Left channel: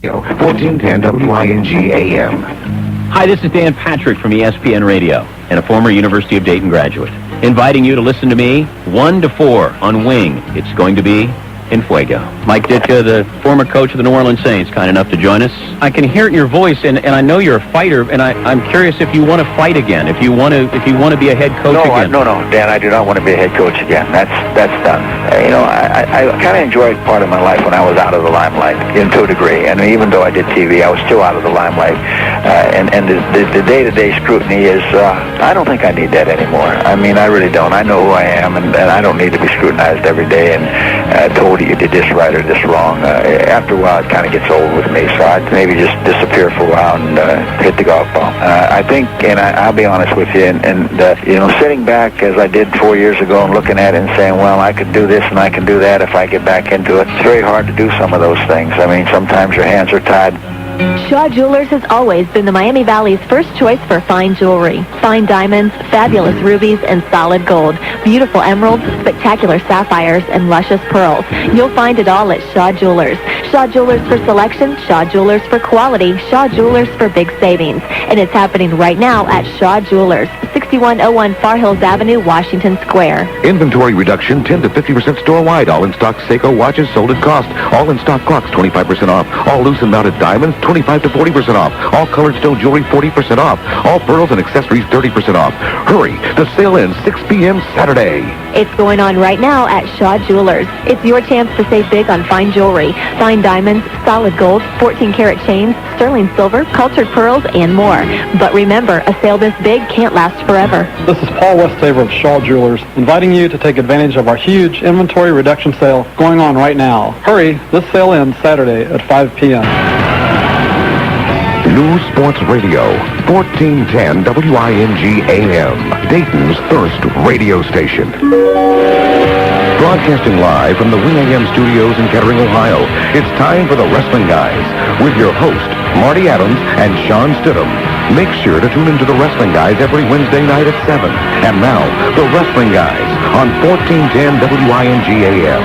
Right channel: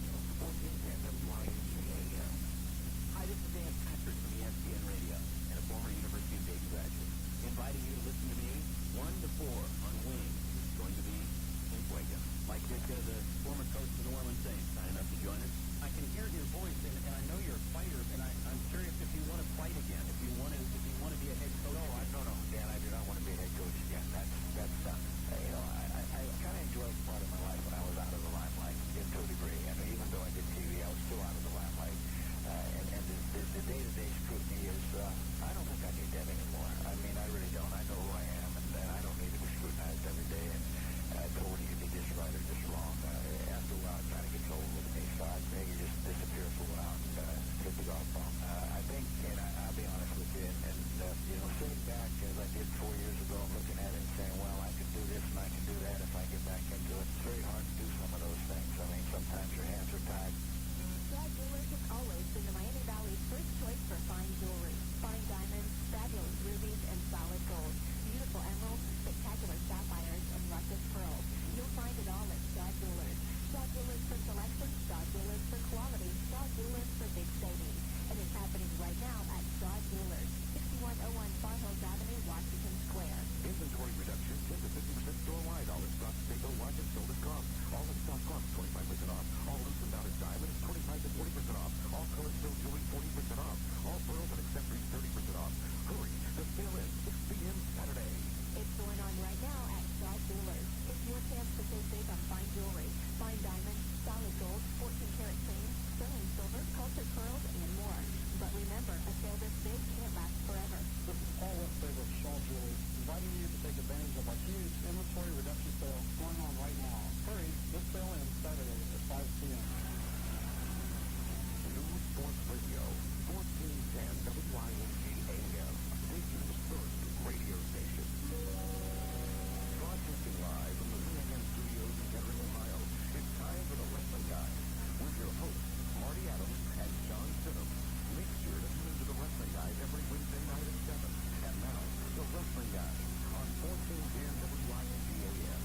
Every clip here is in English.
1410 WING AM. Hi, this is Dan Patrick from ESPN Radio and a former University of Dayton graduate, inviting you to listen to me 1 to 4 on Wing. It's going to be in Fuego. Mike Ditka, the former coach of the New Orleans Saints, kind enough to join us. I can hear it in your voice, and I know you're a fighter, and I'm curious if you want to fight again, if you want to be a head coach again. No, Dan, I do not want to be a head coach again. That's done. I kind of enjoyed part of my life when I was out of the limelight, to a degree. And even though I did TV, I was still out of the limelight. And the day-to-day scrutiny is, I don't think I need that anymore. I mean, I really don't. I know who I am, and I don't need to be scrutinized every day and told you did this right or this wrong. After a while, it kind of gets old with me, so I'd maybe just disappear for a while and hit the golf ball. I think, and I'll be honest with you, and sitting back as I did 4 years ago and looking at it and saying, well, I could do this and I can do that if I get back into it, it's very hard to do some of those things. I mean, sometimes your hands are tied. Shaw Jewelers has always been the Miami Valley's first choice for fine jewelry. Fine diamonds, fabulous rubies, and solid gold. Beautiful emeralds, spectacular sapphires, and luscious pearls. You'll find it all at Shaw Jewelers. Shaw Jewelers for selection, Shaw Jewelers for quality, Shaw Jewelers for big savings. And it's happening right now at Shaw Jewelers, 6101 Far Hills Avenue, Washington Square. Inventory reduction 10 to 50% store-wide. All in-stock Seiko watches sold at cost. All in-stock clocks 25% off. All loose and mounted diamonds 25 to 40% off. All colored stone jewelry 40% off. All pearls and accessories 30% off. Hurry, the sale ends 6 p.m. Saturday. It's going on right now at Shaw Jewelers. It's your chance to save big on fine jewelry, fine diamonds, solid gold, 14-karat chains, sterling silver, cultured pearls, and more. But remember, a sale this big can't last forever. This is Paul Westhaver of Shaw Jewelers, inviting you to take advantage of our huge inventory reduction sale going on right now. Hurry, this sale ends Saturday at 5 p.m. News Sports Radio, 1410 WING AM, Dayton's first radio station. Broadcasting live from the Wing AM studios in Kettering, Ohio, it's time for the Wrestling Guys with your host, Marty Adams and Shawn Stidham. Make sure to tune into the Wrestling Guys every Wednesday night at 7. And now, the Wrestling Guys on 1410 WING AM.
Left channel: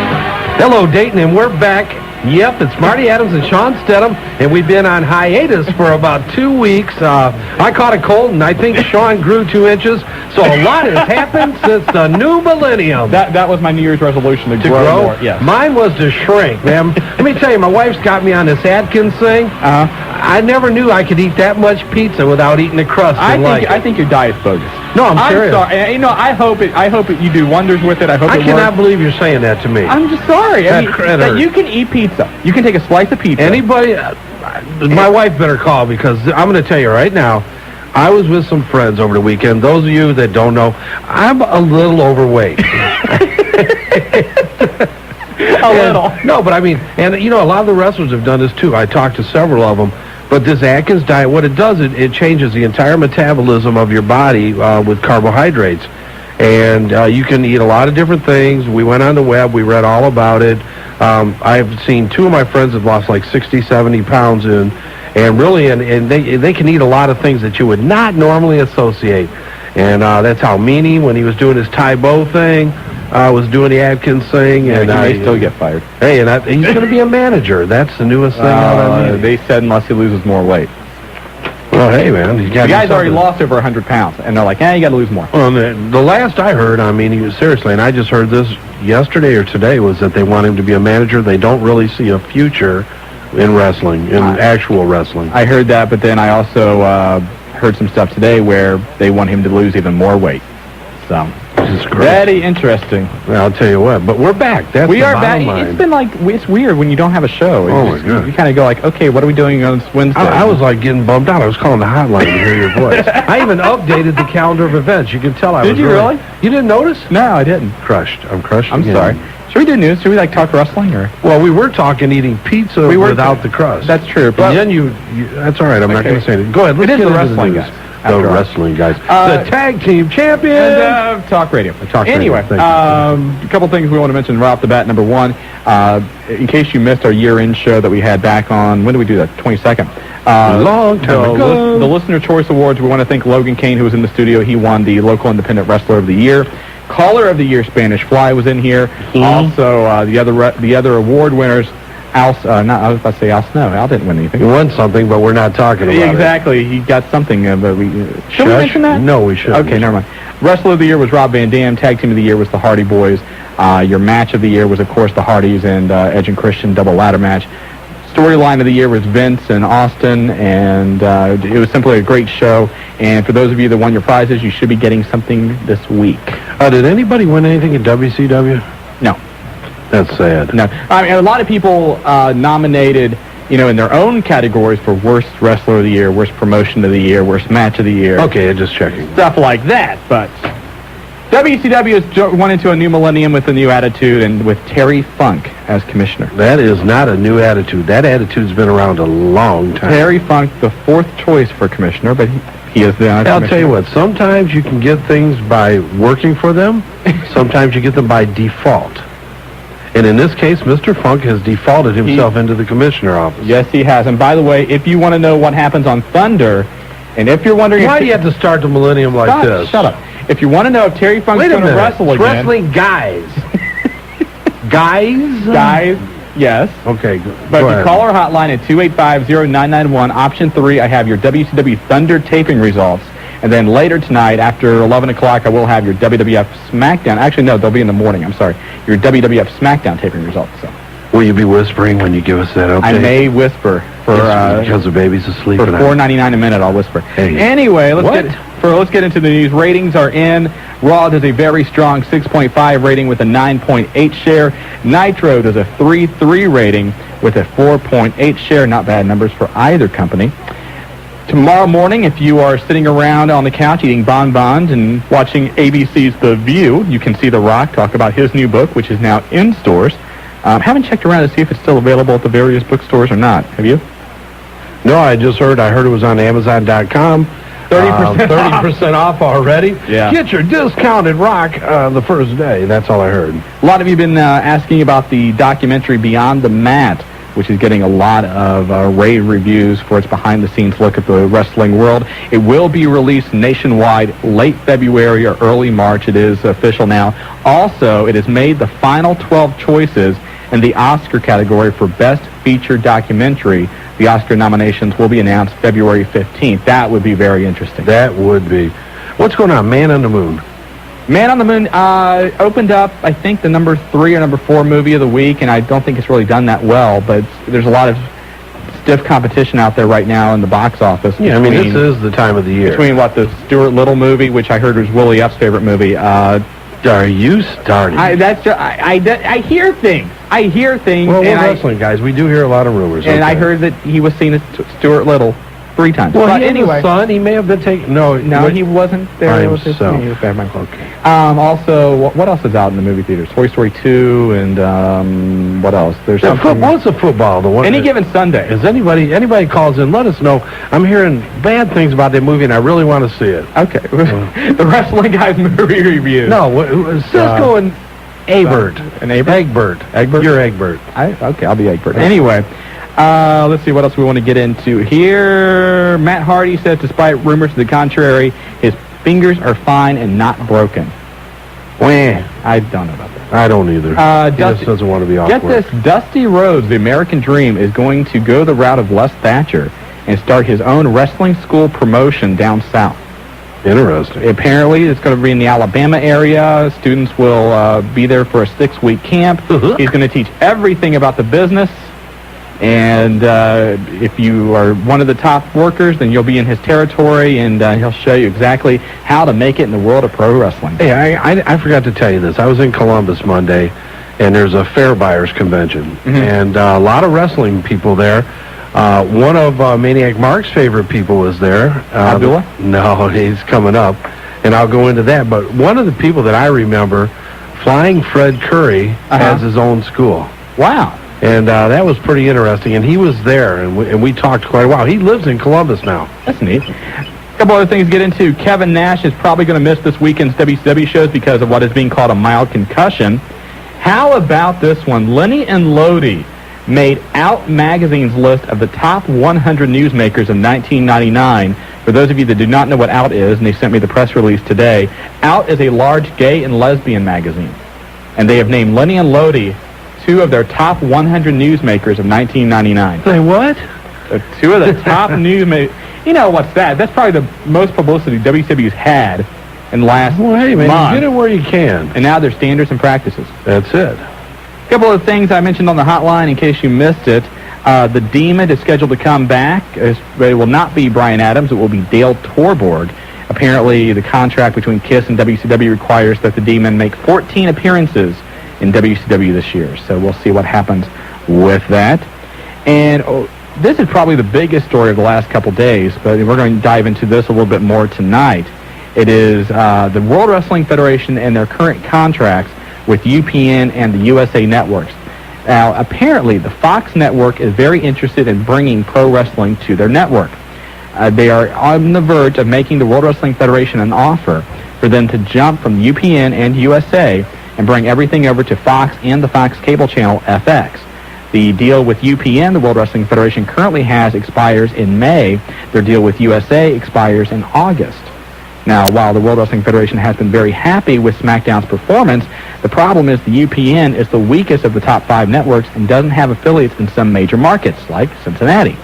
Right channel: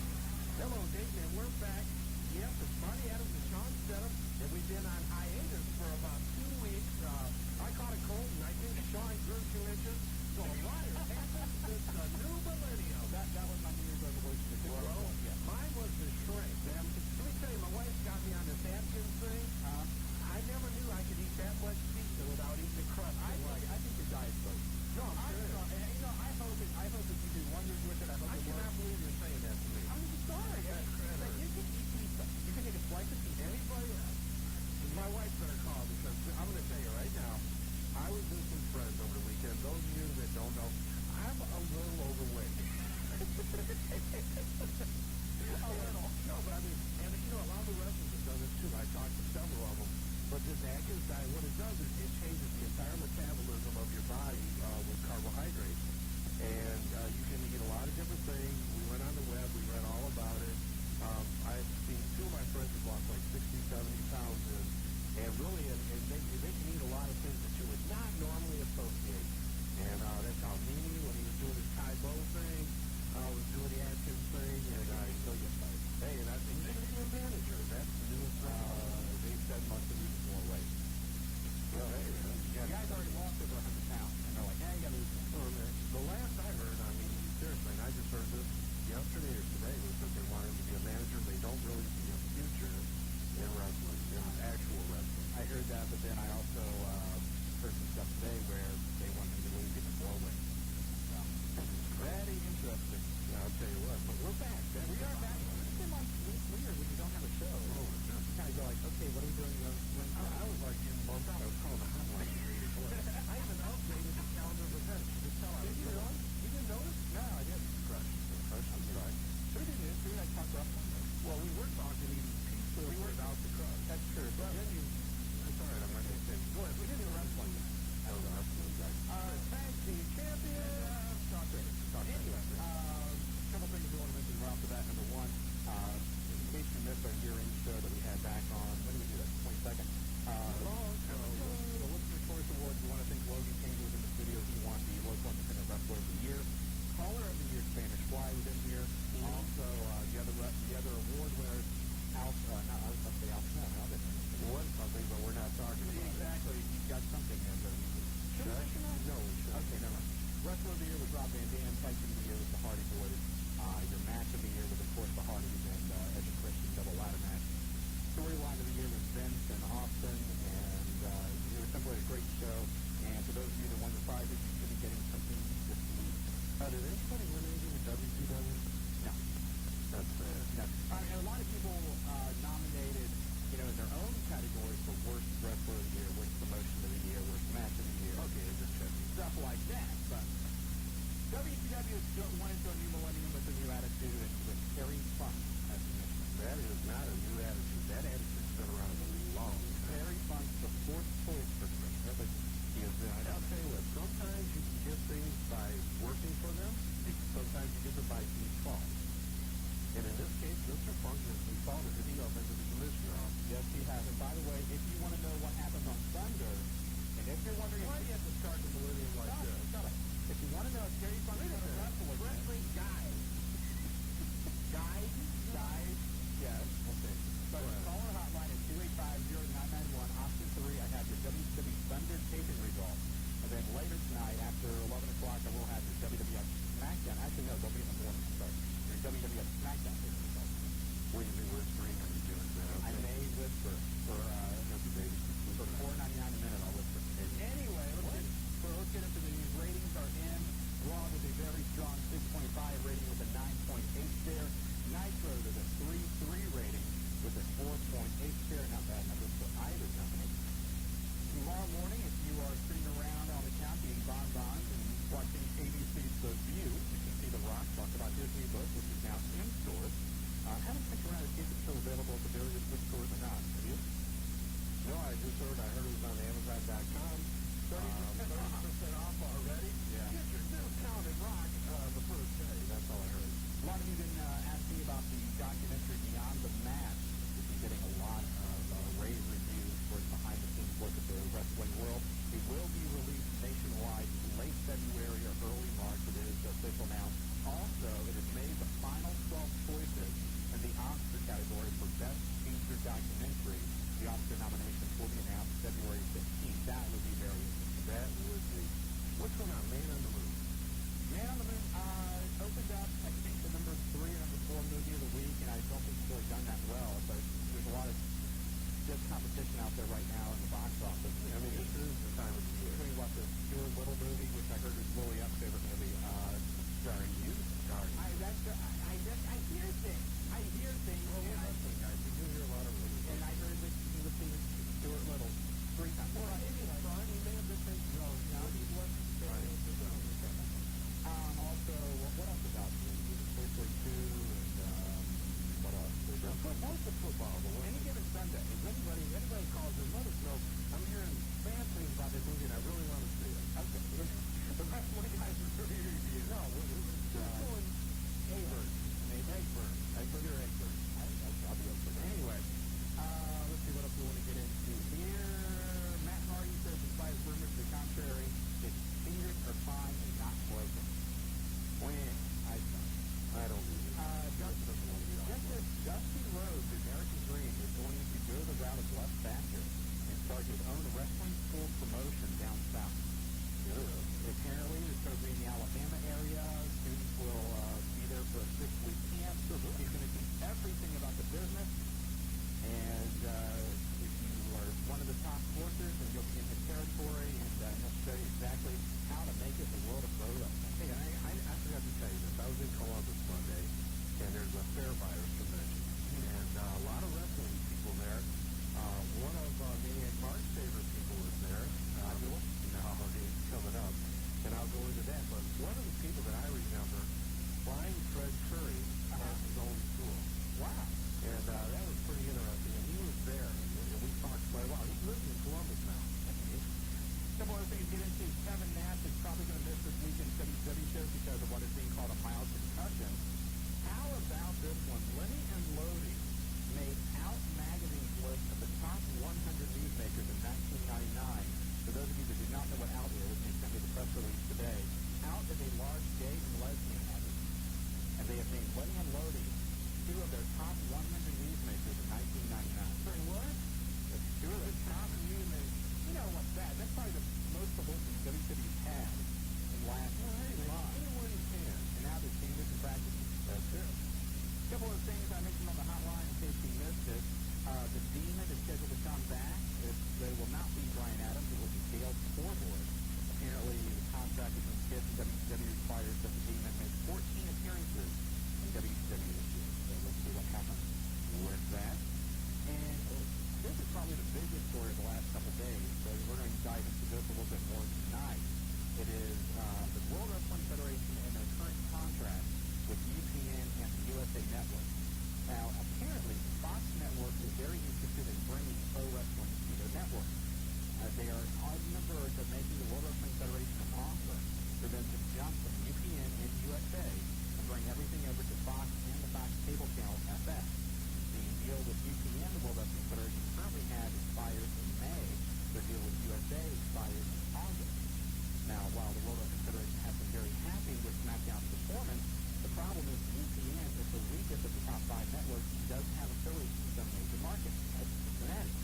Hello, Dayton, and we're back. Yep, it's Marty Adams and Shawn Stidham, and we've been on hiatus for about 2 weeks. I caught a cold, and I think Shawn grew 2 inches, so a lot has happened since the new millennium. That was my New Year's resolution, to grow more. Yes. Mine was to shrink, man. Let me tell you, my wife's got me on this Atkins thing. I never knew I could eat that much pizza without eating the crust. I think your diet's bogus. No, I'm serious. Sorry. I hope you do wonders with it. I cannot believe you're saying that to me. I'm just sorry. That you can eat pizza. You can take a slice of pizza. Anybody, my wife better call, because I'm going to tell you right now, I was with some friends over the weekend. Those of you that don't know, I'm a little overweight. A little. No, but I mean, and a lot of the wrestlers have done this too. I talked to several of them. But this Atkins diet, what it does, it changes the entire metabolism of your body with carbohydrates. And you can eat a lot of different things. We went on the web. We read all about it. I've seen 2 of my friends have lost like 60, 70 pounds and really, and they can eat a lot of things that you would not normally associate. And that's how Meanie, when he was doing his Tai Bo thing, was doing the Atkins thing, and he may still get fired. Hey, and he's going to be a manager. That's the newest thing out on me. They said unless he loses more weight. Well, hey, man, the guy's already lost over 100 pounds, and they're like, you got to lose more. Well, the last I heard, I mean, seriously, and I just heard this yesterday or today, was that they want him to be a manager. They don't really see a future in wrestling, in actual wrestling. I heard that, but then I also heard some stuff today where they want him to lose even more weight. So. Very interesting. Well, I'll tell you what, but we're back. We are back. It's been like, it's weird when you don't have a show. My God. You kind of go like, okay, what are we doing on this Wednesday? I was like getting bummed out. I was calling the hotline to hear your voice. I even updated the calendar of events. You can tell I was. Did you really? You didn't notice? No, I didn't. Crushed. I'm crushed. I'm sorry. Should we do news? Should we talk wrestling or? Well, we were talking eating pizza without the crust. That's true. But then you that's all right. I'm not going to say it. Go ahead. Let's get the wrestling guys. The wrestling guys. The tag team champions. And talk radio. Anyway, a couple things we want to mention right off the bat. Number one, in case you missed our year-end show that we had back on, when did we do that? 22nd. Long time ago. The Listener Choice Awards, we want to thank Logan Kane, who was in the studio. He won the Local Independent Wrestler of the Year. Caller of the Year, Spanish Fly, was in here. Also, the other award winners, I was about to say Al Snow. Al didn't win anything. He won something, but we're not talking about Exactly. He got something, but we... should we mention that? No, we shouldn't. Okay, never mind. Wrestler of the Year was Rob Van Dam. Tag Team of the Year was the Hardy Boys. Your Match of the Year was, of course, the Hardys and Edge and Christian double ladder match. Storyline of the Year was Vince and Austin, and it was simply a great show. And for those of you that won your prizes, you should be getting something this week. Did anybody win anything in WCW? No. That's sad. No. I mean, a lot of people nominated, in their own categories for Worst Wrestler of the Year, Worst Promotion of the Year, Worst Match of the Year. Okay, just checking. Stuff like that, but... WCW has went into a new millennium with a new attitude and with Terry Funk as commissioner. That is not a new attitude. That attitude's been around a long time. Terry Funk, the fourth choice for commissioner, but he is the I'll tell you what, sometimes you can get things by working for them. Sometimes you get them by default. And in this case, Mr. Funk has defaulted himself into the commissioner office. Yes, he has. And by the way, if you want to know what happens on Thunder, and if you're wondering... Why do you have to start the millennium like this? Shut up. If you want to know if Terry Funk's going to wrestle again... Wrestling guys. Guys? Guys, yes. Okay, But if you call our hotline at 285-0991, option 3, I have your WCW Thunder taping results. And then later tonight, after 11 o'clock, I will have your WWF SmackDown. Actually, no, they'll be in the morning. I'm sorry. Your WWF SmackDown taping results. So. Will you be whispering when you give us that update? I may whisper for because the baby's asleep. For $4.99 a minute, I'll whisper. Hey. Anyway, let's get into the news. Ratings are in. Raw does a very strong 6.5 rating with a 9.8 share. Nitro does a 3.3 rating with a 4.8 share. Not bad numbers for either company. Tomorrow morning, if you are sitting around on the couch eating bonbons and watching ABC's The View, you can see The Rock talk about his new book, which is now in stores. Haven't checked around to see if it's still available at the various bookstores or not. Have you? No, I heard it was on Amazon.com. 30% off already. Yeah. Get your discounted rock the first day. That's all I heard. A lot of you have been asking about the documentary Beyond the Mat, which is getting a lot of rave reviews for its behind-the-scenes look at the wrestling world. It will be released nationwide late February or early March. It is official now. Also, it has made the final 12 choices in the Oscar category for Best Feature Documentary. The Oscar nominations will be announced February 15th. That would be very interesting. That would be. What's going on? Man on the Moon. Man on the Moon opened up, I think, the number 3 or number 4 movie of the week, and I don't think it's really done that well, but there's a lot of stiff competition out there right now in the box office. Yeah, I mean, this is the time of the year. Between, the Stuart Little movie, which I heard was Willie Up's favorite movie. Are you starting? I hear things. Well, we're wrestling guys. We do hear a lot of rumors. And I heard that he was seen as Stuart Little 3 times. Well, but anyway, son, he may have been taken. No, he wasn't there. He was okay. Also, what else is out in the movie theaters? Toy Story 2 and what else? There's something. What's the football? The one. Any given Sunday. Is anybody calls in? Let us know. I'm hearing bad things about that movie, and I really want to see it. Okay. The Wrestling Guys movie review. No, Cisco and Egbert. Egbert. You're Egbert. Okay, I'll be Egbert. Anyway. Let's see what else we want to get into here. Matt Hardy says, despite rumors to the contrary, his fingers are fine and not broken. I don't know about that. I don't either. He just doesn't want to be awkward. Get this, Dusty Rhodes, the American Dream, is going to go the route of Les Thatcher and start his own wrestling school promotion down south. Interesting. Apparently, it's going to be in the Alabama area. Students will be there for a 6-week camp. He's going to teach everything about the business. And if you are one of the top workers, then you'll be in his territory, and he'll show you exactly how to make it in the world of pro wrestling. Hey, I forgot to tell you this. I was in Columbus Monday, and there's a fair buyers convention, and a lot of wrestling people there. One of Maniac Mark's favorite people was there. Abdullah? No, he's coming up, and I'll go into that. But one of the people that I remember, Flying Fred Curry, has his own school. Wow. And that was pretty interesting, and he was there, and we talked quite a while. He lives in Columbus now. That's neat. A couple other things to get into. Kevin Nash is probably going to miss this weekend's WCW shows because of what is being called a mild concussion. How about this one? Lenny and Lodi made Out Magazine's list of the top 100 newsmakers in 1999. For those of you that do not know what Out is, and they sent me the press release today, Out is a large gay and lesbian magazine. And they have named Lenny and Lodi two of their top 100 newsmakers of 1999. Say what? So two of the top newsmakers. You know what's that? That's probably the most publicity WCW's had in the last hey, man, month. Get it where you can. And now they're standards and practices. That's it. A couple of things I mentioned on the hotline in case you missed it. The Demon is scheduled to come back. It will not be Brian Adams. It will be Dale Torborg. Apparently, the contract between KISS and WCW requires that the Demon make 14 appearances in WCW this year. So we'll see what happens with that. And this is probably the biggest story of the last couple days, but we're going to dive into this a little bit more tonight. It is the World Wrestling Federation and their current contracts with UPN and the USA Networks. Now, apparently, the Fox Network is very interested in bringing pro wrestling to their network. They are on the verge of making the World Wrestling Federation an offer for them to jump from UPN and USA and bring everything over to Fox and the Fox cable channel FX. The deal with UPN, the World Wrestling Federation, currently has expires in May. Their deal with USA expires in August. Now, while the World Wrestling Federation has been very happy with SmackDown's performance, the problem is the UPN is the weakest of the top 5 networks and doesn't have affiliates in some major markets, like Cincinnati.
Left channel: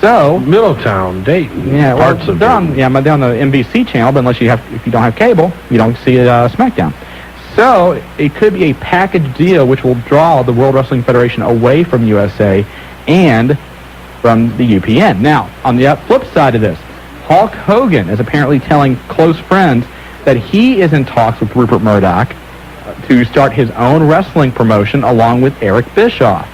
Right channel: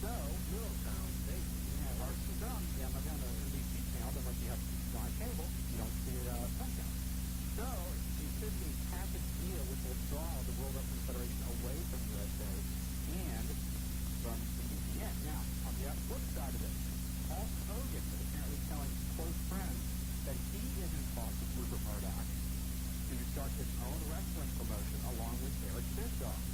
So Middletown, Dayton, yeah, well, parts of they're on, Dayton. yeah, they're on the NBC channel, but if you don't have cable, you don't see SmackDown. So it could be a package deal which will draw the World Wrestling Federation away from USA and from the UPN. Now, on the flip side of this, Hulk Hogan is apparently telling close friends that he is in talks with Rupert Murdoch to start his own wrestling promotion along with Eric Bischoff.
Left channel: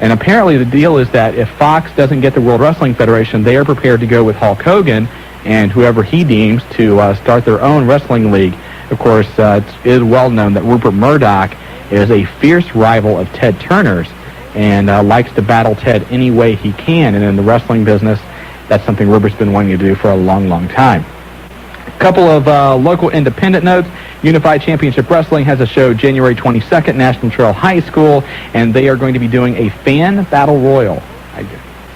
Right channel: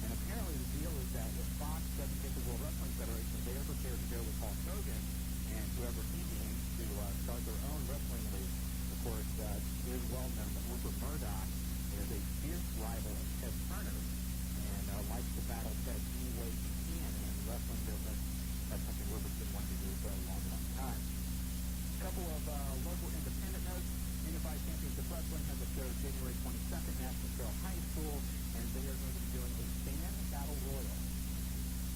And apparently the deal is that if Fox doesn't get the World Wrestling Federation, they are prepared to go with Hulk Hogan and whoever he deems to start their own wrestling league. Of course, it is well known that Rupert Murdoch is a fierce rival of Ted Turner's and likes to battle Ted any way he can. And in the wrestling business, that's something Rupert's been wanting to do for a long, long time. A couple of local independent notes. Unified Championship Wrestling has a show January 22nd, National Trail High School, and they are going to be doing a fan battle royal.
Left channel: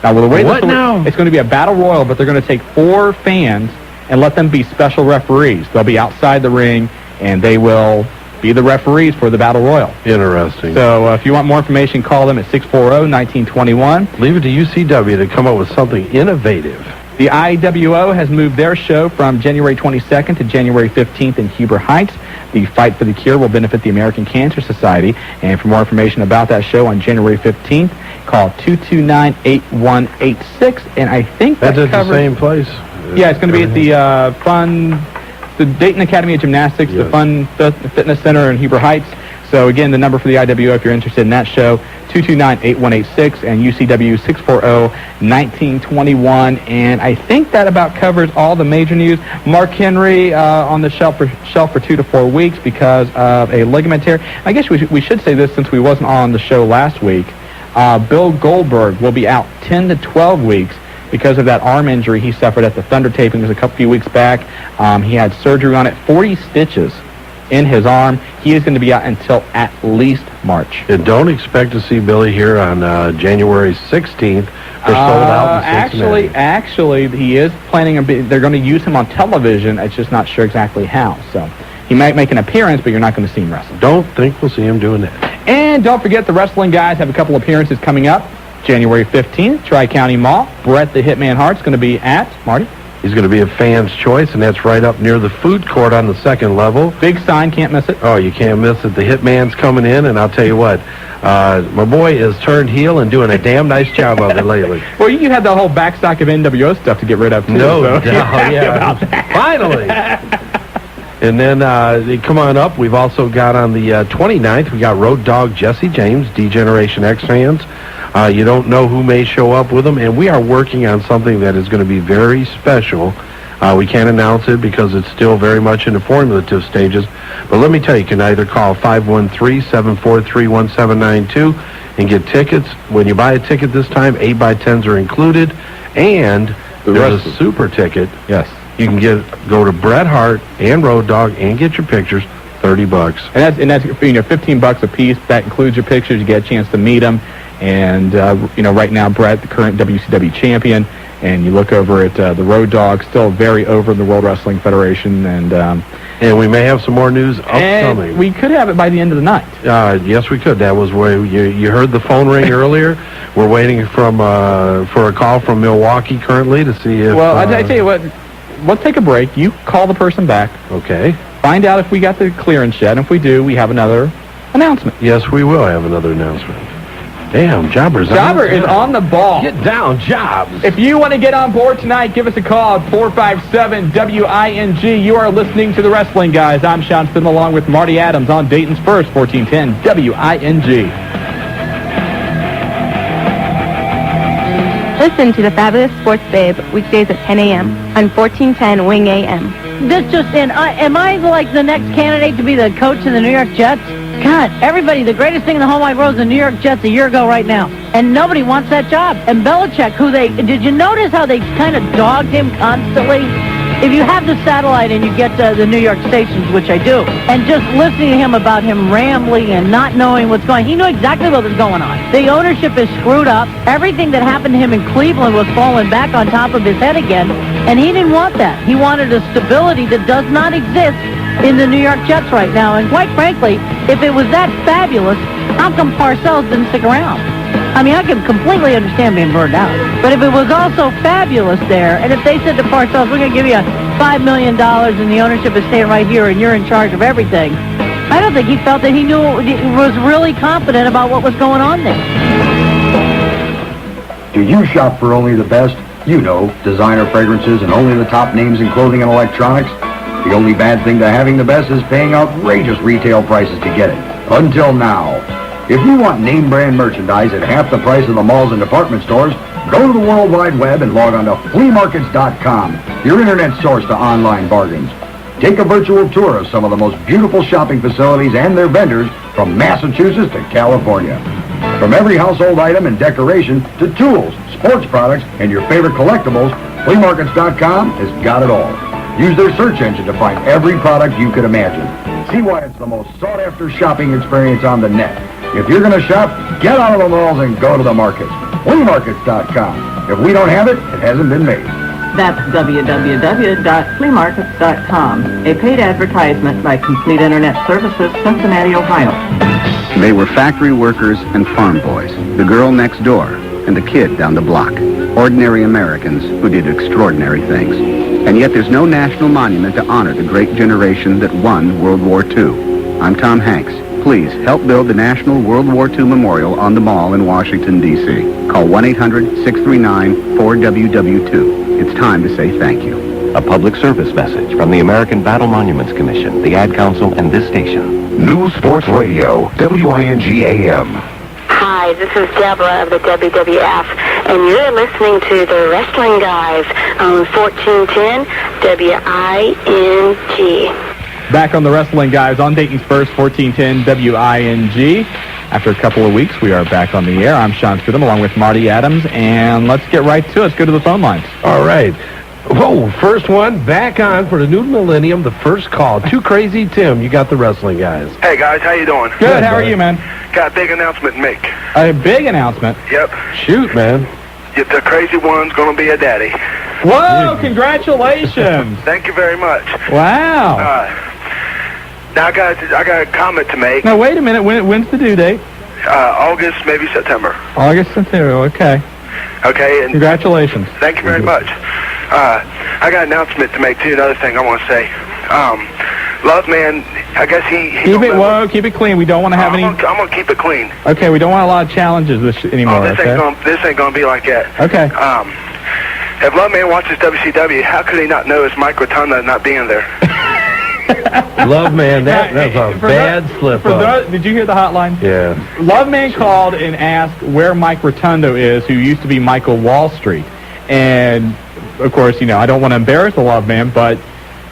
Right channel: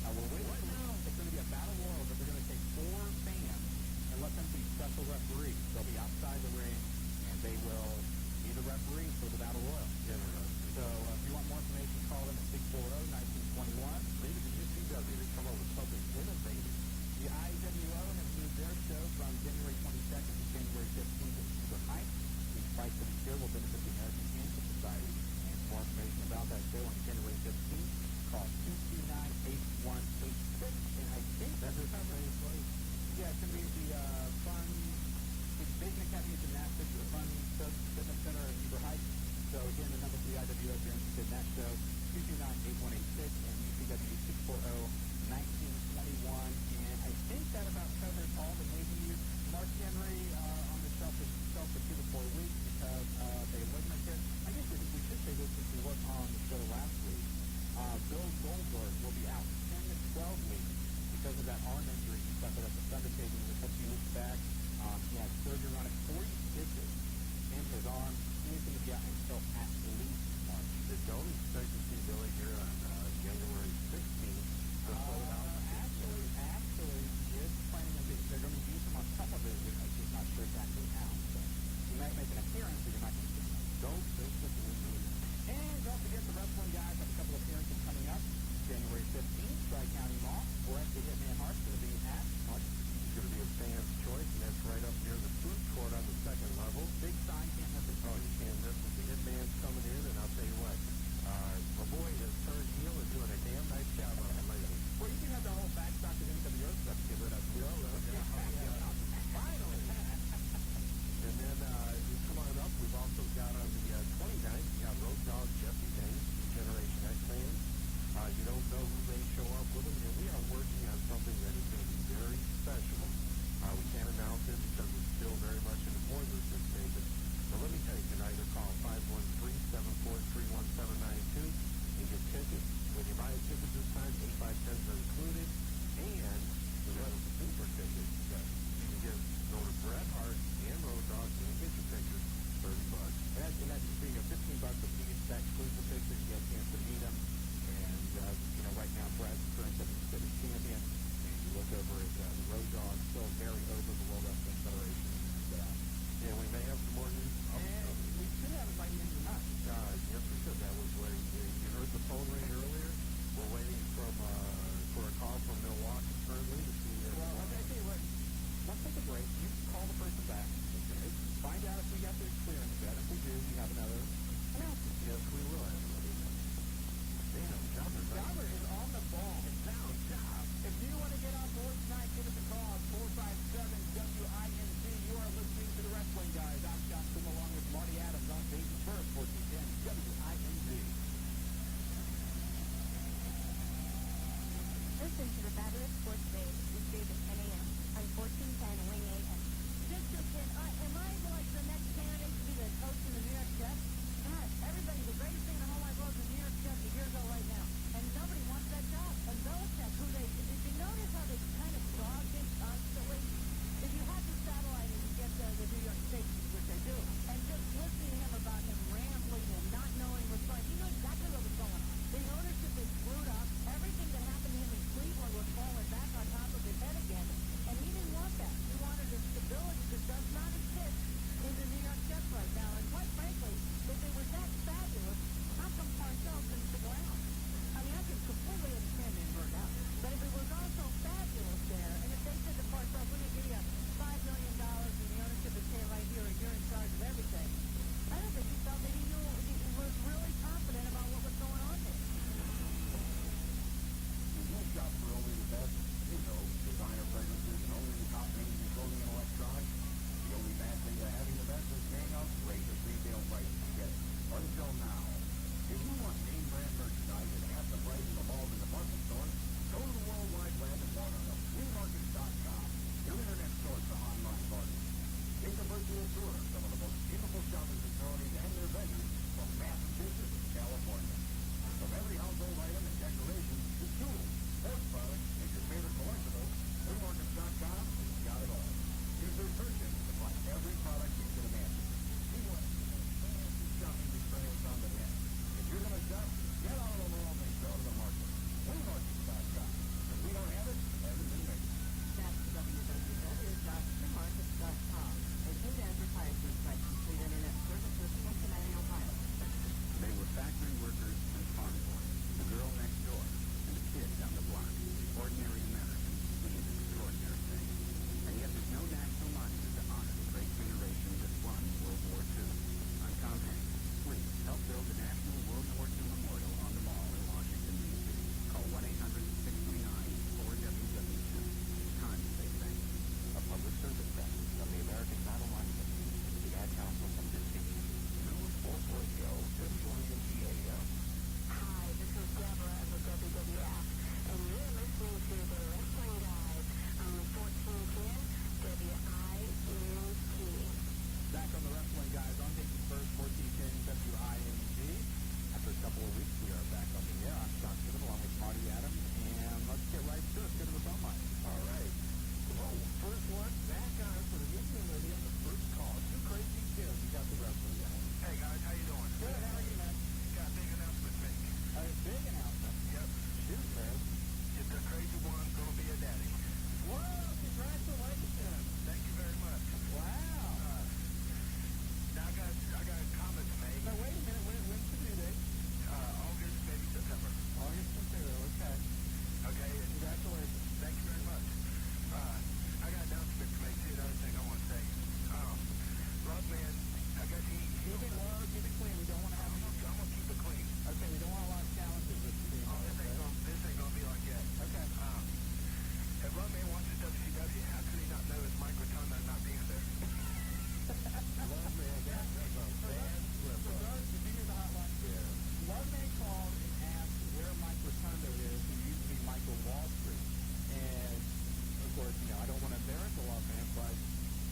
Now, the way it's going to be a battle royal, but they're going to take 4 fans and let them be special referees. They'll be outside the ring, and they will be the referees for the battle royal. Interesting. So if you want more information, call them at 640-1921. Leave it to UCW to come up with something innovative. The IWO has moved their show from January 22nd to January 15th in Huber Heights. The Fight for the Cure will benefit the American Cancer Society. And for more information about that show on January 15th, call 229-8186. And I think that's at the same place. Yeah, it's going to be at the Dayton Academy of Gymnastics, yes. The Fun Fitness Center in Huber Heights. So again, the number for the IWO, if you're interested in that show, 229-8186 and UCW 640-1921. And I think that about covers all the major news. Mark Henry on the shelf for 2 to 4 weeks because of a ligament tear. I guess we should say this since we wasn't on the show last week. Bill Goldberg will be out 10 to 12 weeks because of that arm injury he suffered at the Thunder tapings a few weeks back. He had surgery on it, 40 stitches in his arm. He is going to be out until at least March. And don't expect to see Billy here on January 16th. They're sold out in Cincinnati. Actually, he is planning they're going to use him on television. It's just not sure exactly how. So he might make an appearance, but you're not going to see him wrestle. Don't think we'll see him doing that. And don't forget, the wrestling guys have a couple appearances coming up. January 15th, Tri-County Mall. Bret the Hitman Hart's going to be at, Marty? He's going to be a fan's choice, and that's right up near the food court on the second level. Big sign, can't miss it. Oh, you can't miss it. The Hitman's coming in, and I'll tell you what, my boy is turned heel and doing a damn nice job of it lately. Well, you had the whole backstock of NWO stuff to get rid of, too. No so doubt, yeah. Finally. And then come on up. We've also got on the 29th, we got Road Dogg Jesse James, D-Generation X fans. You don't know who may show up with them, and we are working on something that is going to be very special. We can't announce it because it's still very much in the formulative stages. But let me tell you, you can either call 513-743-1792 and get tickets. When you buy a ticket this time, 8x10s are included, and there's a super ticket. Yes. You can go to Bret Hart and Road Dogg and get your pictures, $30. And that's $15 a piece. That includes your pictures. You get a chance to meet them. And, right now, Bret, the current WCW champion, and you look over at the Road Dogg, still very over in the World Wrestling Federation, and we may have some more news upcoming. And we could have it by the end of the night. Yes, we could. That was where you heard the phone ring earlier. We're waiting for a call from Milwaukee currently to see if... Well, I tell you what, let's take a break. You call the person back. Okay. Find out if we got the clearance yet, and if we do, we have another announcement. Yes, we will have another announcement. Damn, Jobber is on the ball. Get down, Jobs. If you want to get on board tonight, give us a call at 457-WING. You are listening to The Wrestling Guys. I'm Shawn Stidham along with Marty Adams on Dayton's First, 1410 WING. Listen to the Fabulous Sports Babe weekdays at 10 a.m. on 1410 Wing AM. This just in. Am I like the next candidate to be the coach of the New York Jets? God, everybody, the greatest thing in the whole wide world is the New York Jets a year ago right now. And nobody wants that job. And Belichick, did you notice how they kind of dogged him constantly? If you have the satellite and you get the New York stations, which I do, and just listening to him about him rambling and not knowing what's going on, he knew exactly what was going on. The ownership is screwed up. Everything that happened to him in Cleveland was falling back on top of his head again, and he didn't want that. He wanted a stability that does not exist in the New York Jets right now. And quite frankly, if it was that fabulous, how come Parcells didn't stick around? I mean, I can completely understand being burned out. But if it was also fabulous there, and if they said to Parcells, we're going to give you $5 million and the ownership is staying right here and you're in charge of everything, I don't think he felt that he was really confident about what was going on there. Do you shop for only the best? You know, designer fragrances and only the top names in clothing and electronics. The only bad thing to having the best is paying outrageous retail prices to get it. Until now. If you want name brand merchandise at half the price of the malls and department stores, go to the World Wide Web and log on to fleamarkets.com, your internet source to online bargains. Take a virtual tour of some of the most beautiful shopping facilities and their vendors from Massachusetts to California. From every household item and decoration to tools, sports products, and your favorite collectibles, fleamarkets.com has got it all. Use their search engine to find every product you could imagine. See why it's the most sought-after shopping experience on the net. If you're going to shop, get out of the malls and go to the markets. Fleamarkets.com. If we don't have it, it hasn't been made. That's www.fleamarkets.com, a paid advertisement by Complete Internet Services, Cincinnati, Ohio. They were factory workers and farm boys, the girl next door and the kid down the block. Ordinary Americans who did extraordinary things. And yet there's no national monument to honor the great generation that won World War II. I'm Tom Hanks. Please help build the National World War II Memorial on the Mall in Washington, D.C. Call 1-800-639-4WW2. It's time to say thank you. A public service message from the American Battle Monuments Commission, the Ad Council, and this station. News Sports Radio, WING AM. Hi, this is Deborah of the WWF, and you're listening to the Wrestling Guys on 1410 WING. Back on the Wrestling Guys on Dayton's First, 1410 WING. After a couple of weeks, we are back on the air. I'm Shawn Stidham along with Marty Adams, and let's get right to it. Let's go to the phone lines. All right. Whoa, first one, back on for the new millennium, the first call. Too Crazy Tim, you got the Wrestling Guys. Hey, guys, how you doing? Good, how are you, man? Got a big announcement to make. A big announcement? Yep. Shoot, man. The crazy one's going to be a daddy. Whoa, congratulations. Thank you very much. Wow. Now, I got a comment to make. Now, wait a minute. When's the due date? August, maybe September. August, September, okay. Okay. And congratulations. Thank you very much. I got an announcement to make, too. Another thing I want to say. Love Man, I guess he keep it clean. We don't want to have any... I'm going to keep it clean. Okay, we don't want a lot of challenges anymore, this ain't going to be like that. Okay. If Love Man watches WCW, how could he not know his Mike Rotunda not being there? Love Man, that's a bad slip-up. Did you hear the hotline? Yeah. Love Man called and asked where Mike Rotundo is, who used to be Michael Wall Street. And, of course, I don't want to embarrass the Love Man, but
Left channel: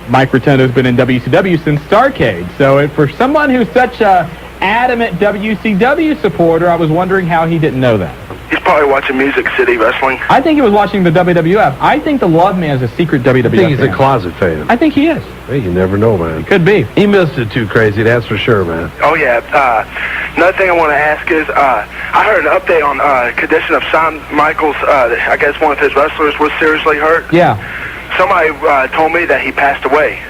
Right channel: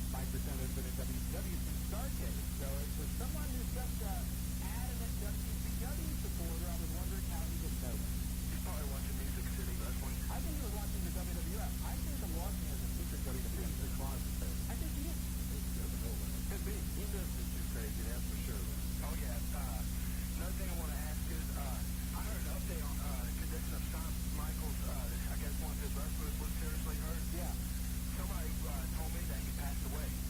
Mike Rotundo's been in WCW since Starrcade. So for someone who's such a adamant WCW supporter, I was wondering how he didn't know that. He's probably watching Music City Wrestling. I think he was watching the WWF. I think the Love Man is a secret WWF I think he's fan. a closet fan. I think he is. Hey, you never know, man. Could be. He missed it too crazy, that's for sure, man. Oh, yeah. Another thing I want to ask is, I heard an update on condition of Shawn Michaels. I guess one of his wrestlers was seriously hurt. Yeah. Somebody told me that he passed away.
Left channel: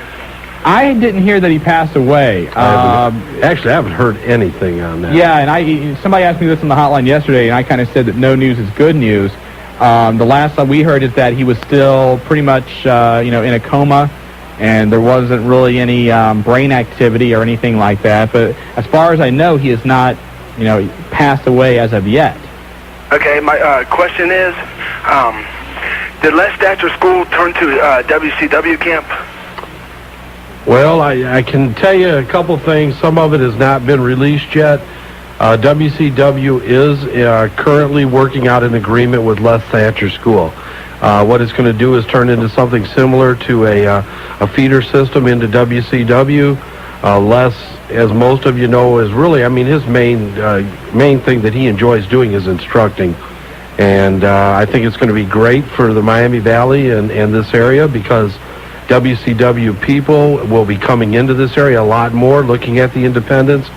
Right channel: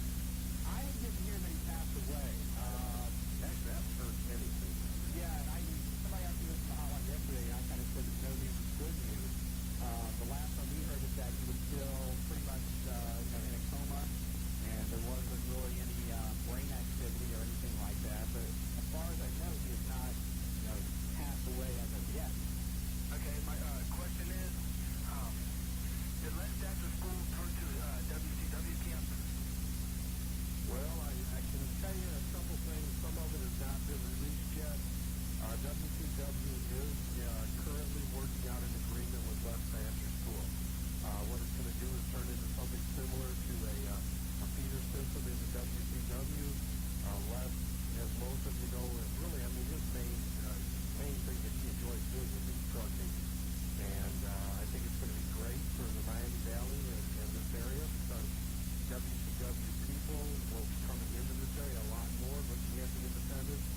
I didn't hear that he passed away. Actually, I haven't heard anything on that. Yeah, and somebody asked me this on the hotline yesterday, and I kind of said that no news is good news. The last we heard is that he was still pretty much, in a coma, and there wasn't really any brain activity or anything like that. But as far as I know, he has not, passed away as of yet. Okay, my question is, did Les Thatcher School turn to WCW camp? Well, I can tell you a couple things. Some of it has not been released yet. WCW is currently working out an agreement with Les Thatcher School. What it's going to do is turn into something similar to a feeder system into WCW. Les, as most of you know, is really, his main thing that he enjoys doing is instructing. And I think it's going to be great for the Miami Valley and this area, because WCW people will be coming into this area a lot more, looking at the independents,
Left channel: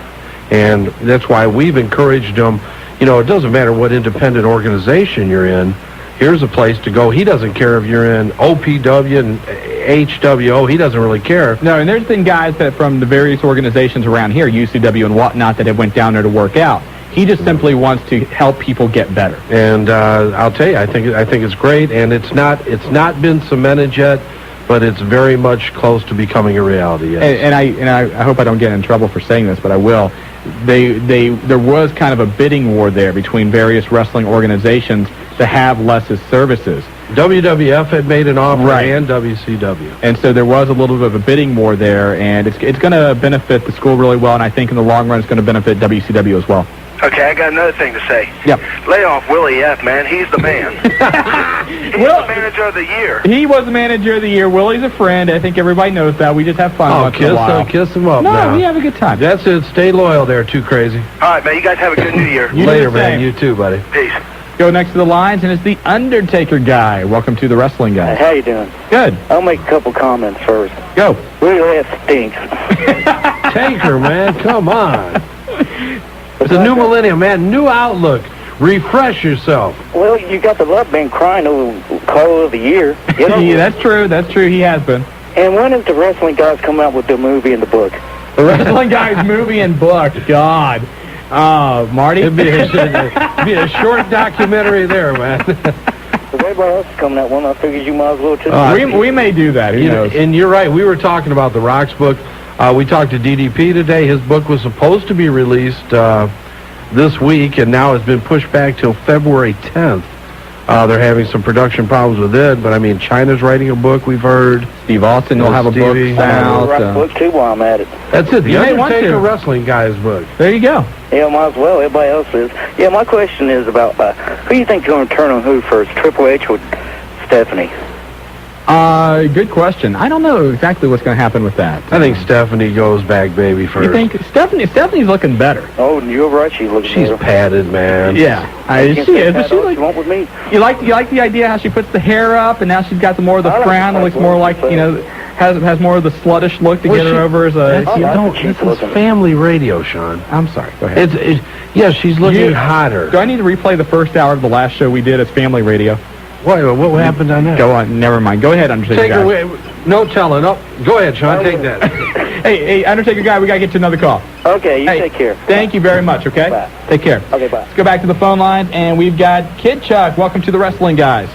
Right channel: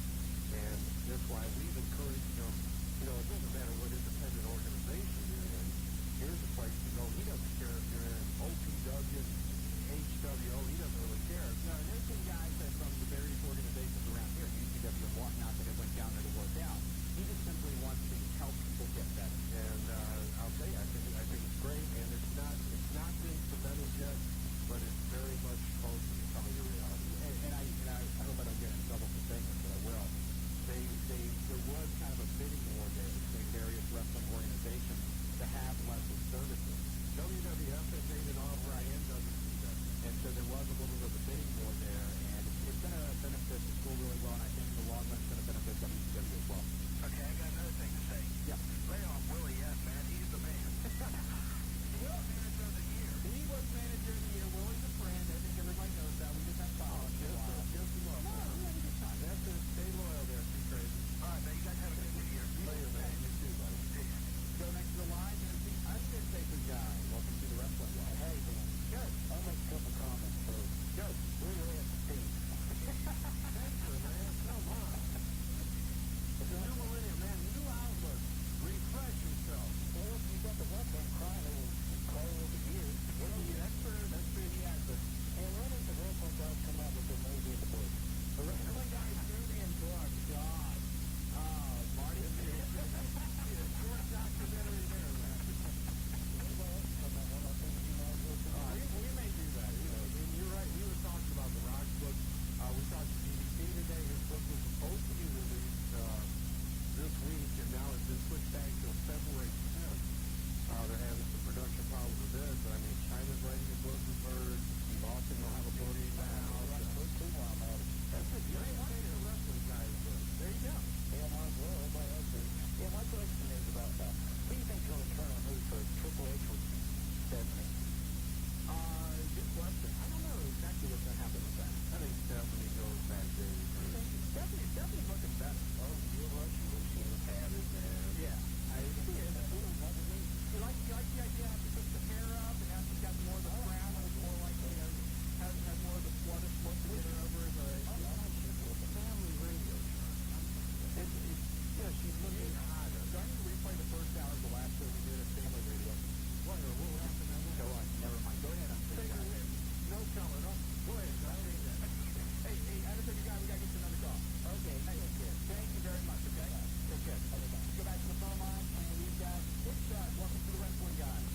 and that's why we've encouraged them. It doesn't matter what independent organization you're in. Here's a place to go. He doesn't care if you're in OPW and HWO. He doesn't really care. No, and there's been guys that from the various organizations around here, UCW and whatnot, that have went down there to work out. He just simply wants to help people get better. And I'll tell you, I think it's great, and it's not been cemented yet, but it's very much close to becoming a reality. Yes. And I hope I don't get in trouble for saying this, but I will. There was kind of a bidding war there between various wrestling organizations to have Les's services. WWF had made an offer, right, and WCW. And so there was a little bit of a bidding war there, and it's going to benefit the school really well, and I think in the long run it's going to benefit WCW as well. Okay, I got another thing to say. Yep. Lay off Willie F., man. He's the man. He's the manager of the year. He was the manager of the year. Willie's a friend. I think everybody knows that. We just have fun once in a while. Kiss him up No, now. we have a good time. That's it. Stay loyal there, Too Crazy. All right, man. You guys have a good New Year. Later, man. You too, buddy. Peace. Go next to the lines, and it's the Undertaker guy. Welcome to the Wrestling Guy. How you doing? Good. I'll make a couple comments first. Go. Willie F. stinks. Taker, man. Come on. It's a new millennium, man. New outlook. Refresh yourself. Well, you got the love band crying over Call of the Year. Yeah, that's true. That's true. He has been. And when is the Wrestling Guys come out with the movie and the book? The Wrestling Guys movie and book. God. Marty? It'd be a short documentary there, man. If everybody else is coming out one, I figured you might as well too. We may do that. Who knows? And you're right. We were talking about the Rock's book. We talked to DDP today. His book was supposed to be released this week, and now has been pushed back till February 10th. They're having some production problems with it, but China's writing a book, we've heard. Steve Austin will have a book I'll write a book too while I'm at it. That's it. The You may want Undertaker to. Wrestling Guy's book. There you go. Yeah, might as well. Everybody else is. Yeah, my question is about who you think is going to turn on who first, Triple H or Stephanie? Good question. I don't know exactly what's going to happen with that. I think Stephanie goes back, baby, first. You think Stephanie's looking better? Oh, you're right. She's looking She's better. padded, man. Yeah, she is. But she want with me. You like the idea how she puts the hair up, and now she's got more of the frown. It looks more like has more of the sluttish look to get her over as a. This is family radio, Shawn. I'm sorry. Go ahead. Yeah, she's looking hotter. Do I need to replay the first hour of the last show we did as family radio? What happened on that? Go on. Never mind. Go ahead, Undertaker Take guy. away. No telling. Oh, go ahead, Shawn. Take that. Hey, Undertaker guy, we got to get to another call. Okay, you take care. Thank you very much, okay? Bye. Take care. Okay, bye. Let's go back to the phone lines, and we've got Kid Chuck. Welcome to the Wrestling Guys.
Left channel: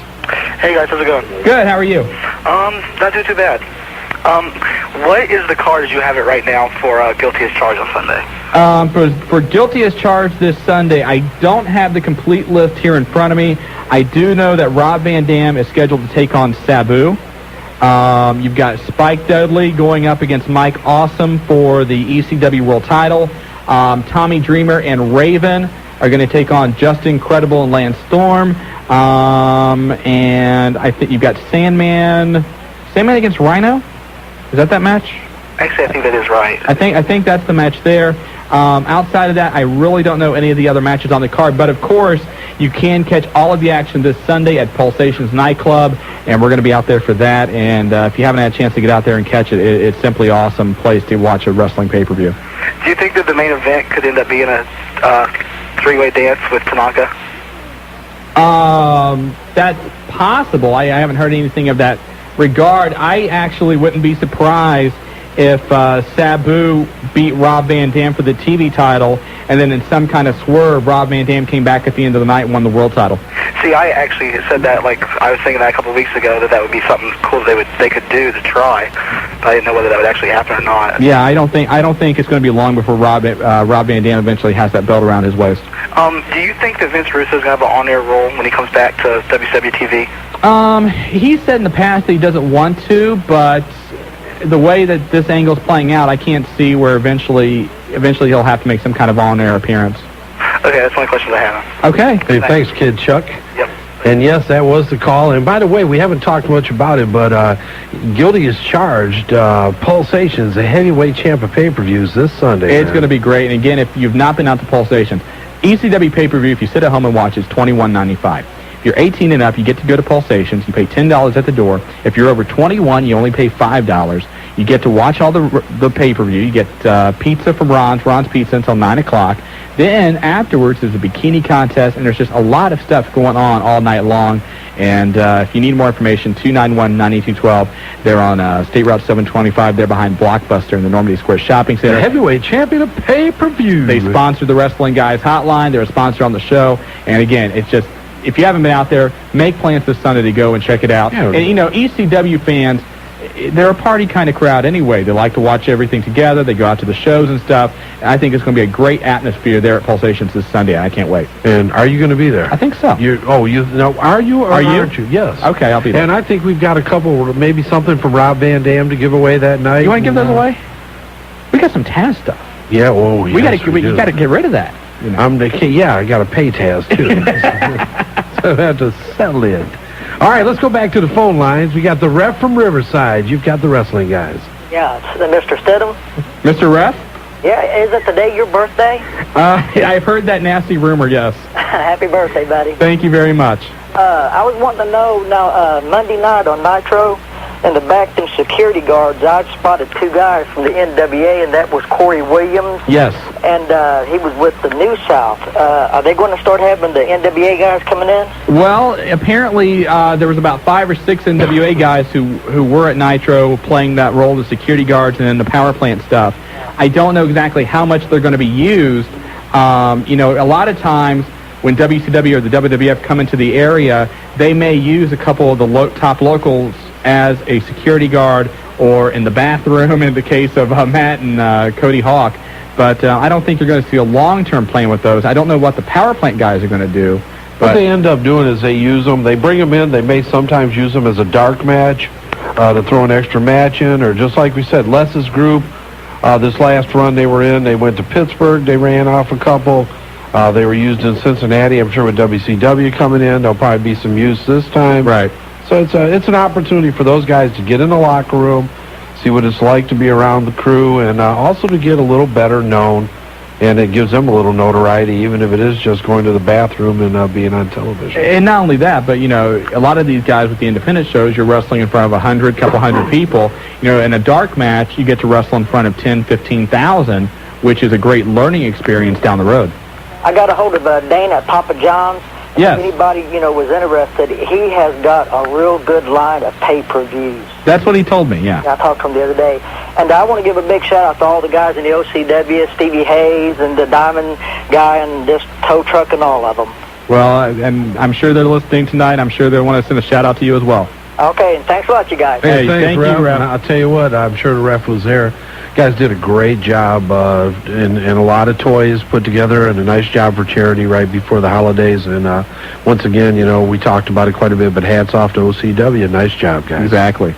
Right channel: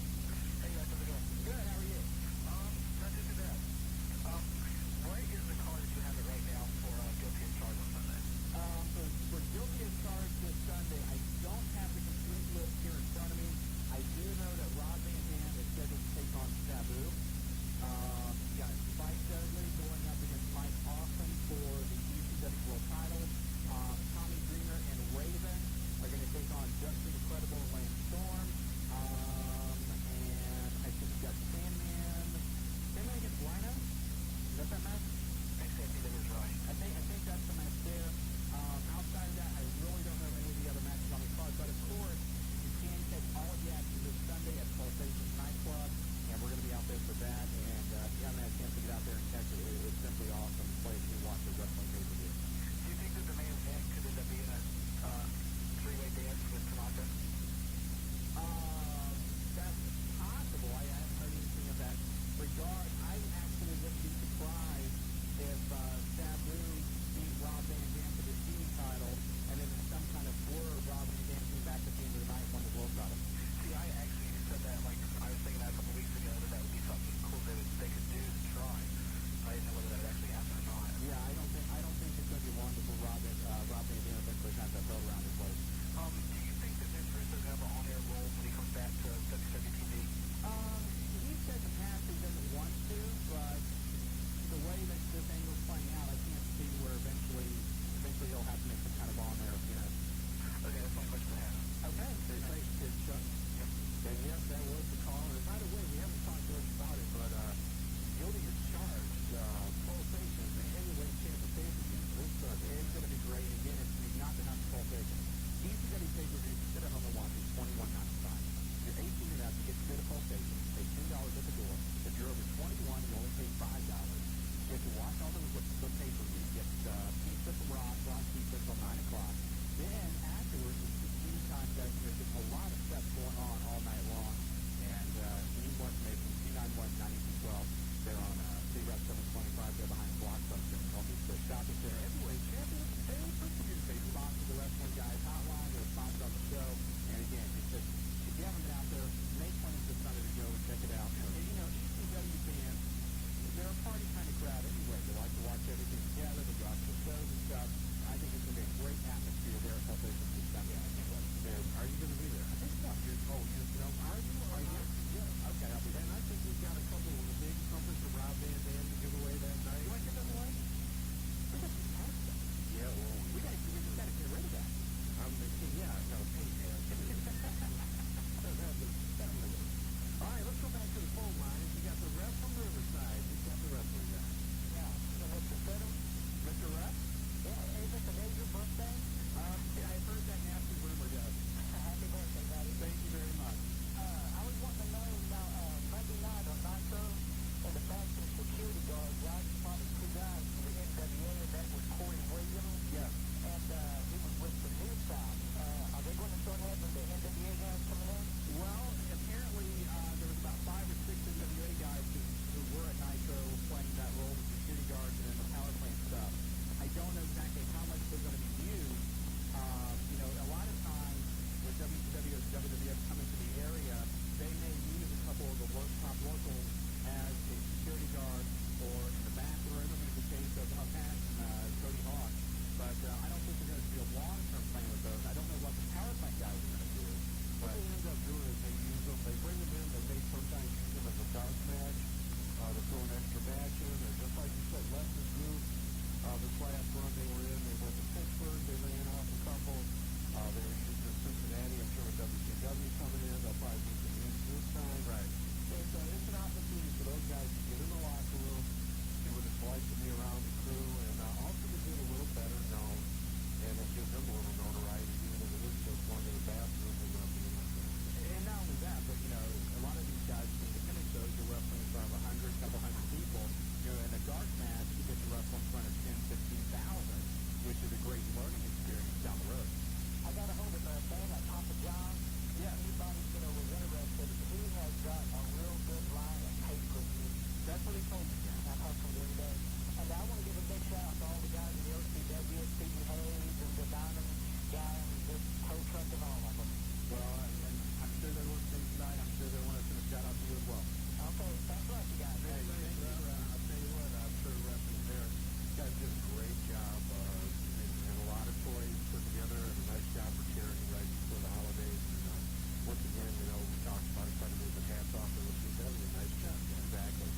Hey, guys. How's it going? Good. How are you? Not doing too bad. What is the card as you have it right now for Guilty as Charged on Sunday? For Guilty as Charged this Sunday, I don't have the complete list here in front of me. I do know that Rob Van Dam is scheduled to take on Sabu. You've got Spike Dudley going up against Mike Awesome for the ECW World Title. Tommy Dreamer and Raven are going to take on Justin Credible and Lance Storm. And I think you've got Sandman against Rhino. Is that match? Actually, I think that is right. I think that's the match there. Outside of that, I really don't know any of the other matches on the card. But, of course, you can catch all of the action this Sunday at Pulsations Nightclub, and we're going to be out there for that. And if you haven't had a chance to get out there and catch it, it's simply awesome place to watch a wrestling pay-per-view. Do you think that the main event could end up being a three-way dance with Tanaka? That's possible. I haven't heard anything of that regard. I actually wouldn't be surprised if Sabu beat Rob Van Dam for the TV title, and then in some kind of swerve, Rob Van Dam came back at the end of the night and won the world title. See, I actually said that, like, I was thinking that a couple of weeks ago, that would be something cool they could do to try, but I didn't know whether that would actually happen or not. Yeah, I don't think it's going to be long before Rob Van Dam eventually has that belt around his waist. Do you think that Vince Russo is going to have an on-air role when he comes back to WCW TV? He said in the past that he doesn't want to, but the way that this angle's playing out, I can't see where eventually he'll have to make some kind of on-air appearance. Okay, that's my question I have. Okay. Hey, thanks, Kid Chuck. Yep. And yes, that was the call. And by the way, we haven't talked much about it, but guilty as charged. Pulsations, the heavyweight champ of pay-per-views this Sunday. It's going to be great. And again, if you've not been out to Pulsations, ECW pay-per-view, if you sit at home and watch, is $21.95. If you're 18 and up, you get to go to Pulsations. You pay $10 at the door. If you're over 21, you only pay $5. You get to watch all the pay-per-view. You get pizza from Ron's Pizza until 9 o'clock. Then afterwards, there's a bikini contest, and there's just a lot of stuff going on all night long. And if you need more information, 291-9212. They're on State Route 725. They're behind Blockbuster in the Normandy Square Shopping Center. The heavyweight champion of pay-per-view. They sponsor the Wrestling Guys Hotline. They're a sponsor on the show. And again, it's just, if you haven't been out there, make plans this Sunday to go and check it out. Yeah, and, you know, ECW fans, they're a party kind of crowd anyway. They like to watch everything together. They go out to the shows and stuff. And I think it's going to be a great atmosphere there at Pulsations this Sunday. I can't wait. And are you going to be there? I think so. Are you or aren't you? Yes. Okay, I'll be there. And I think we've got a couple, maybe something from Rob Van Dam to give away that night. You want to give those away? We got some Taz stuff. Yeah, well, we got to get rid of that. You know? I got to pay Taz too. So I have to settle in. All right, let's go back to the phone lines. We got the ref from Riverside. You've got the Wrestling Guys. Yeah, it's Mr. Stidham. Mr. Ref? Yeah, is it today your birthday? I've heard that nasty rumor, yes. Happy birthday, buddy. Thank you very much. I was wanting to know, now, Monday night on Nitro, in the back, them security guards, I spotted two guys from the NWA, and that was Corey Williams. Yes. And he was with the New South. Are they going to start having the NWA guys coming in? Well, apparently there was about 5 or 6 NWA guys who were at Nitro playing that role of security guards and then the power plant stuff. I don't know exactly how much they're going to be used. You know, a lot of times when WCW or the WWF come into the area, they may use a couple of the top locals as a security guard or in the bathroom in the case of Matt and Cody Hawk. But I don't think you're going to see a long-term plan with those. I don't know what the power plant guys are going to do. But what they end up doing is they use them, they bring them in, they may sometimes use them as a dark match to throw an extra match in, or just like we said, Les's group, this last run they were in, they went to Pittsburgh, they ran off a couple. They were used in Cincinnati, I'm sure with WCW coming in, there'll probably be some use this time. Right. So it's an opportunity for those guys to get in the locker room, see what it's like to be around the crew, and also to get a little better known, and it gives them a little notoriety, even if it is just going to the bathroom and being on television. And not only that, but, you know, a lot of these guys with the independent shows, you're wrestling in front of 100, couple hundred people. You know, in a dark match, you get to wrestle in front of 10, 15,000, which is a great learning experience down the road. I got a hold of Dana at Papa John's. Yes. If anybody, you know, was interested, he has got a real good line of pay-per-views. That's what he told me, yeah. I talked to him the other day. And I want to give a big shout-out to all the guys in the OCW, Stevie Hayes and the Diamond guy and this tow truck and all of them. Well, and I'm sure they're listening tonight. I'm sure they want to send a shout-out to you as well. Okay, and thanks a lot, you guys. Hey, thank you, Ref. I'll tell you what, I'm sure the Ref was there. Guys did a great job and a lot of toys put together and a nice job for charity right before the holidays. And once again, you know, we talked about it quite a bit, but hats off to OCW. Nice job, guys. Exactly.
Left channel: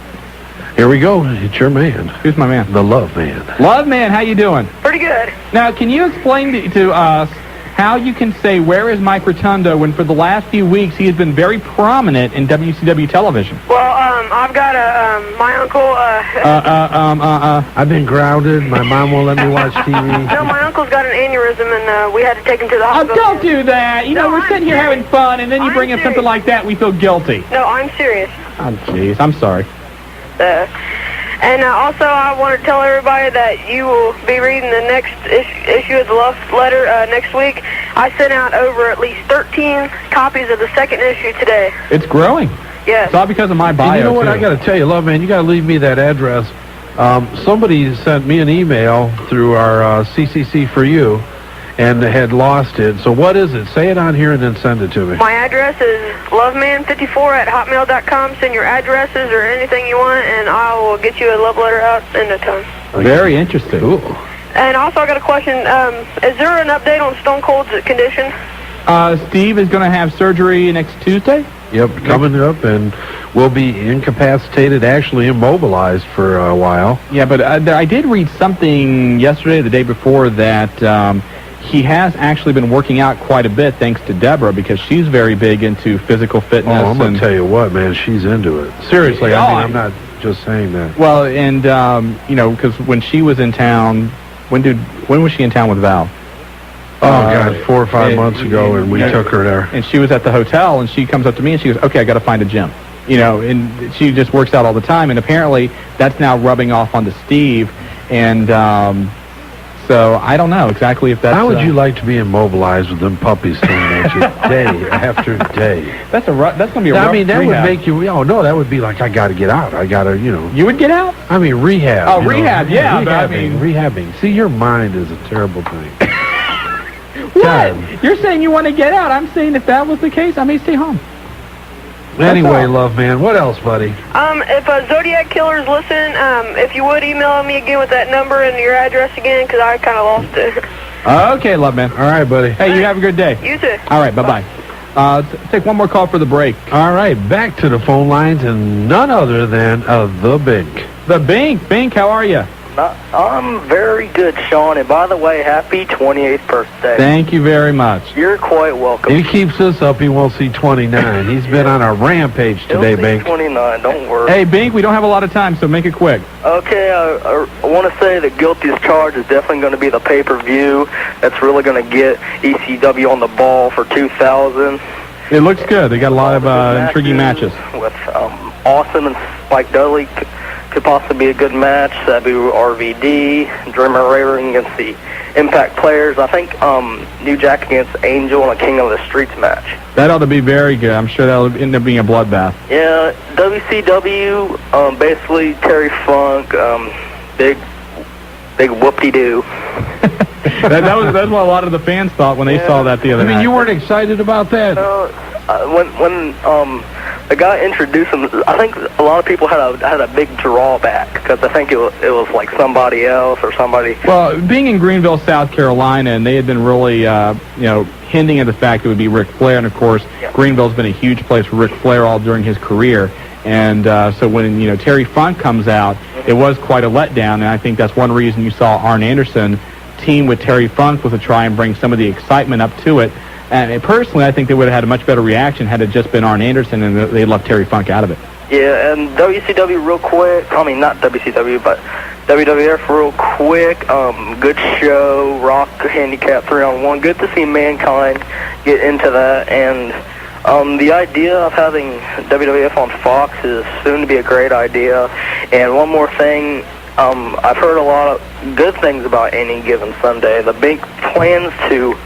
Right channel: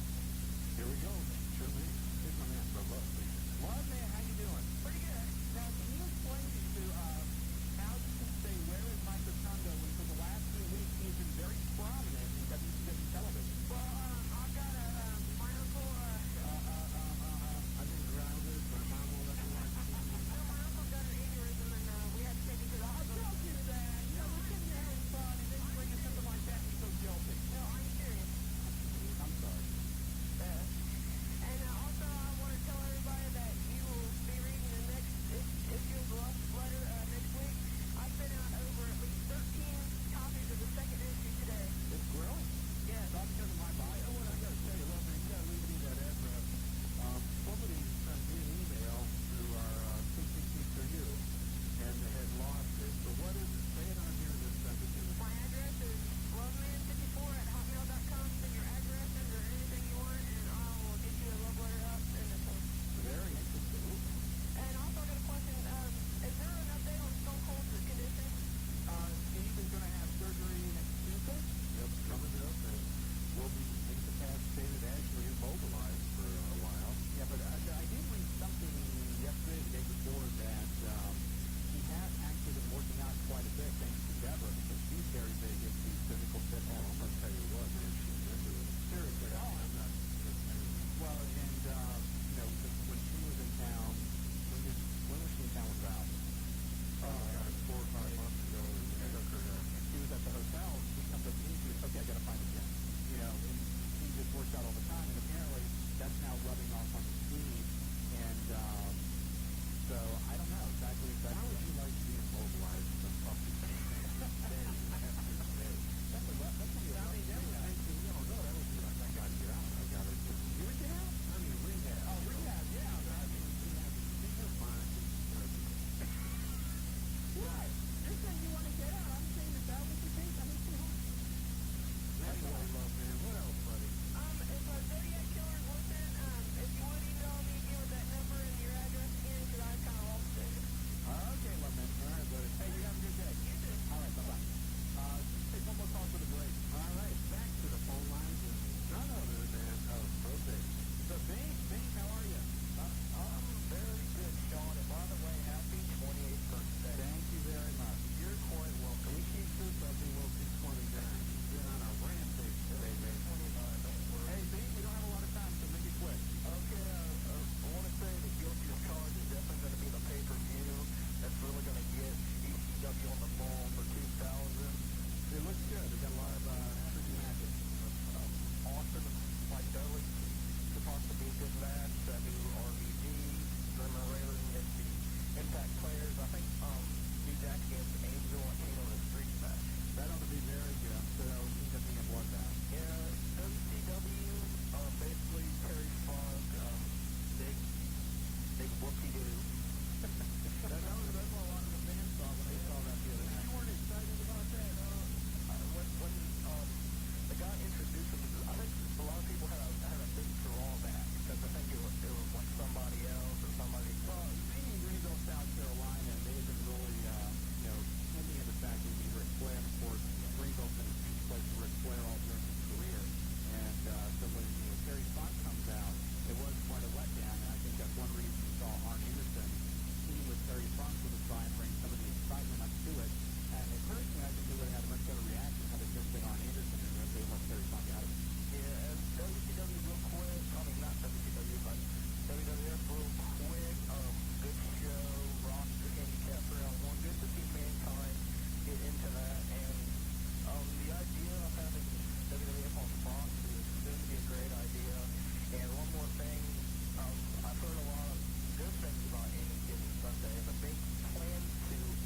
Here we go. It's your man. Who's my man? The Love Man. Love Man, how you doing? Pretty good. Now, can you explain to us how you can say, "Where is Mike Rotundo," when for the last few weeks he has been very prominent in WCW television? Well, I've got my uncle, I've been grounded. My mom won't let me watch TV. No, my uncle's got an aneurysm, and we had to take him to the hospital. Oh, don't do that. You know, we're sitting here having fun, and then you bring up something like that, we feel guilty. No, I'm serious. Oh, jeez, I'm sorry. And also, I want to tell everybody that you will be reading the next issue of the Love Letter next week. I sent out over at least 13 copies of the second issue today. It's growing. Yes. It's all because of my bio, and you know what? too. I got to tell you, Love Man, you got to leave me that address. Somebody sent me an email through our CCC for you and had lost it. So what is it? Say it on here and then send it to me. My address is loveman54@hotmail.com. Send your addresses or anything you want, and I will get you a love letter out in no time. Very interesting. Ooh. And also, I got a question. Is there an update on Stone Cold's condition? Steve is going to have surgery next Tuesday. Yep, coming up, and will be incapacitated, actually immobilized for a while. Yeah, but I did read something yesterday, the day before, that he has actually been working out quite a bit thanks to Deborah, because she's very big into physical fitness. Oh, I'm going to tell you what, man, she's into it. Seriously, I mean, I'm not just saying that. Well, and, you know, because when she was in town, when was she in town with Val? Oh, God, 4 or 5 months ago, and we took her there. And she was at the hotel, and she comes up to me, and she goes, okay, I got to find a gym. You know, and she just works out all the time, and apparently that's now rubbing off onto Steve, and so I don't know exactly if that's... How would you like to be immobilized with them puppies staring at you day after day? That's going to be a rough I mean, that rehab. would make you... Oh, no, that would be like, I got to get out. I got to, you know... You would get out? I mean, rehab. Oh, rehab, yeah. Rehabbing. See, your mind is a terrible thing. What? God. You're saying you want to get out. I'm saying if that was the case, I may stay home. Anyway, Love Man, what else, buddy? If Zodiac Killer's listening, if you would email me again with that number and your address again, because I kind of lost it. Okay, Love Man. All right, buddy. Hey, you have a good day. You too. All right, bye-bye. Take one more call for the break. All right, back to the phone lines, and none other than the Bink. The Bink. Bink, how are you? I'm very good, Shawn, and by the way, happy 28th birthday. Thank you very much. You're quite welcome. If he keeps this up, he won't see 29. He's been on a rampage today, He'll see Bink. 29, don't worry. Hey, Bink, we don't have a lot of time, so make it quick. Okay, I want to say that Guilty as Charged is definitely going to be the pay-per-view that's really going to get ECW on the ball for 2000. It looks good. They got a lot of intriguing matches. With Awesome and Spike Dudley could possibly be a good match. Sabu RVD, Dreamer Raven against the Impact Players. I think New Jack against Angel and a King of the Streets match. That ought to be very good. I'm sure that'll end up being a bloodbath. Yeah, WCW, basically Terry Funk, big whoop-de-doo. That's what a lot of the fans thought when they saw that the other night. I mean, you weren't excited about that? No, when the guy introduced him, I think a lot of people had a big drawback because I think it was like somebody else or somebody. Well, being in Greenville, South Carolina, and they had been really, hinting at the fact it would be Ric Flair, and of course, Greenville's been a huge place for Ric Flair all during his career. And so when Terry Funk comes out, it was quite a letdown, and I think that's one reason you saw Arn Anderson team with Terry Funk was to try and bring some of the excitement up to it. And personally, I think they would have had a much better reaction had it just been Arn Anderson and they left Terry Funk out of it. Yeah, and WCW real quick. I mean, not WCW, but WWF real quick. Good show. Rock handicap 3-on-1. Good to see Mankind get into that. And the idea of having WWF on Fox is soon to be a great idea. And one more thing. I've heard a lot of good things about Any Given Sunday. The Bink plans to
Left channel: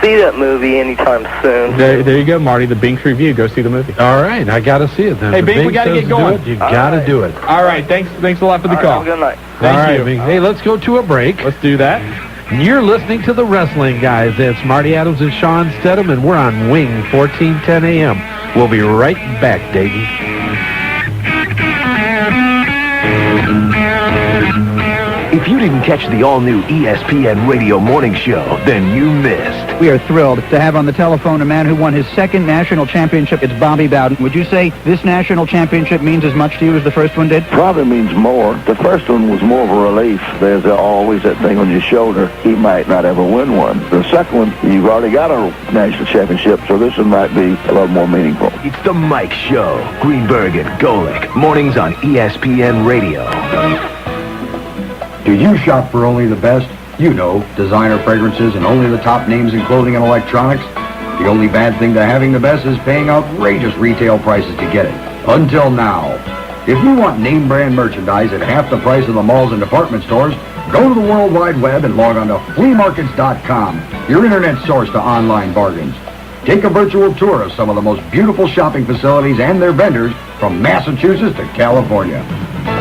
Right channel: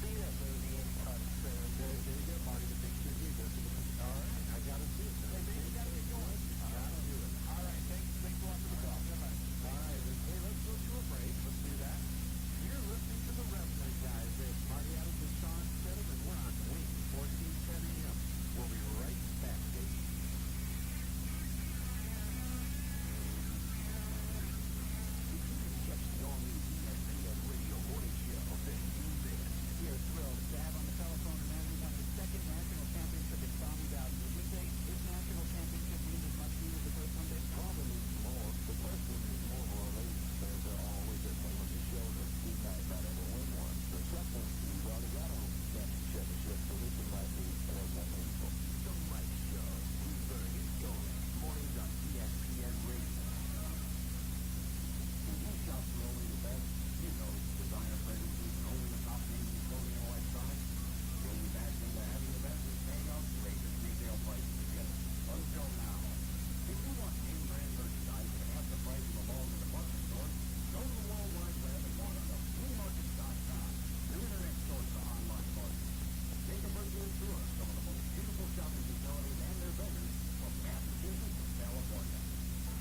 see that movie anytime soon. There you go, Marty. The Bink's review. Go see the movie. All right, I got to see it then. Hey, Bink, we got to get going. You got to do it. All right, thanks a lot for the call. Have a good night. Thank you. Bink. Hey, let's go to a break. Let's do that. You're listening to the Wrestling Guys. That's Marty Adams and Shawn Stedham, and we're on Wing 1410 AM. We'll be right back, Dayton. If you didn't catch the all-new ESPN Radio Morning Show, then you missed. We are thrilled to have on the telephone a man who won his second national championship. It's Bobby Bowden. Would you say this national championship means as much to you as the first one did? Probably means more. The first one was more of a relief. There's always that thing on your shoulder. He might not ever win one. The second one, you've already got a national championship, so this one might be a little more meaningful. It's the Mike Show. Greenberg and Golick. Mornings on ESPN Radio. Do you shop for only the best? You know, designer fragrances and only the top names in clothing and electronics. The only bad thing to having the best is paying outrageous retail prices to get it. Until now. If you want name brand merchandise at half the price of the malls and department stores, go to the World Wide Web and log on to fleamarkets.com, your internet source to online bargains. Take a virtual tour of some of the most beautiful shopping facilities and their vendors from Massachusetts to California.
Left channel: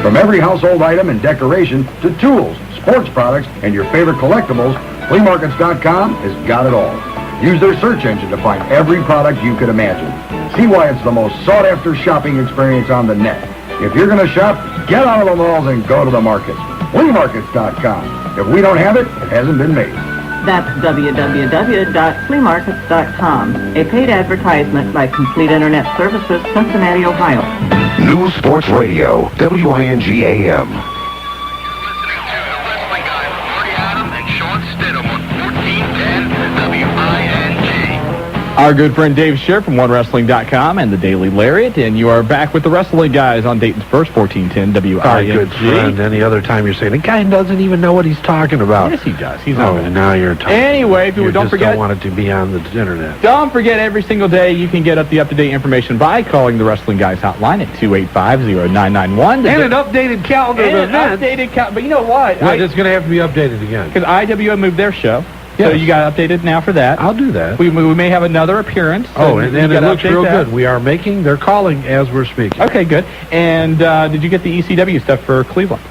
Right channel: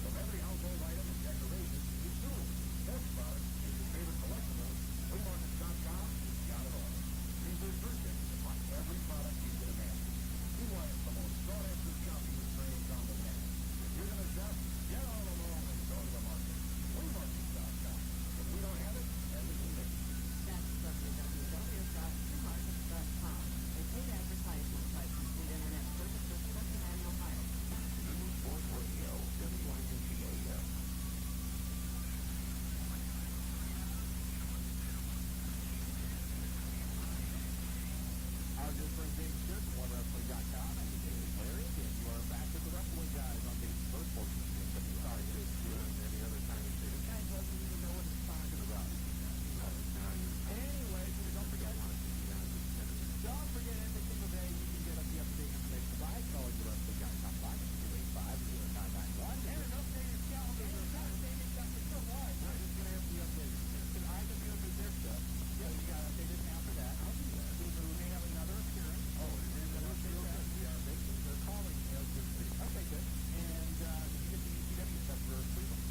From every household item and decoration to tools, sports products, and your favorite collectibles, fleamarkets.com has got it all. Use their search engine to find every product you could imagine. See why it's the most sought-after shopping experience on the net. If you're going to shop, get out of the malls and go to the markets. fleamarkets.com. If we don't have it, it hasn't been made. That's www.fleamarkets.com, a paid advertisement by Complete Internet Services, Cincinnati, Ohio. News Sports Radio, WING AM. Our good friend Dave Scher from OneWrestling.com and the Daily Lariat, and you are back with the Wrestling Guys on Dayton's first 1410 WING. Our good friend. Any other time you're saying, the guy doesn't even know what he's talking about. Yes, he does. He's and now you're talking. Anyway, if you don't forget, don't want it to be on the internet. Don't forget, every single day you can get up-to-date information by calling the Wrestling Guys hotline at 285-0991. And an updated calendar of events. But you know what? Well, it's going to have to be updated again. Because IWM moved their show. Yes. So you got updated now for that. I'll do that. We may have another appearance. Oh, and it looks real good. They're calling as we're speaking. Okay, good. And did you get the ECW stuff for Cleveland?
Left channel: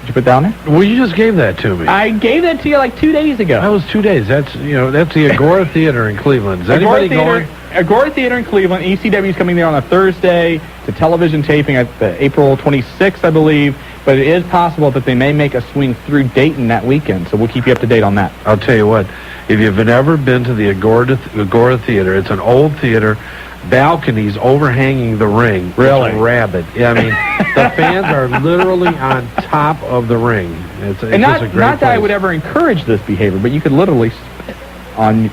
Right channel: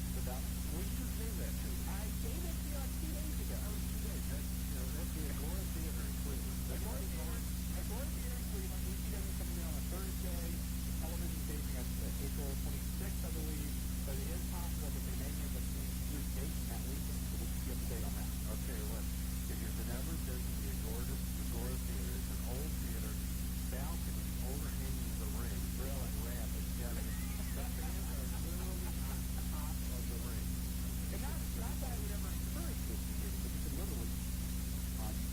Did you put down there? Well, you just gave that to me. I gave that to you like 2 days ago. That was 2 days. That's the Agora Theater in Cleveland. Is anybody going? Agora Theater in Cleveland. ECW is coming there on a Thursday. It's a television taping at April 26th, I believe. But it is possible that they may make a swing through Dayton that weekend, so we'll keep you up to date on that. I'll tell you what, if you've never been to the Agora Theater, it's an old theater, balconies overhanging the ring. Really? It's a rabbit. Yeah, I mean, the fans are literally on top of the ring. It's and just a great not that place. I would ever encourage this behavior, but you could literally on...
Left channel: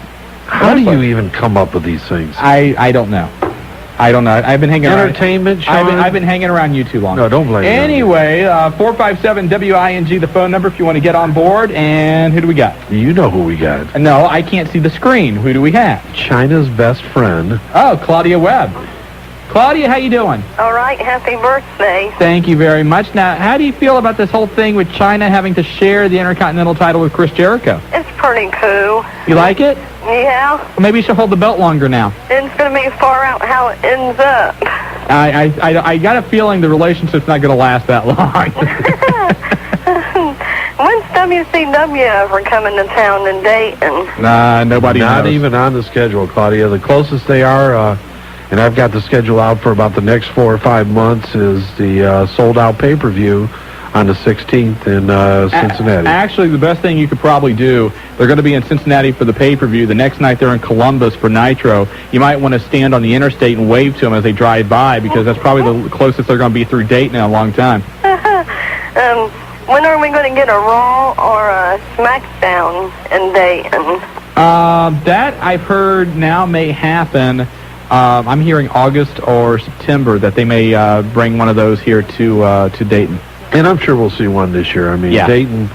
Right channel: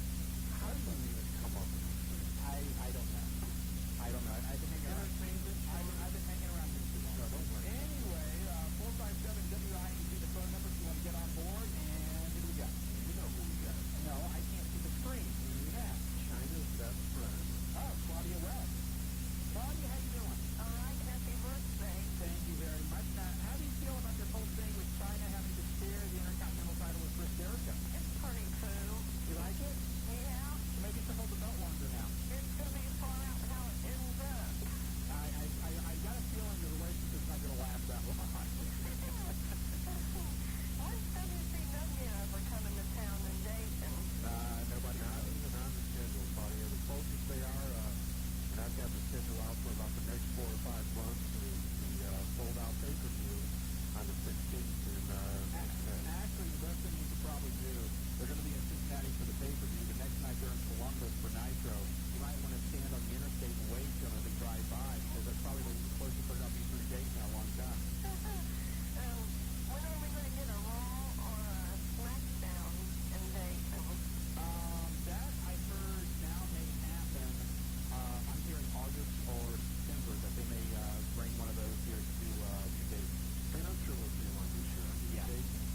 How do you even come up with these things? I don't know. I don't know. I've been hanging Entertainment, around. Shawn? I've been hanging around you too long. No, don't blame me. Anyway, 457-WING, the phone number if you want to get on board. And who do we got? You know who we got. No, I can't see the screen. Who do we have? China's best friend. Oh, Claudia Webb. Claudia, how you doing? All right, happy birthday. Thank you very much. Now, how do you feel about this whole thing with China having to share the Intercontinental title with Chris Jericho? It's pretty cool. You like it? Yeah. Well, maybe you should hold the belt longer now. It's going to be far out how it ends up. I got a feeling the relationship's not going to last that long. When's WCW ever coming to town in Dayton? Nobody knows. Not even on the schedule, Claudia. The closest they are, and I've got the schedule out for about the next 4 or 5 months, is the sold-out pay-per-view on the 16th in Cincinnati. Actually, the best thing you could probably do, they're going to be in Cincinnati for the pay-per-view. The next night they're in Columbus for Nitro. You might want to stand on the interstate and wave to them as they drive by, because that's probably the closest they're going to be through Dayton in a long time. When are we going to get a Raw or a SmackDown in Dayton? That I've heard now may happen. I'm hearing August or September that they may bring one of those here to Dayton. And I'm sure we'll see one this year. I mean, yeah. Dayton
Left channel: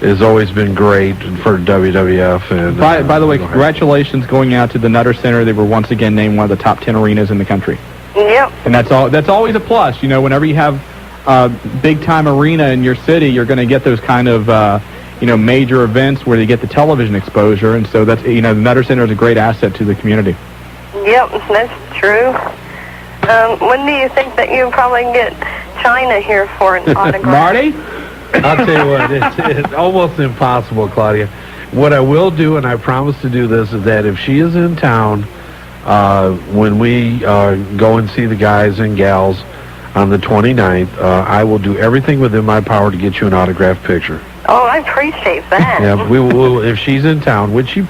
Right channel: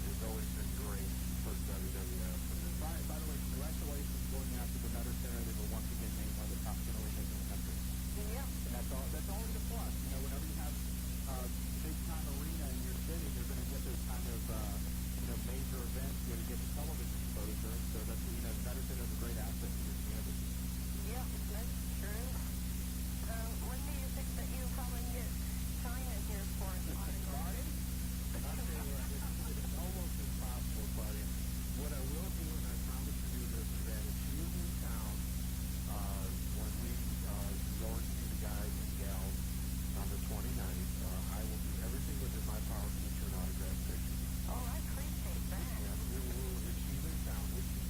has always been great for WWF. And by the way, congratulations going out to the Nutter Center. They were once again named one of the top 10 arenas in the country. Yep. And that's always a plus. You know, whenever you have a big-time arena in your city, you're going to get those kind of major events where you get the television exposure. And so that's, the Nutter Center is a great asset to the community. Yep, that's true. When do you think that you'll probably get China here for an autograph? Marty? I'll tell you what, it's almost impossible, Claudia. What I will do, and I promise to do this, is that if she is in town when we go and see the guys and gals on the 29th, I will do everything within my power to get you an autographed picture. Oh, I appreciate that. Yeah, we will if she's in town, which she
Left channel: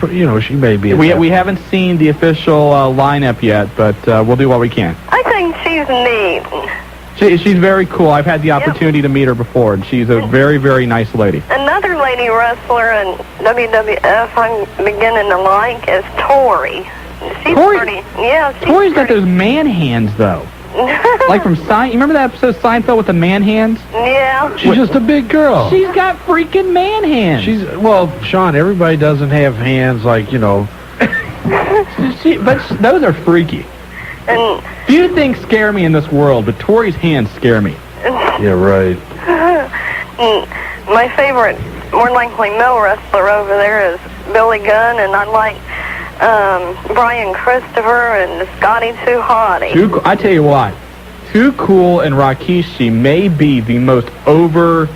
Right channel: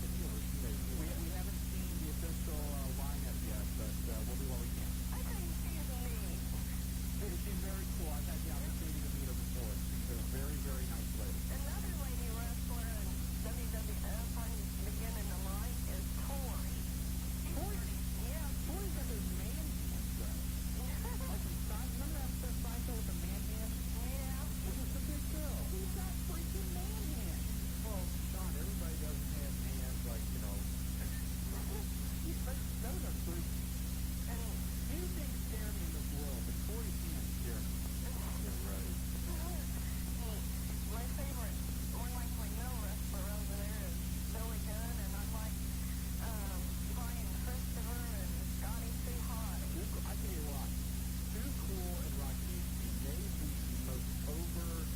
may be. We haven't seen the official lineup yet, but we'll do what we can. I think she's neat. She's very cool. I've had the opportunity to meet her before, and she's a very, very nice lady. Another lady wrestler in WWF I'm beginning to like is Tori. She's pretty. Yeah. Tori's got those man hands, though. Like from Seinfeld. You remember that episode of Seinfeld with the man hands? Yeah. She's just a big girl. She's got freaking man hands. Shawn, everybody doesn't have hands like, but those are freaky. And Few things scare me in this world, but Tori's hands scare me. Yeah, right. My favorite, more likely male wrestler over there is Billy Gunn, and I like Brian Christopher and Scotty Too Hottie. I tell you what, Too Cool and Rikishi may be the most over,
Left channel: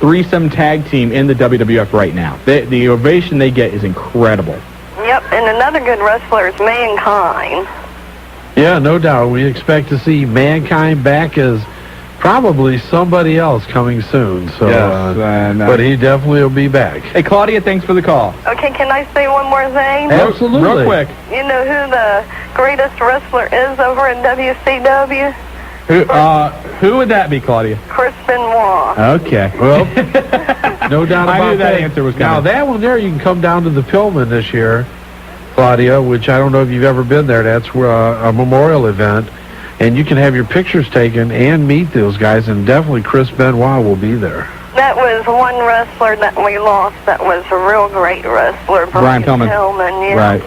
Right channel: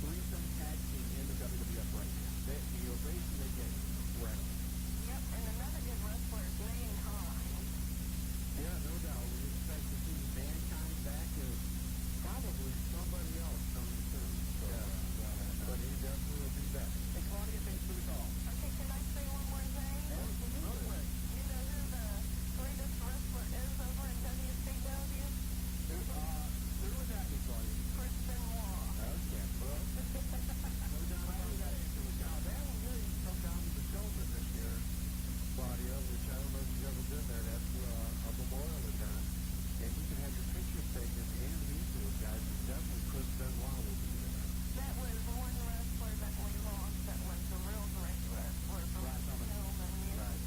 threesome tag team in the WWF right now. The ovation they get is incredible. Yep, and another good wrestler is Mankind. Yeah, no doubt. We expect to see Mankind back as probably somebody else coming soon. So, yes, but he definitely will be back. Hey, Claudia, thanks for the call. Okay, can I say one more thing? Absolutely. Real quick. You know who the greatest wrestler is over in WCW? Who would that be, Claudia? Chris Benoit. Okay. Well, no doubt about I knew that that. answer was coming. Now, that one there, you can come down to the Pillman this year, Claudia, which I don't know if you've ever been there. That's a memorial event. And you can have your pictures taken and meet those guys, and definitely Chris Benoit will be there. That was one wrestler that we lost that was a real great wrestler. Brian Pillman. Yeah. Right.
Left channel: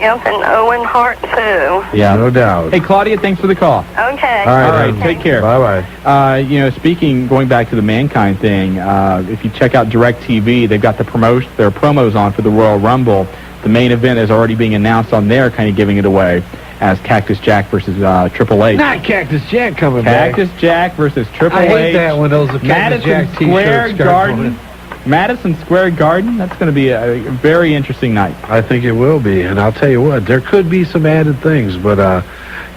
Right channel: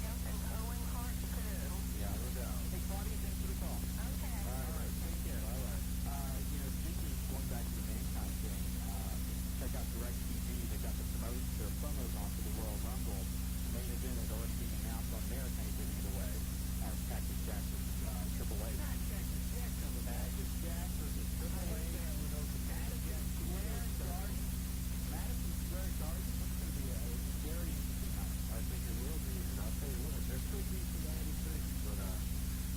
Yep, and Owen Hart, too. Yeah. No doubt. Hey, Claudia, thanks for the call. Okay. All right, take care. Bye-bye. Speaking, going back to the Mankind thing, if you check out DirecTV, they've got their promos on for the Royal Rumble. The main event is already being announced on there, kind of giving it away, as Cactus Jack versus Triple H. Not Cactus Jack coming back. Cactus Jack versus Triple H. I hate that when those Cactus Jack Square t-shirts Garden. Madison Square Garden. That's going to be a very interesting night. I think it will be, and I'll tell you what, there could be some added things, but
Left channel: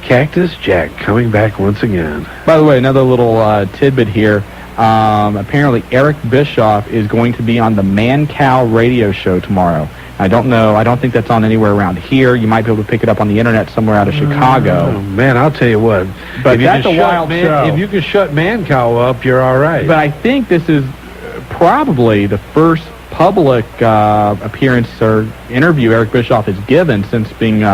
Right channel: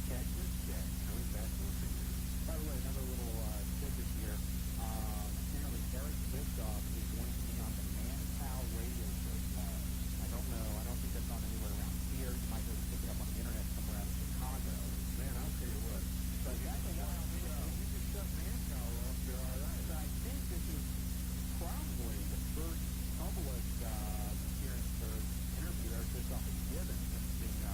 Cactus Jack coming back once again. By the way, another little tidbit here. Apparently, Eric Bischoff is going to be on the Man Cow radio show tomorrow. I don't know. I don't think that's on anywhere around here. You might be able to pick it up on the internet somewhere out of Chicago. Oh, man, I'll tell you what. But that's a wild show. If you can shut Man Cow up, you're all right. But I think this is probably the first public appearance or interview Eric Bischoff has given since being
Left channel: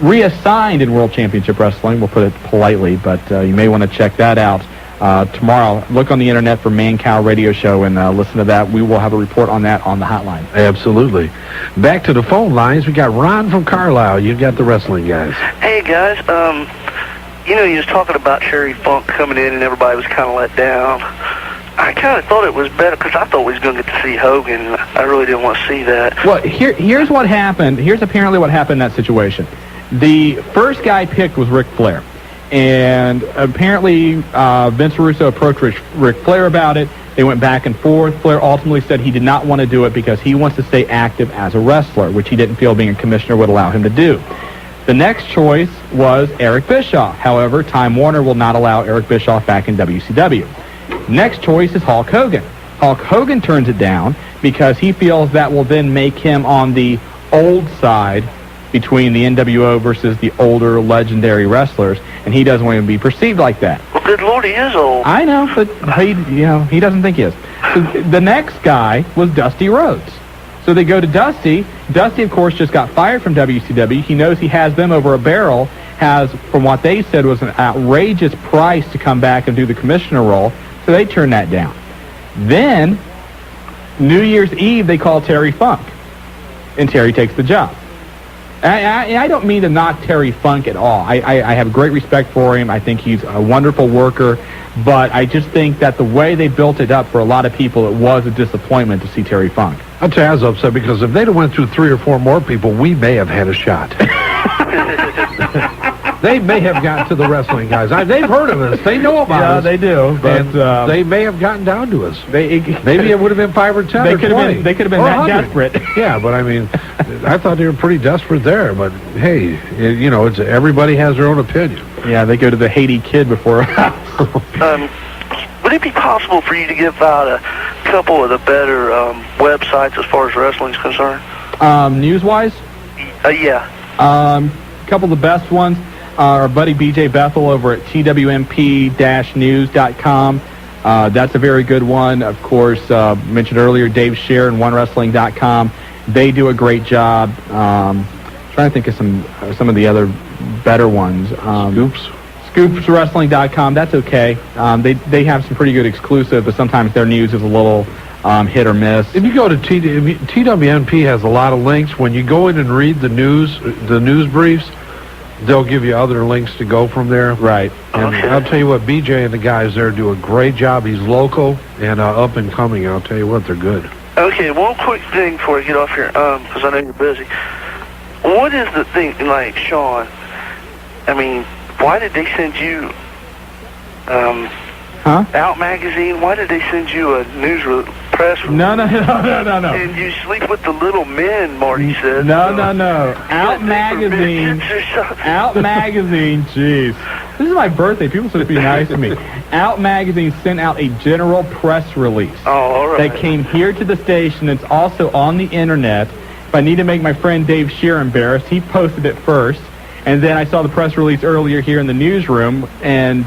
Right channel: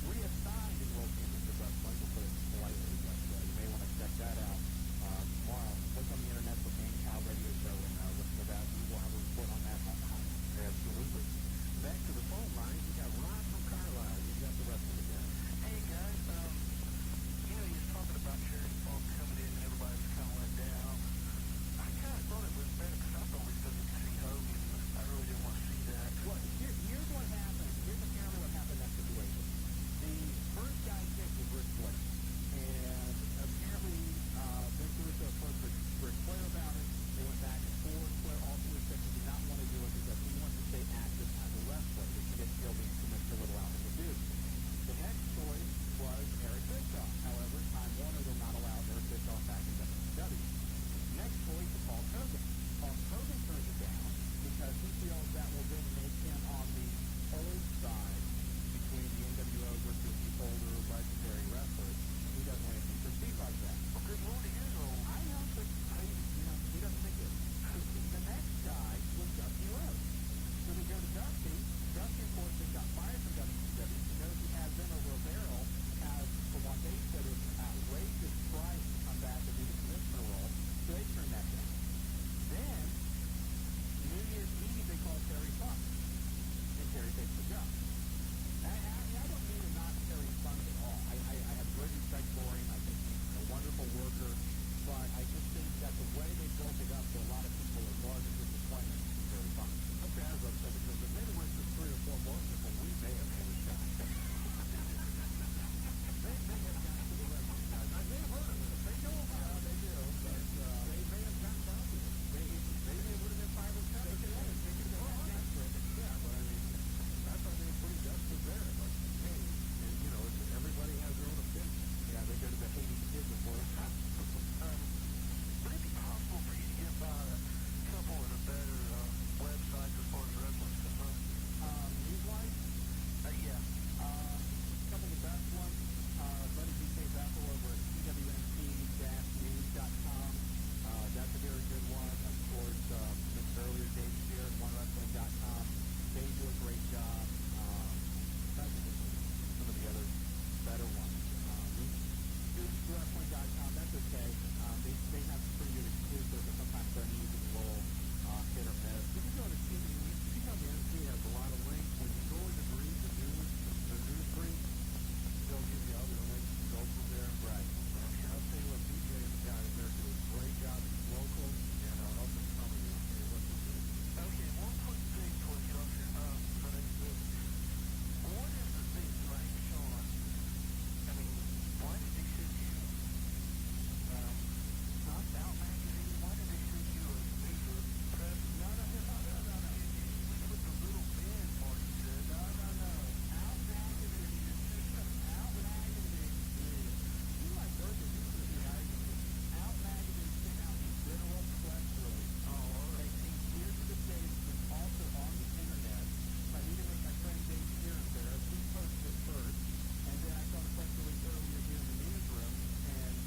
reassigned in World Championship Wrestling. We'll put it politely, but you may want to check that out. Tomorrow, look on the internet for Man Cow Radio Show and listen to that. We will have a report on that on the hotline. Absolutely. Back to the phone lines. We got Ron from Carlisle. You've got the wrestling guys. Hey, guys. You was talking about Sherry Funk coming in and everybody was kind of let down. I kind of thought it was better because I thought we was going to get to see Hogan. I really didn't want to see that. Well, here's what happened. Here's apparently what happened in that situation. The first guy picked was Ric Flair. And apparently Vince Russo approached Ric Flair about it. They went back and forth. Flair ultimately said he did not want to do it because he wants to stay active as a wrestler, which he didn't feel being a commissioner would allow him to do. The next choice was Eric Bischoff. However, Time Warner will not allow Eric Bischoff back in WCW. Next choice is Hulk Hogan. Hulk Hogan turns it down because he feels that will then make him on the old side between the NWO versus the older legendary wrestlers, and he doesn't want to be perceived like that. Well, good Lord, he is old. I know, but he doesn't think he is. So the next guy was Dusty Rhodes. So they go to Dusty. Dusty, of course, just got fired from WCW. He knows he has them over a barrel, has, from what they said, was an outrageous price to come back and do the commissioner role, so they turned that down. Then, New Year's Eve, they call Terry Funk, and Terry takes the job. I don't mean to knock Terry Funk at all. I have great respect for him. I think he's a wonderful worker, but I just think that the way they built it up for a lot of people, it was a disappointment to see Terry Funk. I'll tell you, I was upset because if they'd have went through 3 or 4 more people, we may have had a shot. They may have gotten to the wrestling guys. They've heard of us. They know about us. Yeah, they do. But they may have gotten down to us. Maybe it would have been 5 or 10 or 20. They could have been that 100. desperate. Yeah, but I mean, I thought they were pretty desperate there. But hey, it's everybody has their own opinion. Yeah, they go to the Haiti Kid before. Would it be possible for you to give out a couple of the better websites as far as wrestling is concerned? News-wise? Yeah. A couple of the best ones. Our buddy BJ Bethel over at TWMP-news.com. That's a very good one. Of course, mentioned earlier, Dave Scher and OneWrestling.com. They do a great job. Trying to think of some of the other better ones. ScoopsWrestling.com. That's okay. They have some pretty good exclusive, but sometimes their news is a little hit or miss. If you go to TWMP has a lot of links. When you go in and read the news briefs, they'll give you other links to go from there. Right. And I'll tell you what, BJ and the guys there do a great job. He's local and up and coming. I'll tell you what, they're good. Okay, one quick thing before I get off here, because I know you're busy. What is the thing, like, Shawn, I mean, why did they send you Out Magazine? Why did they send you a press release? No. And you sleep with the little men, Marty said. No. Out Magazine. Jeez. This is my birthday. People should be nice to me. Out Magazine sent out a general press release. Oh, all right. That came here to the station. It's also on the internet. If I need to make my friend Dave Shear embarrassed, he posted it first. And then I saw the press release earlier here in the newsroom. And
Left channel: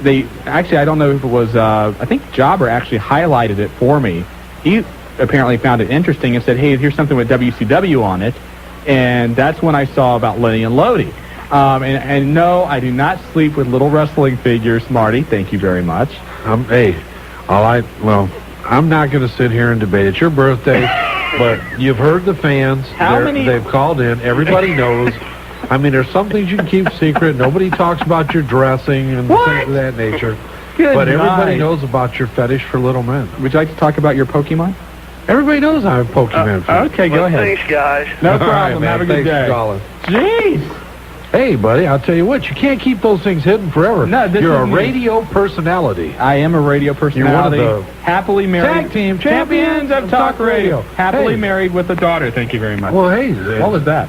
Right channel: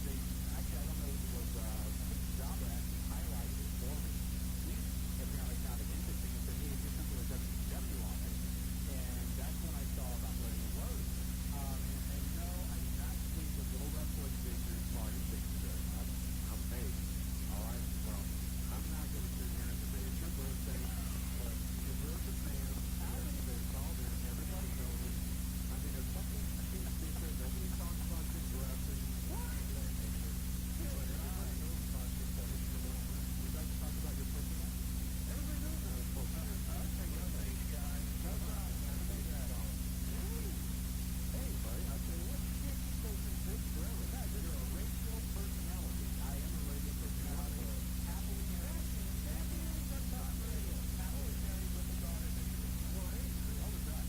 they actually, I don't know if it was, I think Jobber actually highlighted it for me. He apparently found it interesting and said, hey, here's something with WCW on it. And that's when I saw about Lenny and Lodi. And no, I do not sleep with little wrestling figures, Marty. Thank you very much. I'm not going to sit here and debate. It's your birthday, but you've heard the fans. They've called in. Everybody knows. I mean, there's some things you can keep secret. Nobody talks about your dressing and things of that nature. But everybody knows about your fetish for little men. Would you like to talk about your Pokemon? Everybody knows I'm a Pokemon fan. Okay, go ahead. Thanks, guys. No problem. Have a good day. Jeez. Hey, buddy, I'll tell you what, you can't keep those things hidden forever. No, You're a radio personality. I am a radio personality. You're one of the happily married tag team champions of talk radio. Happily married with a daughter. Thank you very much. Well, hey. What was that?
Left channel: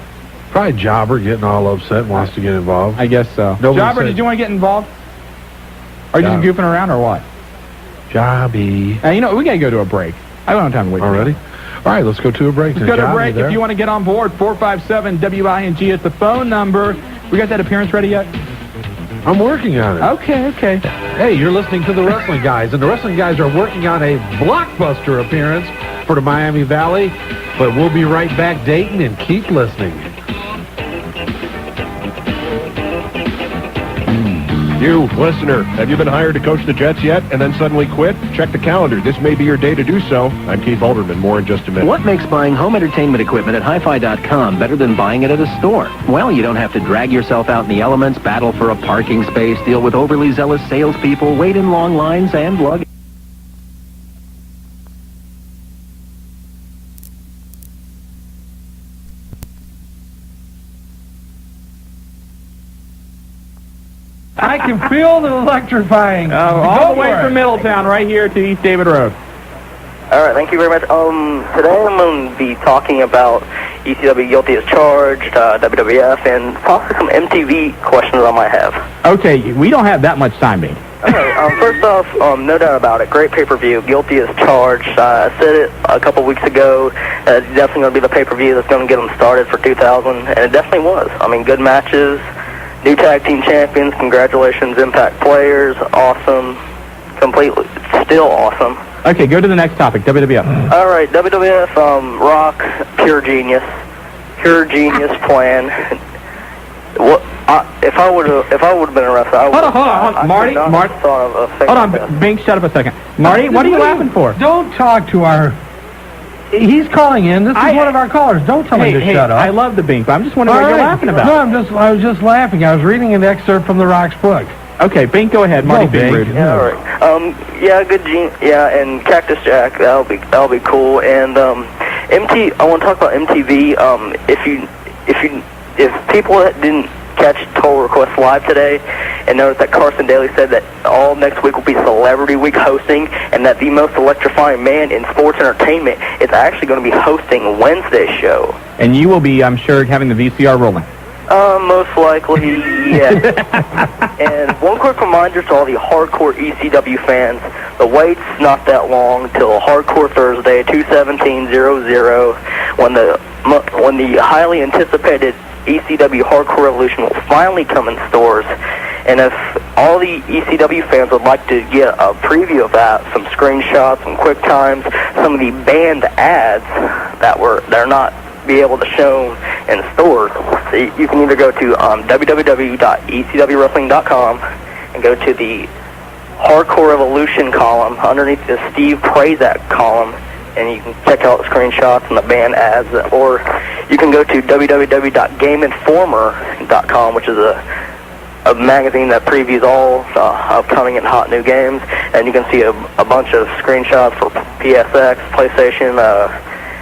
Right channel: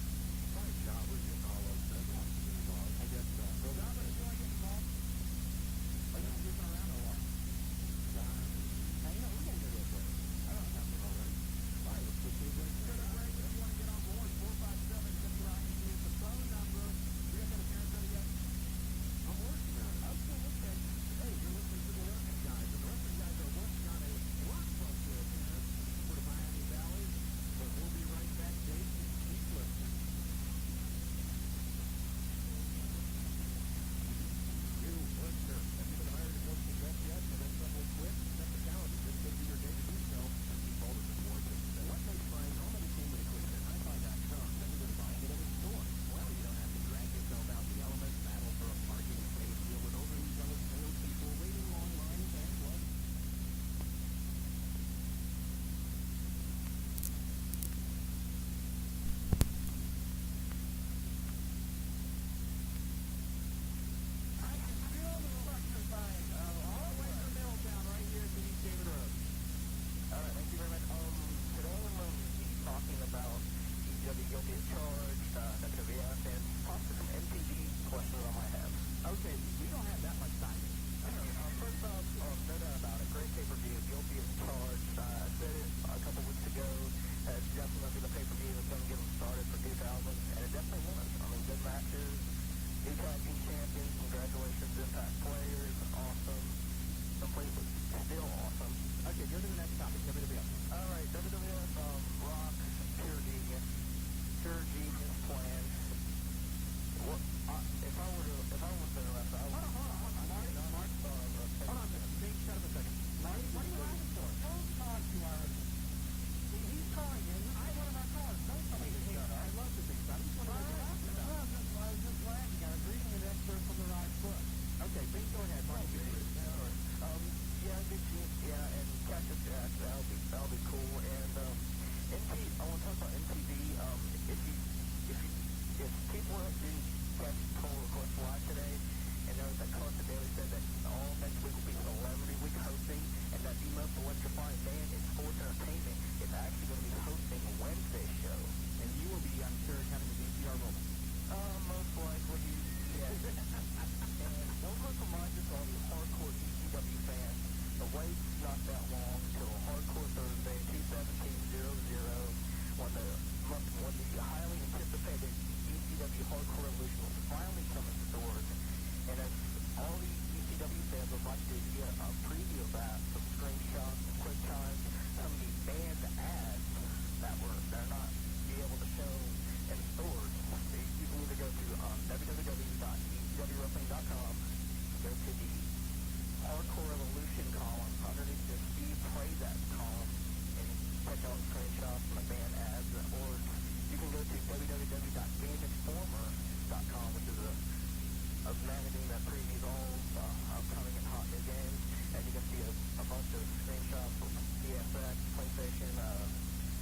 Probably Jobber getting all upset and wants to get involved. I guess so. Jobber, did you want to get involved? Are you just goofing around or what? Jobby. You know, we got to go to a break. I don't have time to wait. Already? All right, let's go to a break. Let's go to a break. If you want to get on board, 457-WING is the phone number. We got that appearance ready yet? I'm working on it. Okay. Hey, you're listening to the Wrestling Guys, and the Wrestling Guys are working on a blockbuster appearance for the Miami Valley, but we'll be right back, Dayton, and keep listening. You, listener, have you been hired to coach the Jets yet and then suddenly quit? Check the calendar. This may be your day to do so. I'm Keith Alderman. More in just a minute. What makes buying home entertainment equipment at hi-fi.com better than buying it at a store? Well, you don't have to drag yourself out in the elements, battle for a parking space, deal with overly zealous salespeople, wait in long lines, and lug. I can feel the electrifying. All the way from Middletown, right here to East David Road. All right, thank you very much. Today I'm going to be talking about ECW Guilty as Charged, WWF, and possibly some MTV questions I might have. Okay, we don't have that much time, mate. Okay, first off, no doubt about it, great pay-per-view, Guilty as Charged. I said it a couple weeks ago, it's definitely going to be the pay-per-view that's going to get them started for 2000, and it definitely was. I mean, good matches. New tag team champions, congratulations, Impact players, awesome, completely, still awesome. Okay, go to the next topic, WWF. All right, WWF, Rock, pure genius plan. What if I would have been a wrestler? Hold on, Marty. Hold on, Bink, shut up a second. Marty, what are you laughing for? Don't talk to our. He's calling in. This is one of our callers. Don't tell me to shut up. I love the Bink, but I'm just wondering what you're laughing about. No, I was just laughing. I was reading an excerpt from the Rock's book. Okay, Bink, go ahead. Marty, being rude. Yeah, all right. And Cactus Jack. That'll be cool. And I want to talk about MTV. If people that didn't catch Total Request Live today and notice that Carson Daly said that all next week will be Celebrity Week hosting, and that the most electrifying man in sports entertainment is actually going to be hosting Wednesday's show. And you will be, I'm sure, having the VCR rolling. Most likely, yes. And one quick reminder to all the hardcore ECW fans, the wait's not that long till Hardcore Thursday, 2/17/00, when the highly anticipated ECW Hardcore Revolution will finally come in stores. And if all the ECW fans would like to get a preview of that, some screenshots, some quick times, some of the banned ads they're not be able to show in stores, so you can either go to www.ecwwrestling.com and go to the Hardcore Revolution column underneath the Steve Prazak column and you can check out screenshots and the band ads, or you can go to www.gameinformer.com, which is a magazine that previews all upcoming and hot new games, and you can see a bunch of screenshots for PSX, PlayStation,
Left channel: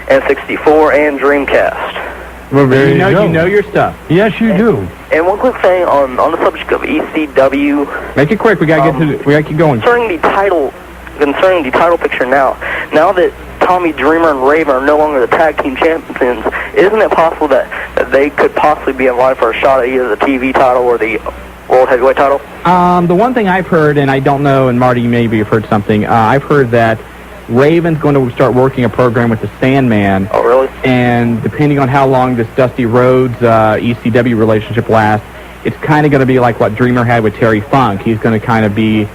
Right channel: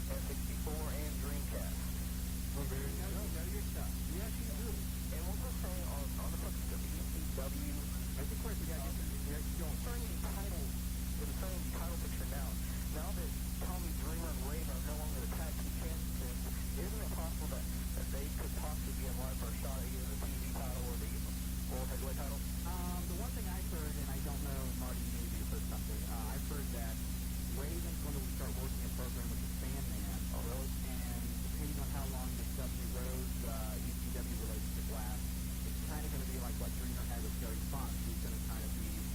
N64, and Dreamcast. Well, there you know your stuff. Yes, you do. And one quick thing on the subject of ECW. Make it quick. We gotta we gotta keep going. Concerning the title picture now that Tommy Dreamer and Raven are no longer the tag team champions, isn't it possible that they could possibly be in line for a shot at either the TV title or the World Heavyweight title? The one thing I've heard, and I don't know, and Marty, maybe you've heard something, I've heard that Raven's going to start working a program with the Sandman. Oh, really? And depending on how long this Dusty Rhodes ECW relationship lasts, it's kind of going to be like what Dreamer had with Terry Funk. He's going to kind of be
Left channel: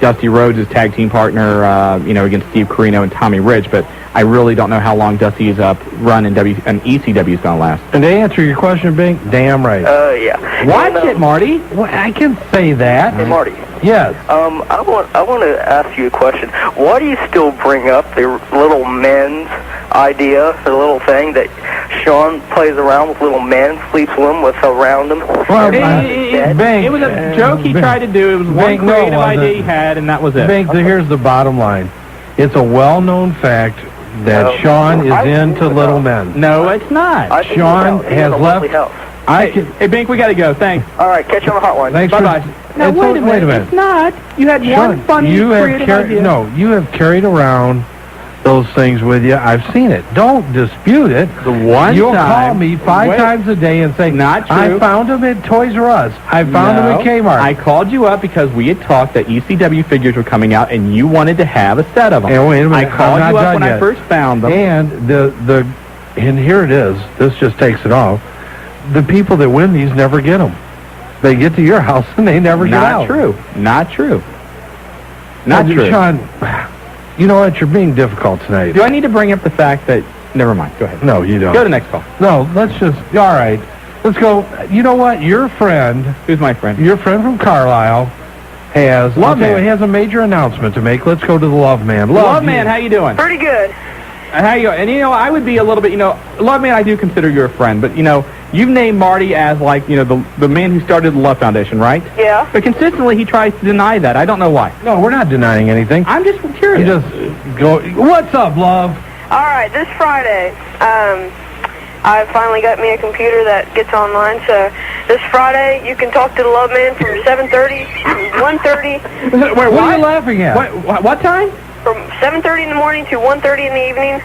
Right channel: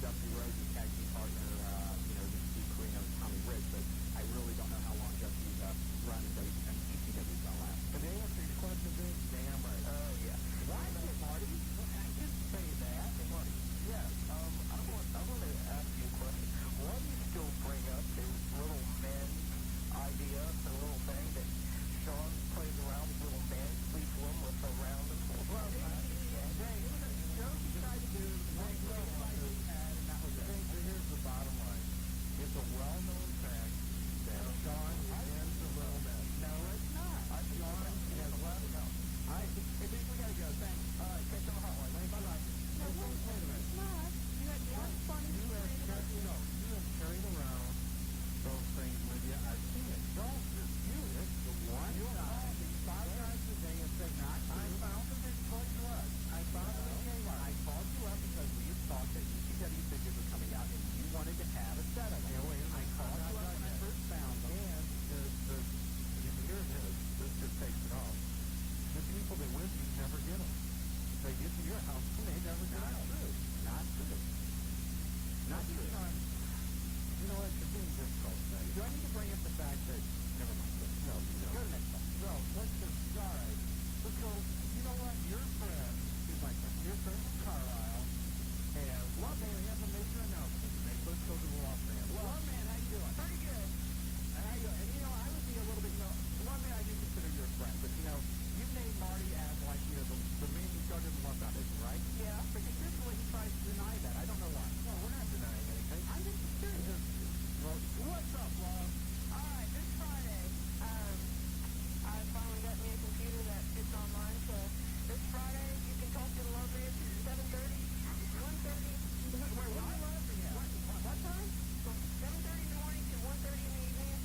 Dusty Rhodes' tag team partner, against Steve Corino and Tommy Rich, but I really don't know how long Dusty's run in ECW is going to last. And to answer your question, Bing, damn right. Yeah. Watch it, Marty. Well, I can say that. Hey, Marty. Yes. I want to ask you a question. Why do you still bring up the little men's idea, the little thing that Shawn plays around with little men, sleeps with them, around them? Well, it was a joke he tried to do. It was one creative idea he had, and that was it. Bing, here's the bottom line. It's a well-known fact that Shawn is into little men. No, it's not. Shawn has left. Hey, Bink, we got to go. Thanks. All right, catch you on the hotline. Thanks. Bye-bye. Now, wait a minute. It's not. You had one funny creative idea. No, you have carried around those things with you. I've seen it. Don't dispute it. You'll call me 5 times a day and say, not true. I found them at Toys R Us. I found them at Kmart. I called you up because we had talked that ECW figures were coming out, and you wanted to have a set of them. And wait a minute. I called you up when I first found them. And and here it is. This just takes it off. The people that win these never get them. They get to your house and they never get out. Not true. Not true. Shawn, you know what? You're being difficult tonight. Do I need to bring up the fact that... Never mind. Go ahead. No, you don't. Go to the next call. No, let's just... All right. Let's go. You know what? Your friend... Who's my friend? Your friend from Carlisle has... He has a major announcement to make. Let's go to the Love Man. Love Man, how you doing? Pretty good. How you going? And, I would be a little bit, Love Man, I do consider you a friend, but, you've named Marty as, the man who started the Love Foundation, right? Yeah. But consistently he tries to deny that. I don't know why. No, we're not denying anything. I'm just curious. You just go, what's up, Love? All right, this Friday, I finally got me a computer that gets online, so this Friday you can talk to the Love Man from 7:30 to 1:30. Wait, what are you laughing at? What time? From 7:30 in the morning to 1:30 in the evening.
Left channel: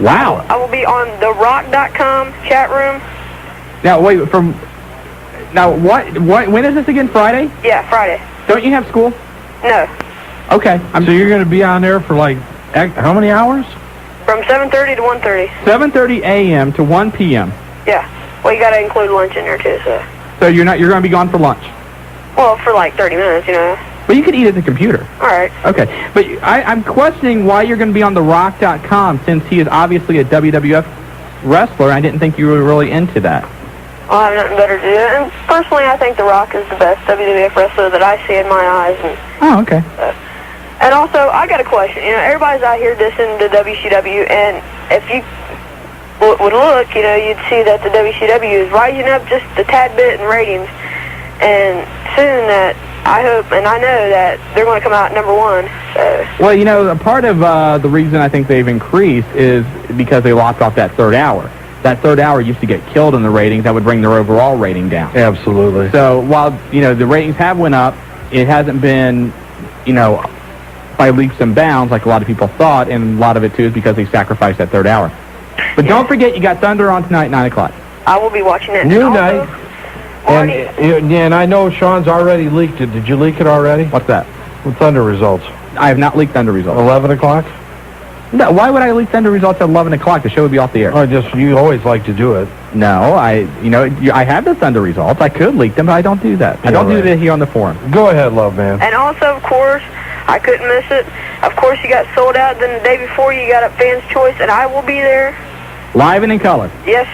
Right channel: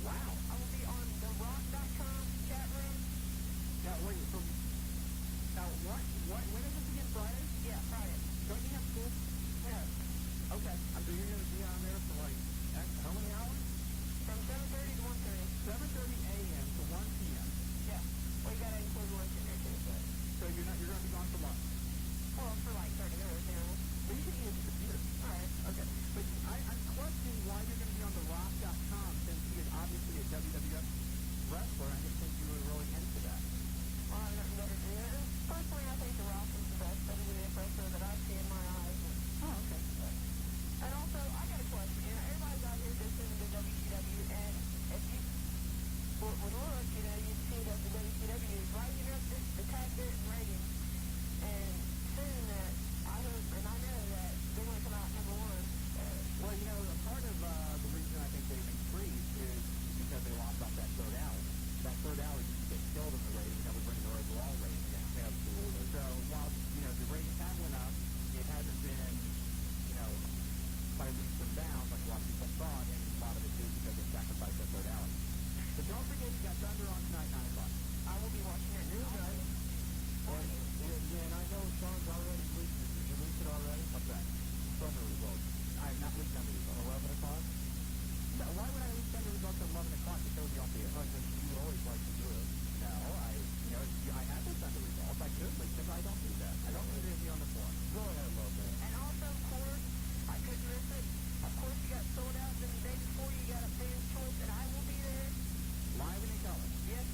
Wow. I will be on the rock.com chat room. Now, wait, when is this again, Friday? Yeah, Friday. Don't you have school? No. Okay. So you're going to be on there for, how many hours? From 7:30 to 1:30. 7:30 a.m. to 1 p.m. Yeah. Well, you got to include lunch in there, too, so. So you're going to be gone for lunch? Well, for 30 minutes, But you could eat at the computer. All right. Okay. But I'm questioning why you're going to be on the rock.com since he is obviously a WWF wrestler. I didn't think you were really into that. Well, I have nothing better to do. And personally, I think The Rock is the best WWF wrestler that I see in my eyes. Oh, okay. And also, I got a question. Everybody's out here dissing the WCW, and if you would look, you'd see that the WCW is rising up just a tad bit in ratings. And soon that I hope and I know that they're going to come out number 1. So. Well, a part of the reason I think they've increased is because they locked off that third hour. That third hour used to get killed in the ratings. That would bring their overall rating down. Absolutely. So while, the ratings have went up, it hasn't been, by leaps and bounds like a lot of people thought, and a lot of it, too, is because they sacrificed that third hour. But don't forget, you got Thunder on tonight, 9 o'clock. I will be watching it. New night. And I know Shawn's already leaked it. Did you leak it already? What's that? The Thunder results. I have not leaked Thunder results. 11 o'clock? No, why would I leak Thunder results at 11 o'clock? The show would be off the air. You always like to do it. No, I have the Thunder results. I could leak them, but I don't do that. I don't do that here on the forum. Go ahead, Love Man. And also, of course, I couldn't miss it. Of course, you got sold out. Then the day before, you got a Fan's Choice, and I will be there. Live and in color. Yes.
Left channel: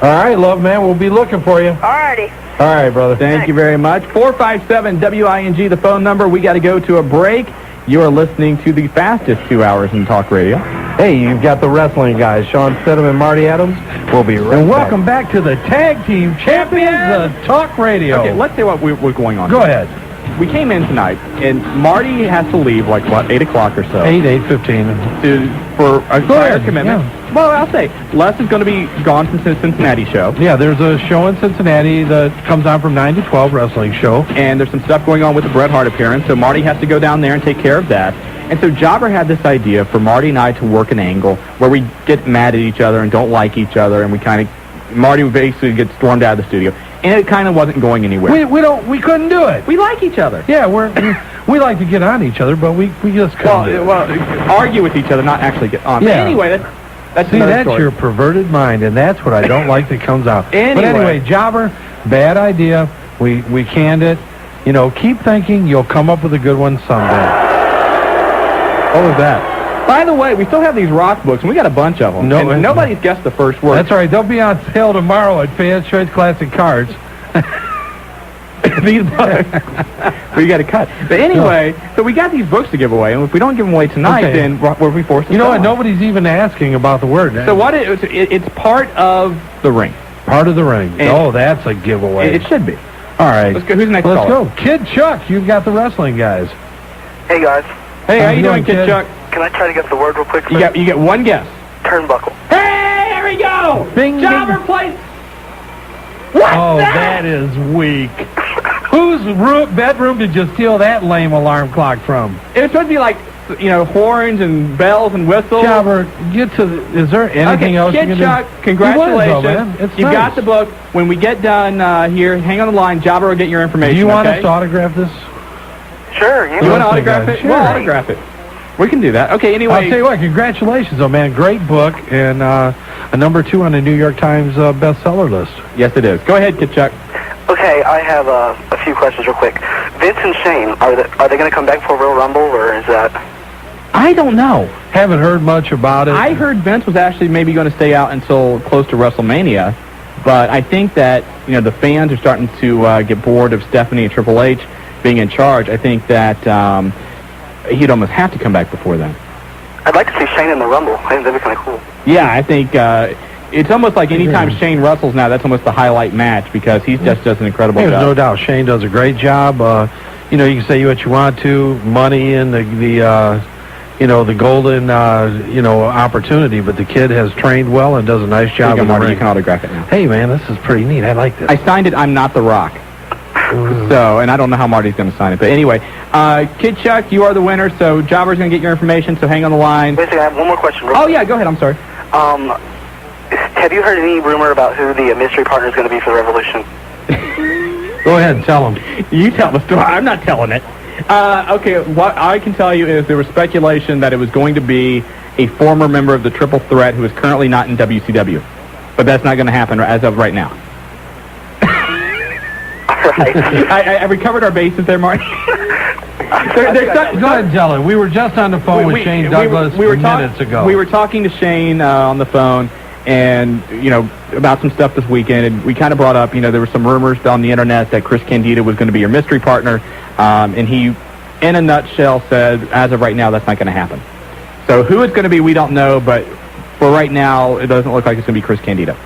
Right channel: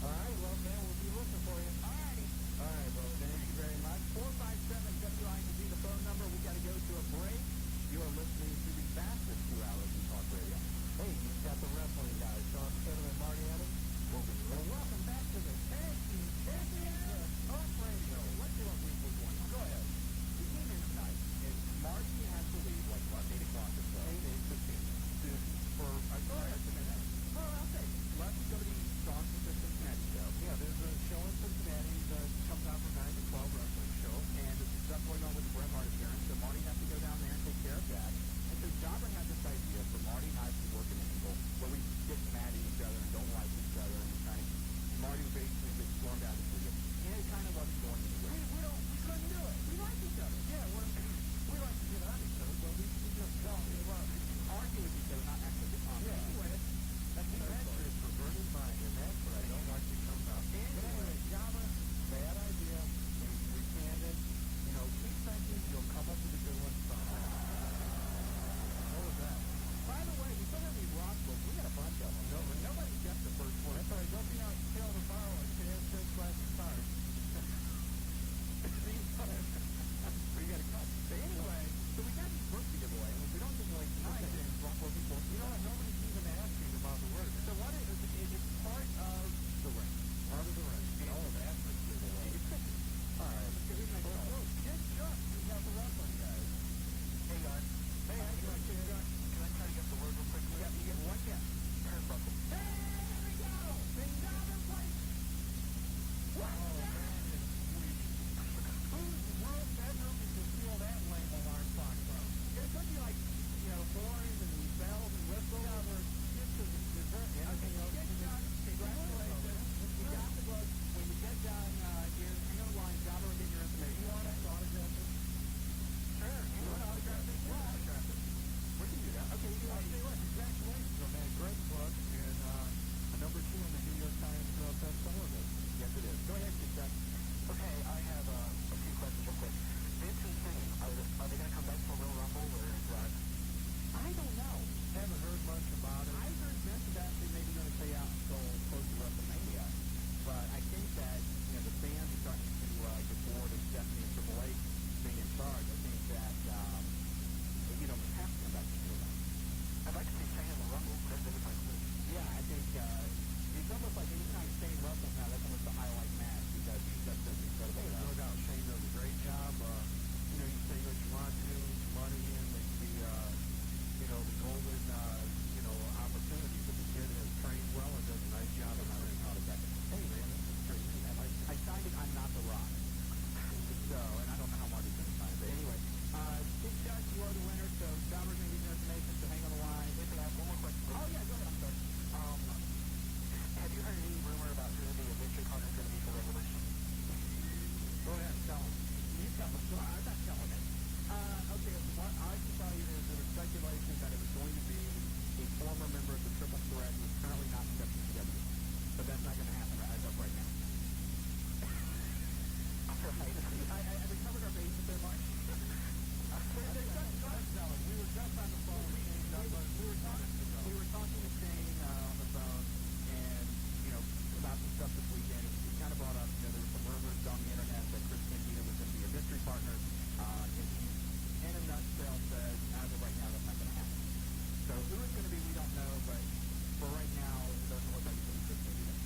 All right, Love Man, we'll be looking for you. All righty. All right, brother. Thank you very much. 457-WING, the phone number. We got to go to a break. You are listening to the fastest 2 hours in talk radio. Hey, you've got the wrestling guys, Shawn Stidham and Marty Adams. We'll be right back. And welcome back to the Tag Team Champions of Talk Radio. Okay, let's say what we're going on. Go ahead. We came in tonight, and Marty has to leave, 8 o'clock or so. 8:15. For a prior commitment. Yeah. Well, I'll say, Les is going to be gone from the Cincinnati show. Yeah, there's a show in Cincinnati that comes on from 9 to 12, wrestling show. And there's some stuff going on with the Bret Hart appearance, so Marty has to go down there and take care of that. And so Jobber had this idea for Marty and I to work an angle where we get mad at each other and don't like each other, and Marty would basically get stormed out of the studio. And it kind of wasn't going anywhere. We couldn't do it. We like each other. Yeah, we like to get on each other, but we just couldn't do it. Well, argue with each other, not actually get on. Yeah. But anyway, that's your perverted mind, and that's what I don't like that comes out. But anyway, Jobber, bad idea. We canned it. Keep thinking you'll come up with a good one someday. What was that? By the way, we still have these rock books, and we got a bunch of them. No, and nobody's guessed the first word. That's all right. They'll be on sale tomorrow at Fans Choice Classic Cards. These books. We got to cut. But anyway, so we got these books to give away, and if we don't give them away tonight, then we'll be forced to You know what? them. Nobody's even asking about the word. So what it's part of the ring. Part of the ring. That's a giveaway. It should be. All right. Let's go. Who's next? Let's go. Kid Chuck, you've got the wrestling guys. Hey, guys. Hey, how you doing, Kid Chuck? Can I try to get the word real quick? You get one guess. Turnbuckle. Hey, here we go. Bing, Jobber plays. What's that is weak. Whose bedroom did you steal that lame alarm clock from? It was supposed to be like, horns and bells and whistles. Jobber, is there anything else you can do? Kid Chuck, congratulations. You've nice. got the book. When we get done here, hang on the line. Jobber will get your information. Do you want us to autograph this? Sure. You want to autograph it? Sure. We'll autograph it. We can do that. Okay, anyway. I'll tell you what, congratulations, man. Great book, and a number 2 on the New York Times bestseller list. Yes, it is. Go ahead, Kid Chuck. Okay, I have a few questions real quick. Vince and Shane, are they going to come back for a Royal Rumble, or is that... I don't know. Haven't heard much about it. I heard Vince was actually maybe going to stay out until close to WrestleMania, but I think that, the fans are starting to get bored of Stephanie and Triple H being in charge. I think that he'd almost have to come back before then. I'd like to see Shane in the Rumble. I think that'd be kind of cool. Yeah, I think it's almost like anytime Shane wrestles now, that's almost the highlight match because he just does an incredible job. There's no doubt. Shane does a great job. You can say what you want to, money and the golden, opportunity, but the kid has trained well and does a nice job in the ring. You can autograph it now. Hey, man, this is pretty neat. I like this. I signed it. I'm not The Rock. So, and I don't know how Marty's going to sign it. But anyway, Kid Chuck, you are the winner, so Jobber's going to get your information, so hang on the line. Wait a second, I have one more question. Yeah, go ahead. I'm sorry. Have you heard any rumor about who the mystery partner is going to be for the Revolution? Go ahead, tell them. You tell the story. I'm not telling it. Okay, what I can tell you is there was speculation that it was going to be a former member of the Triple Threat who is currently not in WCW. But that's not going to happen as of right now. Right. I recovered our bases there, Marty. Go ahead, tell it. We were just on the phone with Shane Douglas minutes ago. We were talking to Shane on the phone, and about some stuff this weekend, and we kind of brought up, there were some rumors on the internet that Chris Candido was going to be your mystery partner, and he, in a nutshell, said, as of right now, that's not going to happen. So who it's going to be, we don't know, but for right now, it doesn't look like it's going to be Chris Candido.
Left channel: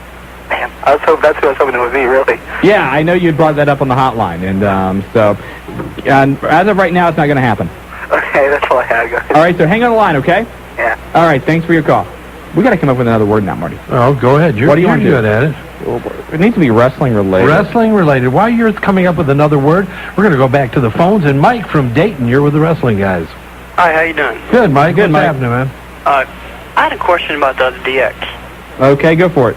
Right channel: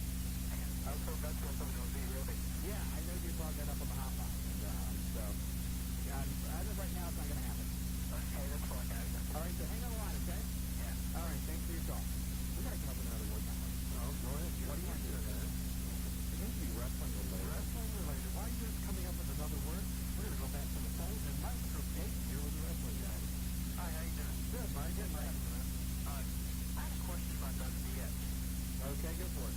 Man, that's who I was hoping it would be, really. Yeah, I know you brought that up on the hotline, and as of right now, it's not going to happen. Okay, that's all I had, guys. All right, so hang on the line, okay? Yeah. All right, thanks for your call. We got to come up with another word now, Marty. Oh, go ahead. What do you want to do? Good at it. It needs to be wrestling related. Wrestling related. While you're coming up with another word, we're going to go back to the phones. And Mike from Dayton, you're with the wrestling guys. Hi, how you doing? Good, Mike. Good, What's Mike. happening, man? I had a question about the DX. Okay, go for it.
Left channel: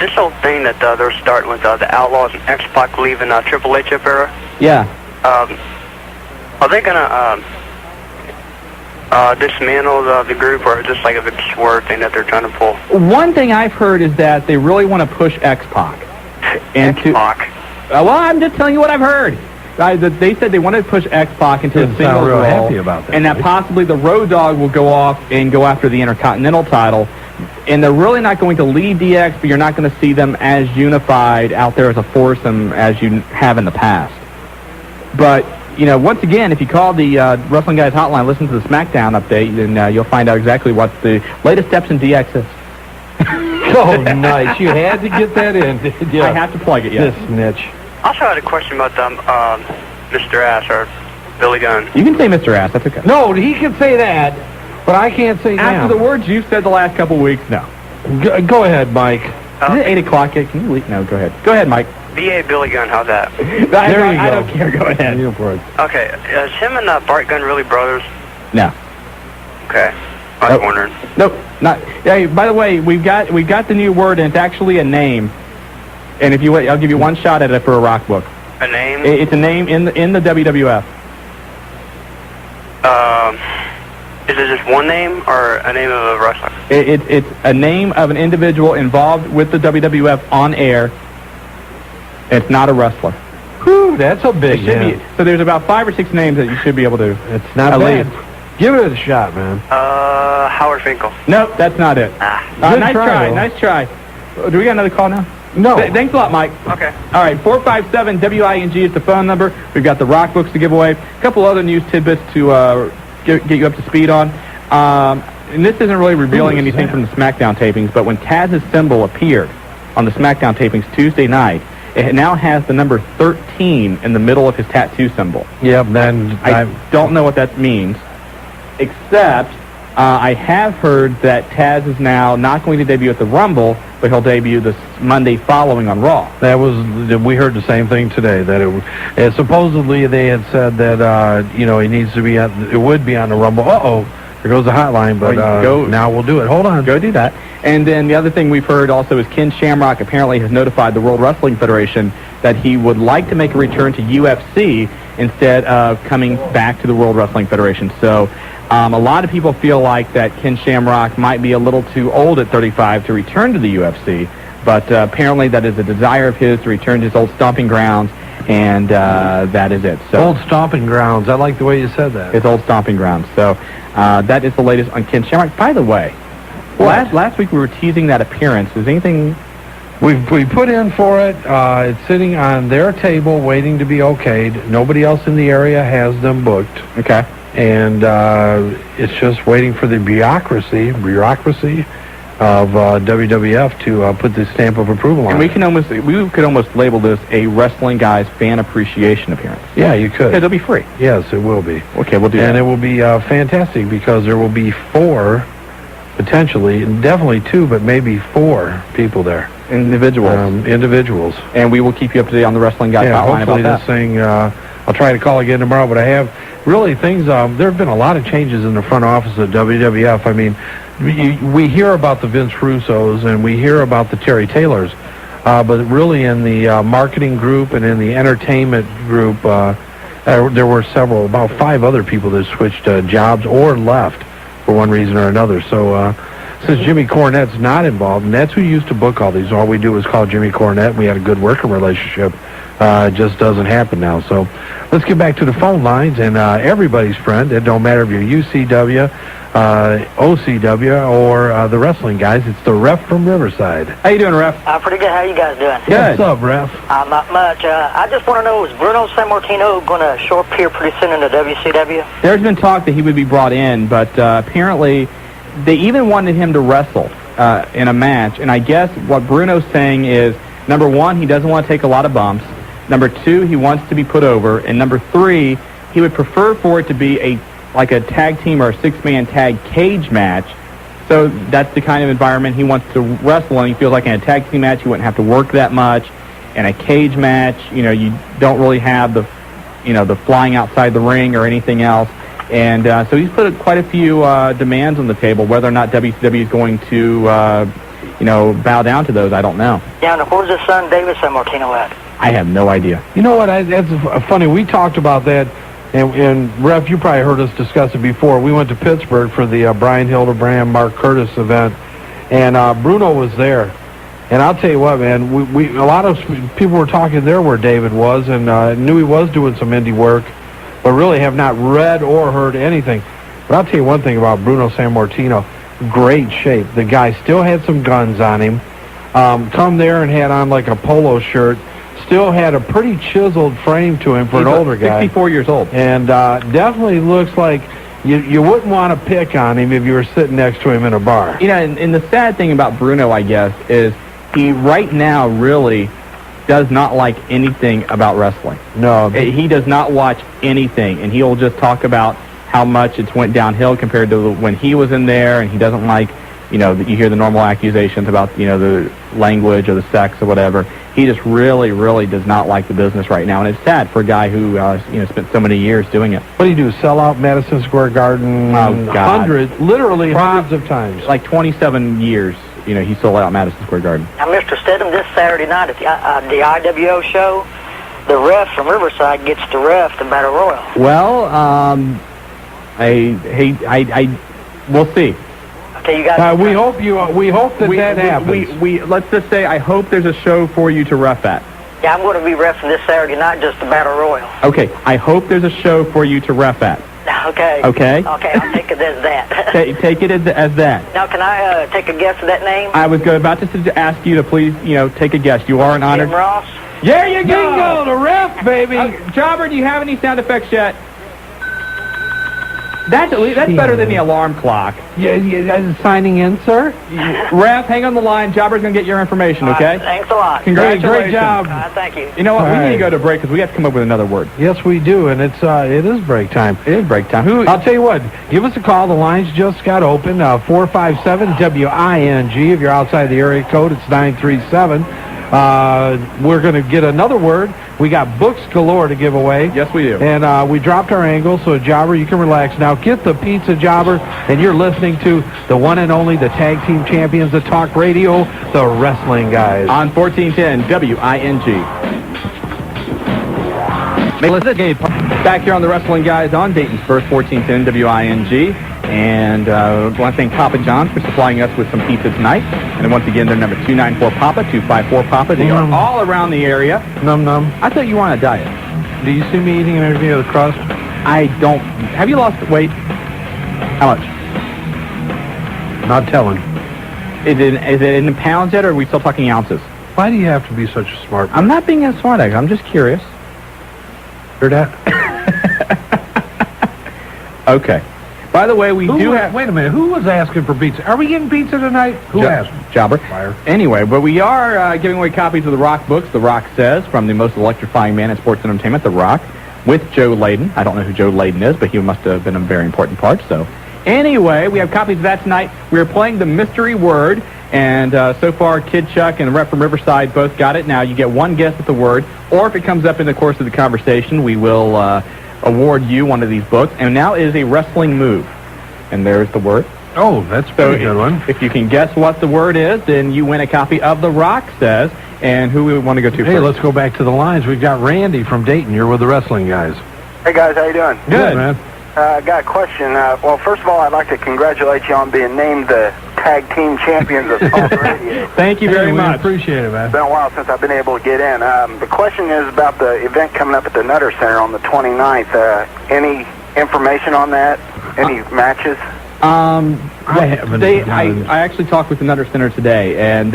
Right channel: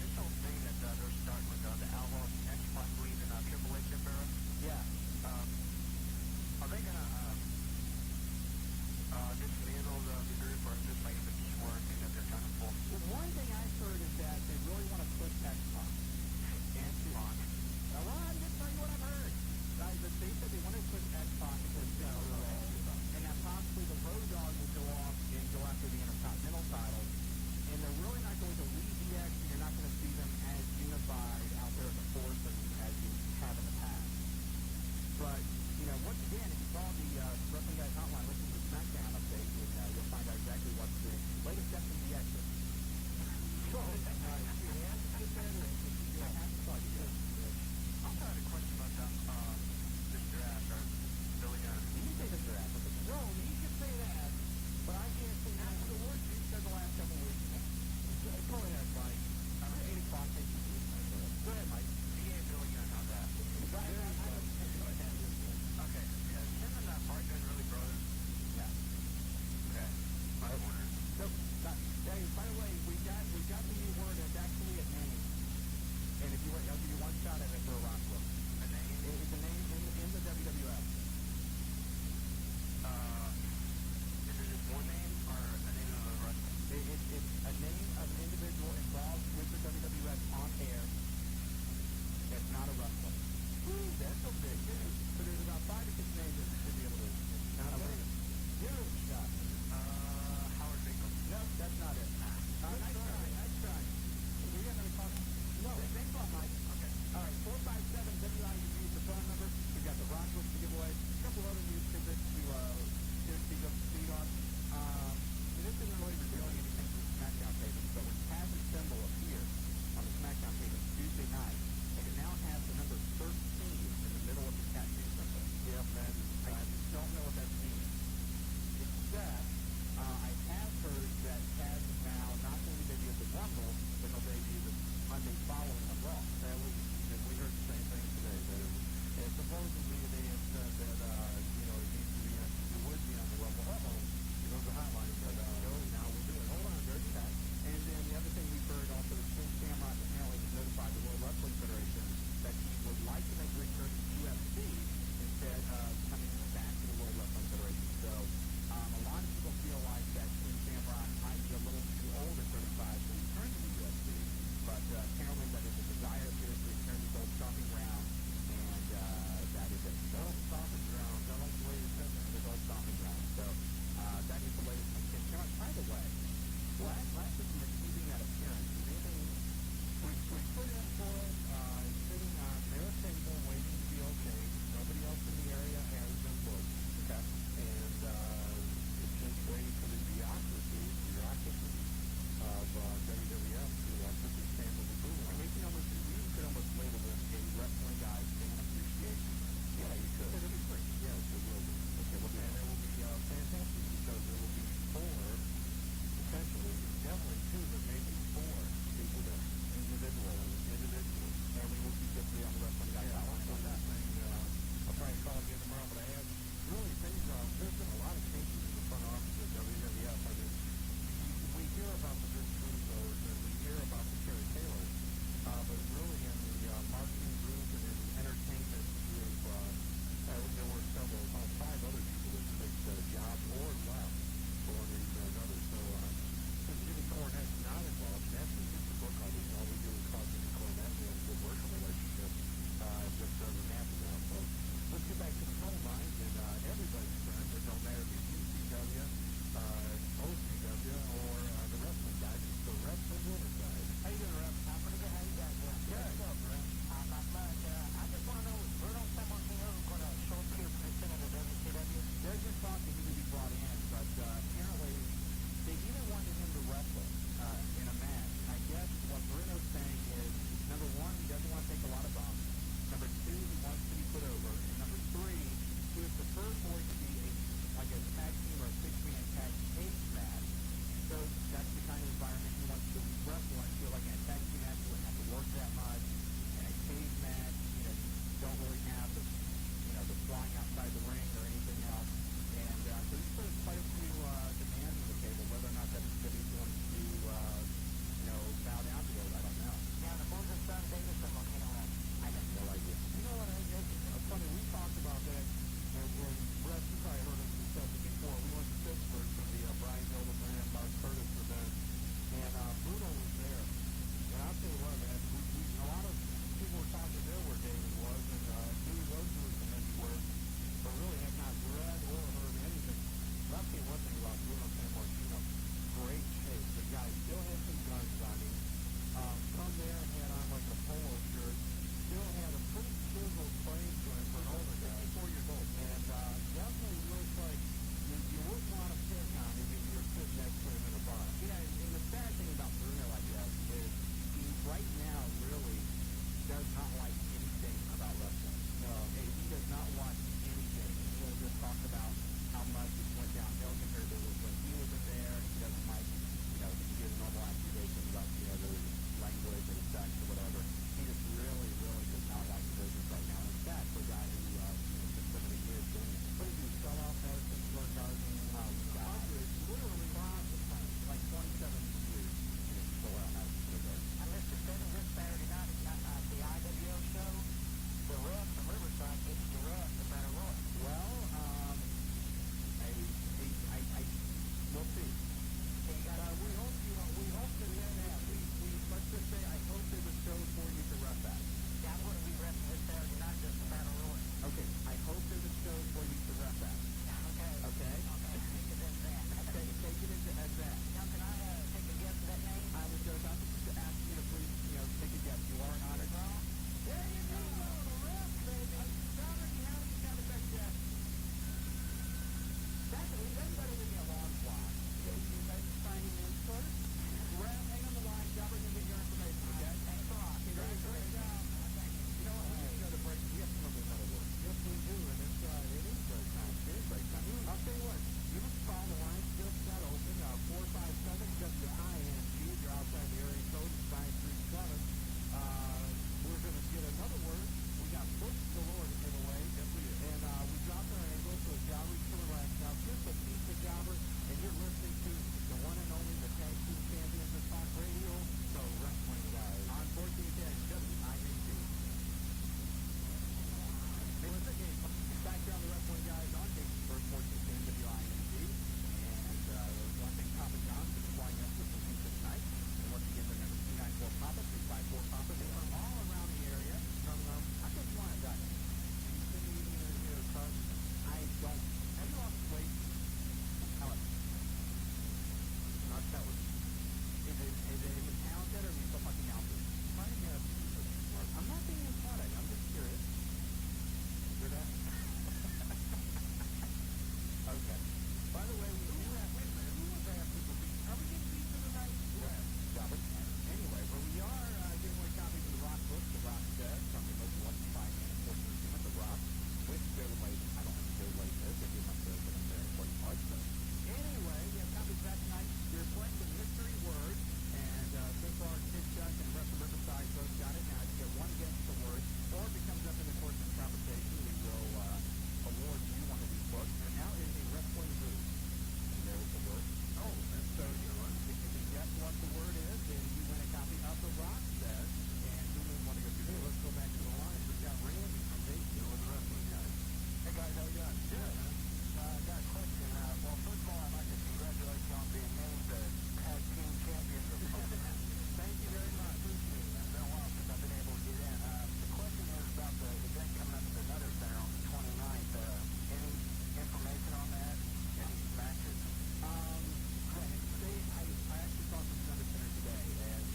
This whole thing that they're starting with the Outlaws and X-Pac leaving Triple H up era. Yeah. Are they gonna dismantle the group, or is this like a big swerve thing that they're trying to pull? One thing I've heard is that they really want to push X-Pac. X-Pac? Well, I'm just telling you what I've heard. They said they wanted to push X-Pac into a single real role, happy about that, and that possibly the Road Dogg will go off and go after the Intercontinental title. And they're really not going to leave DX, but you're not going to see them as unified out there as a foursome as you have in the past. But once again, if you call the Wrestling Guys hotline, listen to the SmackDown update, then you'll find out exactly what the latest steps in DX is. Oh, nice. You had to get that in, did you? I have to plug it, yes. This snitch. I also had a question about Mr. Ass or Billy Gunn. You can say Mr. Ass, that's okay. No, he can say that, but I can't say now. After the words you've said the last couple weeks, no. Go ahead, Mike. Is it 8 o'clock yet? Can you leave? No, go ahead. Go ahead, Mike. B.A. Billy Gunn, how's that? There you go. I don't care. Go ahead. Okay, is him and Bart Gunn really brothers? No. Okay. I was wondering. Nope, not. Hey, by the way, we've got the new word, and it's actually a name. And if you wait, I'll give you one shot at it for a rock book. A name? It's a name in the WWF. Is it just one name or a name of a wrestler? It's a name of an individual involved with the WWF on air. It's not a wrestler. Whew, that's a big hint. So there's about 5 or 6 names that you should be able to. It's not bad. Give it a shot, man. Howard Finkel. Nope, that's not it. Nice try. Nice try. Do we got another call now? No. Thanks a lot, Mike. Okay. All right, 457-WING is the phone number. We've got the rock books to give away. A couple other news tidbits to get you up to speed on. And this isn't really revealing anything from the SmackDown tapings, but when Taz's symbol appeared on the SmackDown tapings Tuesday night, it now has the number 13 in the middle of his tattoo symbol. Yep, then I don't know what that means, except I have heard that Taz is now not going to debut at the Rumble, but he'll debut this Monday following on Raw. We heard the same thing today, that supposedly they had said that, he needs to be it would be on the Rumble. Uh-oh, there goes the hotline, but now we'll do it. Hold on. Go do that. And then the other thing we've heard also is Ken Shamrock apparently has notified the World Wrestling Federation that he would like to make a return to UFC instead of coming back to the World Wrestling Federation. So a lot of people feel like that Ken Shamrock might be a little too old at 35 to return to the UFC, but apparently that is a desire of his to return to his old stomping grounds, and that is it. So old stomping grounds. I like the way you said that. His old stomping grounds. So that is the latest on Ken Shamrock. By the way, last week we were teasing that appearance. Is anything... We put in for it. It's sitting on their table waiting to be okayed. Nobody else in the area has them booked. Okay. And it's just waiting for the bureaucracy of WWF to put the stamp of approval on and it. We could almost label this a Wrestling Guys fan appreciation appearance. Yeah, you could. It'll be free. Yes, it will be. Okay, we'll do that. And it will be fantastic because there will be 4, potentially, definitely 2, but maybe 4 people there. Individuals. And we will keep you up to date on the Wrestling Guys hotline about that. Hopefully this thing, I'll try to call again tomorrow, but I have really things, there have been a lot of changes in the front office of WWF. I mean, we hear about the Vince Russos and we hear about the Terry Taylors, but really in the marketing group and in the entertainment group, there were about 5 other people that switched jobs or left for one reason or another. So since Jimmy Cornette's not involved, and that's who used to book all these, all we do is call Jimmy Cornette, and we had a good working relationship. It just doesn't happen now. So let's get back to the phone lines, and everybody's friend. It don't matter if you're UCW, OCW, or the Wrestling Guys. It's the Ref from Riverside. How you doing, Ref? Pretty good. How you guys doing? Good. What's up, Ref? Not much. I just want to know, is Bruno Sammartino going to show up here pretty soon in the WCW? There's been talk that he would be brought in, but apparently they even wanted him to wrestle in a match. And I guess what Bruno's saying is, number 1, he doesn't want to take a lot of bumps. Number 2, he wants to be put over. And number 3, he would prefer for it to be like a tag team or a 6-man tag cage match. So that's the kind of environment he wants to wrestle in. He feels like in a tag team match, you wouldn't have to work that much. In a cage match, you don't really have the flying outside the ring or anything else. And so he's put quite a few demands on the table. Whether or not WCW is going to, bow down to those, I don't know. Yeah, and where's his son, David Sammartino, at? I have no idea. You know what? That's funny. We talked about that, and Ref, you probably heard us discuss it before. We went to Pittsburgh for the Brian Hildebrand, Mark Curtis event, and Bruno was there. And I'll tell you what, man, a lot of people were talking there where David was, and knew he was doing some indie work, but really have not read or heard anything. But I'll tell you one thing about Bruno Sammartino, great shape. The guy still had some guns on him. Come there and had on like a polo shirt, still had a pretty chiseled frame to him for an older guy. 64 years old. And definitely looks like you wouldn't want to pick on him if you were sitting next to him in a bar. You know, and the sad thing about Bruno, I guess, is he right now really does not like anything about wrestling. No. He does not watch anything, and he'll just talk about how much it's went downhill compared to when he was in there, and he doesn't like, you know, you hear the normal accusations about, you know, the language or the sex or whatever. He just really, really does not like the business right now, and it's sad for a guy who, you know, spent so many years doing it. What do you do, sell out Madison Square Garden hundreds of times? Like 27 years, you know, he sold out Madison Square Garden. Now, Mr. Stidham, this Saturday night at the IWO show, the ref from Riverside gets to ref the Battle Royal. Well, we'll see. Okay, you guys. We hope that happens. We let's just say I hope there's a show for you to ref at. Yeah, I'm going to be refing this Saturday night, just the Battle Royal. Okay, I hope there's a show for you to ref at. Okay. Okay. Okay, I'll take it as that. Take it as that. Now, can I take a guess of that name? I was about to ask you to please, you know, take a guess. You are an honored. Jim Ross. There you go. Bingo, the ref, baby. Jobber, do you have any sound effects yet? That's better than the alarm clock. Yeah, signing in, sir. Ref, hang on the line. Jobber's going to get your information, okay? Thanks a lot. Congratulations. Great job. Thank you. You know what? We need to go to break because we have to come up with another word. Yes, we do, and it is break time. It is break time. I'll tell you what. Give us a call. The lines just got open. 457-WING. If you're outside the area code, it's 937. We're going to get another word. We got books galore to give away. Yes, we do. And we dropped our angle, so Jobber, you can relax. Now get the pizza, Jobber, and you're listening to the one and only, the tag team champions of talk radio, the Wrestling Guys. On 1410 WING. Back here on the Wrestling Guys on Dayton's first 1410 WING. And I want to thank Papa John's for supplying us with some pizza tonight. And once again, they're number 294-PAPA, 254-PAPA. They are all around the area. Num-num. I thought you were on a diet. Do you see me eating anything of the crust? I don't. Have you lost weight? How much? Not telling. Is it in pounds yet, or are we still talking ounces? Why do you have to be such a smart person? I'm not being a smart aleck. I'm just curious. Hear that? Okay. By the way, we do have... Wait a minute. Who was asking for pizza? Are we getting pizza tonight? Who asked? Jobber. Fire. Anyway, but we are giving away copies of the Rock books. The Rock Says, from the most electrifying man in sports entertainment, The Rock, with Joe Layden. I don't know who Joe Layden is, but he must have been a very important part. So anyway, we have copies of that tonight. We are playing the mystery word, and so far, Kid Chuck and the rep from Riverside both got it. Now, you get one guess at the word, or if it comes up in the course of the conversation, we will award you one of these books. And now is a wrestling move. And there's the word. Oh, that's a pretty good one. If you can guess what the word is, then you win a copy of The Rock Says. And who we want to go to first? Hey, let's go back to the lines. We've got Randy from Dayton. You're with the Wrestling Guys. Hey, guys. How you doing? Good, man. I got a question. Well, first of all, I'd like to congratulate you on being named the tag team champions of talk radio. Thank you very much. Appreciate it, man. It's been a while since I've been able to get in. The question is about the event coming up at the Nutter Center on the 29th. Any information on that? Any matches? I haven't. I actually talked with the Nutter Center today, and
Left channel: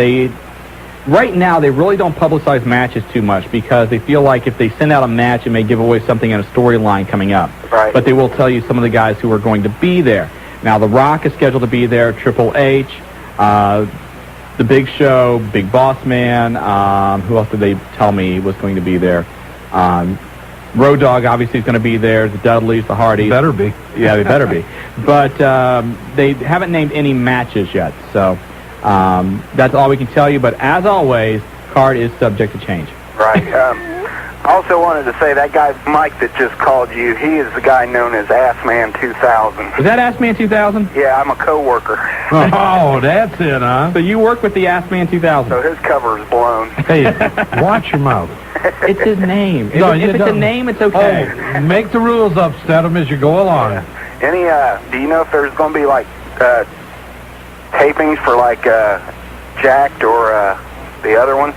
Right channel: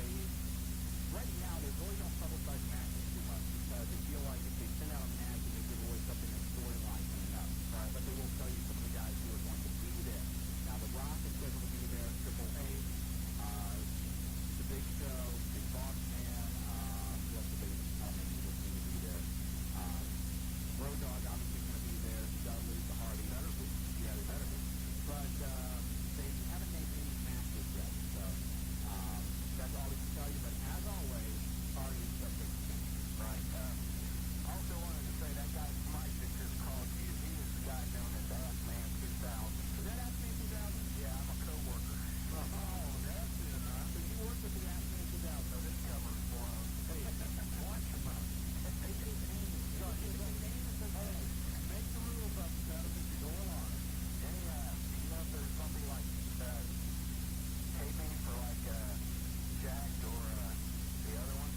right now they really don't publicize matches too much because they feel like if they send out a match, it may give away something in a storyline coming up. Right. But they will tell you some of the guys who are going to be there. Now, The Rock is scheduled to be there, Triple H, The Big Show, Big Boss Man. Who else did they tell me was going to be there? Road Dogg obviously is going to be there. The Dudleys, the Hardys. Better be. Yeah, they better be. But they haven't named any matches yet, so that's all we can tell you. But as always, card is subject to change. Right. I also wanted to say that guy Mike that just called you, he is the guy known as Assman 2000. Is that Assman 2000? Yeah, I'm a co-worker. Oh, that's it, huh? So you work with the Assman 2000. So his cover is blown. Hey, watch your mouth. It's his name. If it's a name, it's okay. Oh, make the rules up, Stedham, as you go along. Yeah. Any, do you know if there's going to be, like, tapings for, like, Jacked or the other one?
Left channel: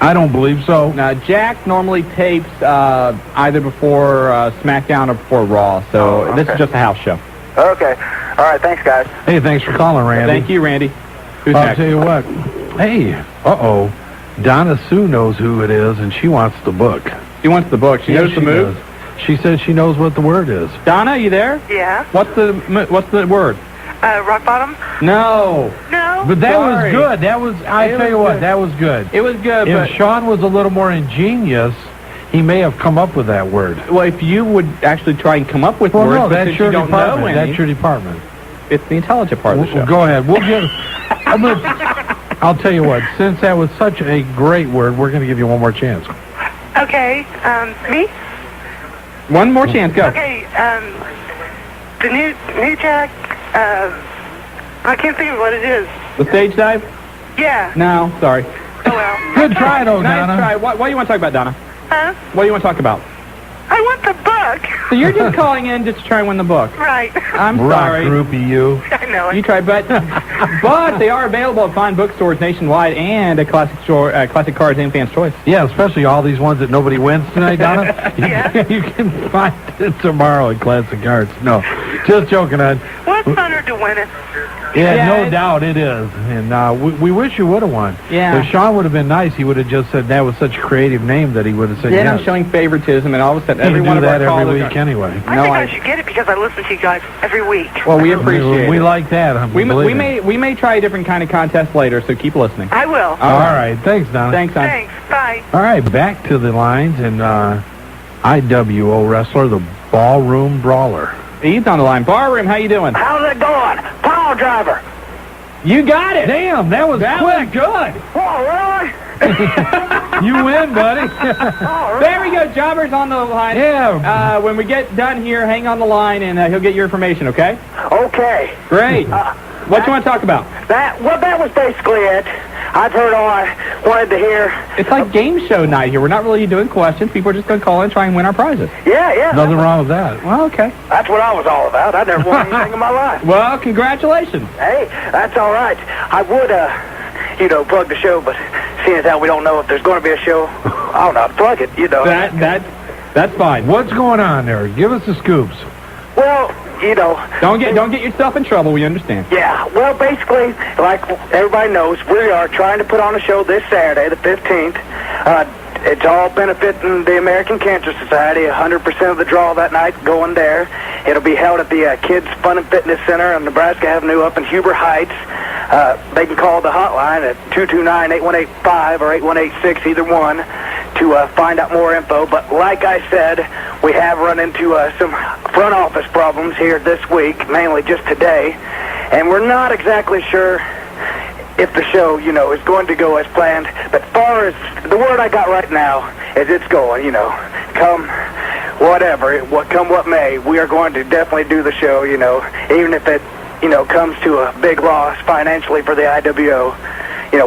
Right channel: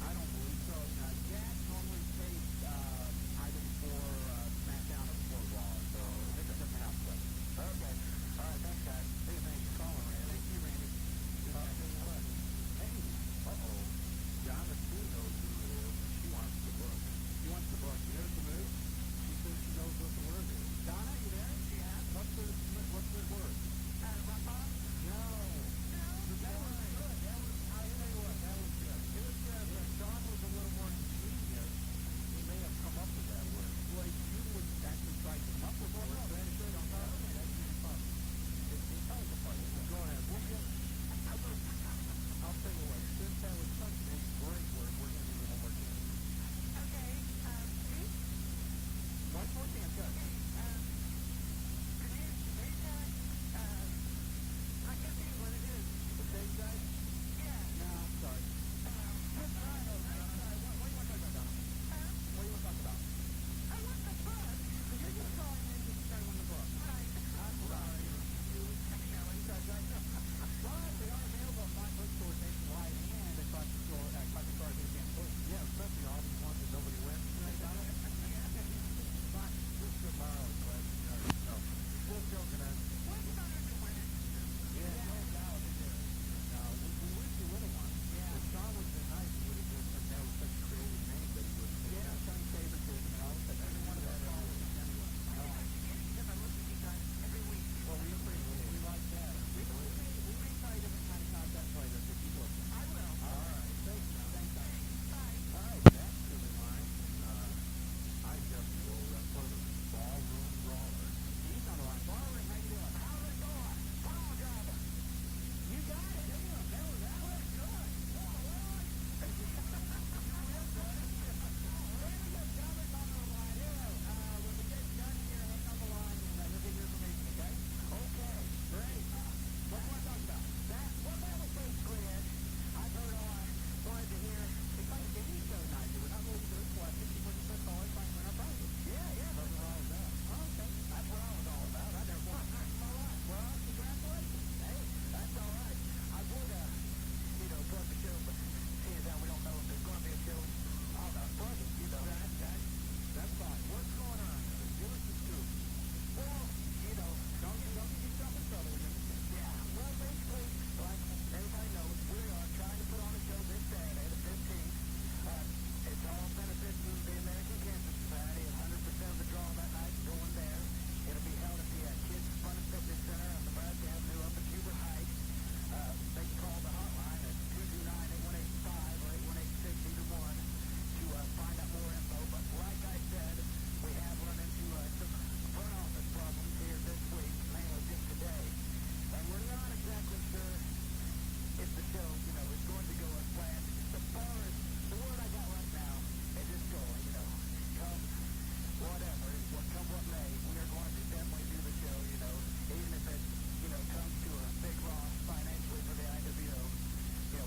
I don't believe so. Now, Jack normally tapes either before SmackDown or before Raw, so this is just a house show. Okay. All right, thanks, guys. Hey, thanks for calling, Randy. Thank you, Randy. Who's I'll next? tell you what. Hey, Donna Sue knows who it is, and she wants the book. She wants the book. She knows the move. She says she knows what the word is. Donna, you there? Yeah. What's the word? Rock bottom? No. No? But that was good. That was, I tell you what, that was good. It was good, If but Shawn was a little more ingenious, he may have come up with that word. Well, if you would actually try and come up with words, no, but that's since your you don't know department. any, That's your department. it's the intelligent part of the show. Go ahead. We'll give. I'll tell you what. Since that was such a great word, we're going to give you one more chance. Okay, me? One more chance, go. Okay, the new Jack, I can't think of what it is. The stage dive? Yeah. No, sorry. Oh, well. Good try, though, Nice Donna. try. What do you want to talk about, Donna? Huh? What do you want to talk about? I want the book. So you're just calling in just to try and win the book. Right. I'm sorry. Rock groupie, you. I know it. You tried, but they are available at fine bookstores nationwide and at Classic Cards and Fans Choice. Yeah, especially all these ones that nobody wins tonight, Donna. Yeah. You can find it tomorrow at Classic Cards. No, just joking on. What's funner to win it? Yeah, no doubt it is. And we wish you would have won. Yeah. If Shawn would have been nice, he would have just said that was such a creative name that he would have said Then yes. I'm showing favoritism, and all of a sudden, You every do one of our that callers every week anyway. I think I should get it because I listen to you guys every week. Well, we appreciate We it. like that. We may try a different kind of contest later, so keep listening. I will. All right. Thanks, Donna. Thanks, Don. Thanks. Bye. All right, back to the lines, and IWO wrestler, the Ballroom Brawler. He's on the line. Barroom, how you doing? How's it going? Pile driver. You got it. Damn, that was quick. Was good. Oh, really? You win, buddy. There we go. Jobber's on the line. Yeah. When we get done here, hang on the line, and he'll get your information, okay? Okay. Great. What you want to talk about? That was basically it. I've heard all I wanted to hear. It's like game show night here. We're not really doing questions. People are just going to call in and try and win our prizes. Yeah. Nothing wrong with that. Well, okay. That's what I was all about. I never won anything in my life. Well, congratulations. Hey, that's all right. I would, plug the show, but seeing as how we don't know if there's going to be a show, I'll not plug it, That's fine. What's going on there? Give us the scoops. Well, Don't get yourself in trouble. We understand. Yeah, well, basically, like everybody knows, we are trying to put on a show this Saturday, the 15th. It's all benefiting the American Cancer Society. 100% of the draw that night going there. It'll be held at the Kids Fun and Fitness Center on Nebraska Avenue up in Huber Heights. They can call the hotline at 229-8185 or 8186, either one, to find out more info. But like I said, we have run into some front office problems here this week, mainly just today, and we're not exactly sure if the show, is going to go as planned. But far as the word I got right now is it's going, come what may, we are going to definitely do the show, even if it, comes to a big loss financially for the IWO.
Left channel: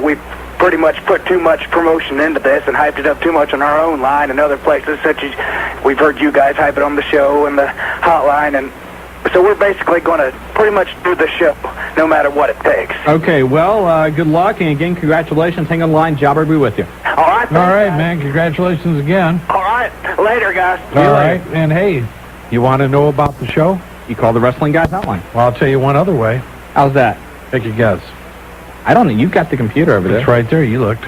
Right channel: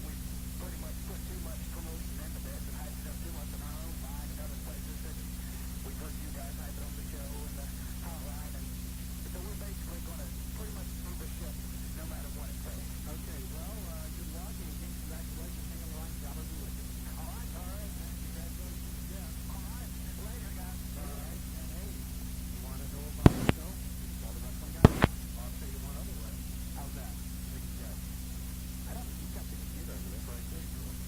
We've pretty much put too much promotion into this and hyped it up too much on our own line and other places, such as we've heard you guys hype it on the show and the hotline, and so we're basically going to pretty much do the show no matter what it takes. Okay, well, good luck, and again, congratulations. Hang on the line. Jobber will be with you. All right. All right, man. Congratulations again. All right. Later, guys. All right. And, hey, you want to know about the show? You call the Wrestling Guys hotline. Well, I'll tell you one other way. How's that? Take a guess. I don't know. You've got the computer over there. It's right there. You looked.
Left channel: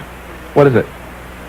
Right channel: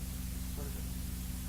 What is it?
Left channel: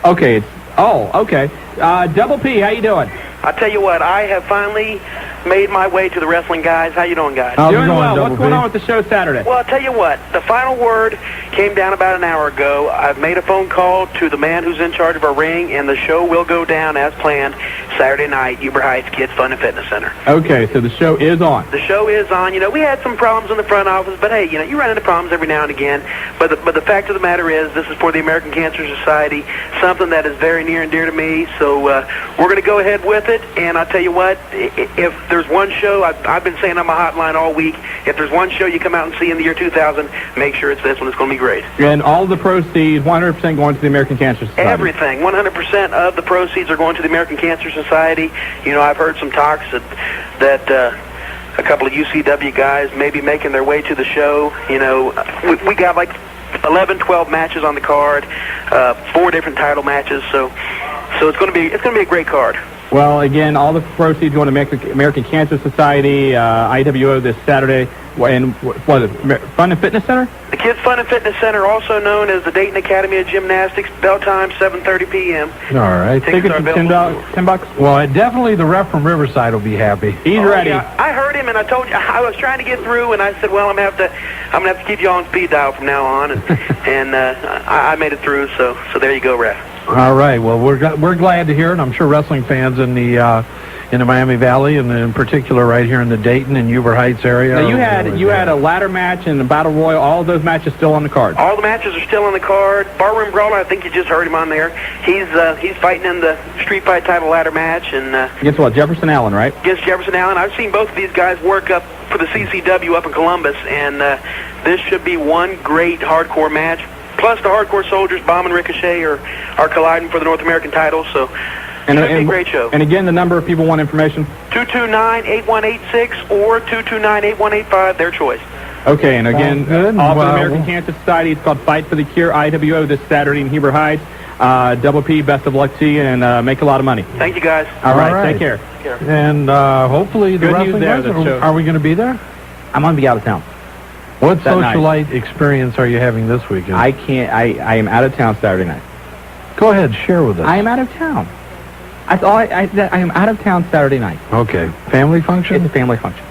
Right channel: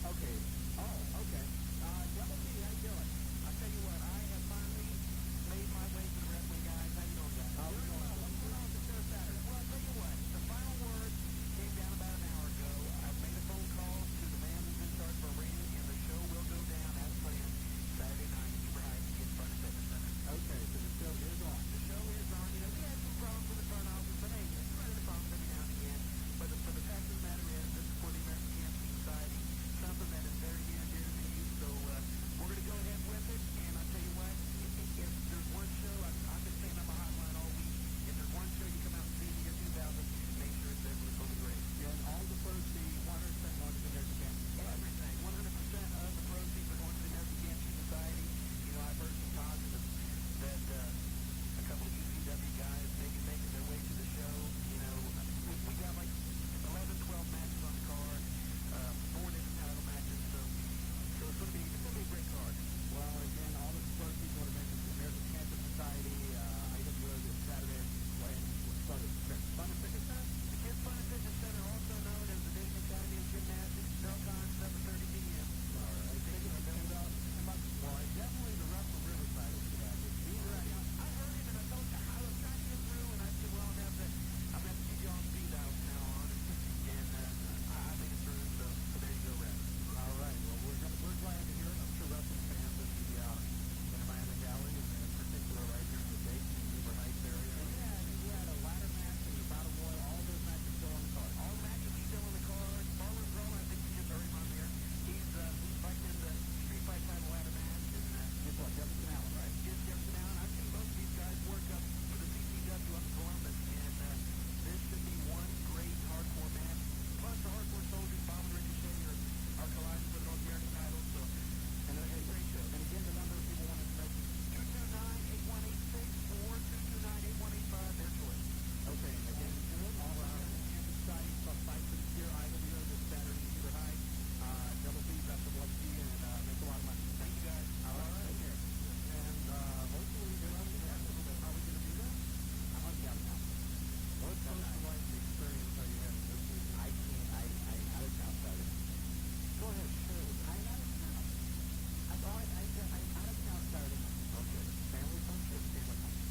Okay. Okay. Double P, how you doing? I'll tell you what. I have finally made my way to the Wrestling Guys. How you doing, guys? Doing well. What's going on with the show Saturday? Well, I'll tell you what. The final word came down about an hour ago. I've made a phone call to the man who's in charge of our ring, and the show will go down as planned Saturday night, Huber Heights Kids Fun and Fitness Center. Okay, so the show is on. The show is on. We had some problems in the front office, but hey, you run into problems every now and again. But the fact of the matter is, this is for the American Cancer Society, something that is very near and dear to me. So we're going to go ahead with it. And I'll tell you what, if there's one show, I've been saying on my hotline all week, if there's one show you come out and see in the year 2000, make sure it's this one. It's going to be great. And all the proceeds, 100% going to the American Cancer Society. Everything, 100% of the proceeds are going to the American Cancer Society. I've heard some talks that a couple of UCW guys may be making their way to the show. We got like 11, 12 matches on the card, 4 different title matches. So it's going to be a great card. Well, again, all the proceeds going to American Cancer Society, IWO this Saturday. And what is it, Fun and Fitness Center? The Kids Fun and Fitness Center, also known as the Dayton Academy of Gymnastics. Bell time 7:30 p.m. All right. Tickets are $10. Well, definitely the ref from Riverside will be happy. He's ready. Yeah, I heard him, and I told you I was trying to get through, and I said, well, I'm gonna have to keep you on speed dial from now on, and I made it through. So there you go, ref. All right. Well, we're glad to hear it. I'm sure wrestling fans in the Miami Valley, and in particular right here in the Dayton and Uber Heights area. Now you had a ladder match and a battle royal. All of those matches still on the card. All the matches are still on the card. Barroom Brawler, I think you just heard him on there. He's fighting in the street fight title ladder match, and against what? Jefferson Allen, right? Against Jefferson Allen. I've seen both of these guys work up for the CCW up in Columbus, and this should be one great hardcore match. Plus the Hardcore Soldiers, Bomb and Ricochet, are colliding for the North American title. So. Should be a great show. And again, the number of people want information? 229-8186 or 229-8185, their choice. Okay, and again, also the American Cancer Society. It's called Fight for the Cure, IWO, this Saturday in Heber Heights. Double P, best of luck to you, and make a lot of money. Thank you, guys. All right. Take care. And hopefully the wrestling guys, are we going to be there? I'm going to be out of town. What socialite experience are you having this weekend? I am out of town Saturday night. Go ahead, share with us. I am out of town. I am out of town Saturday night. Okay. Family function? It's a family function.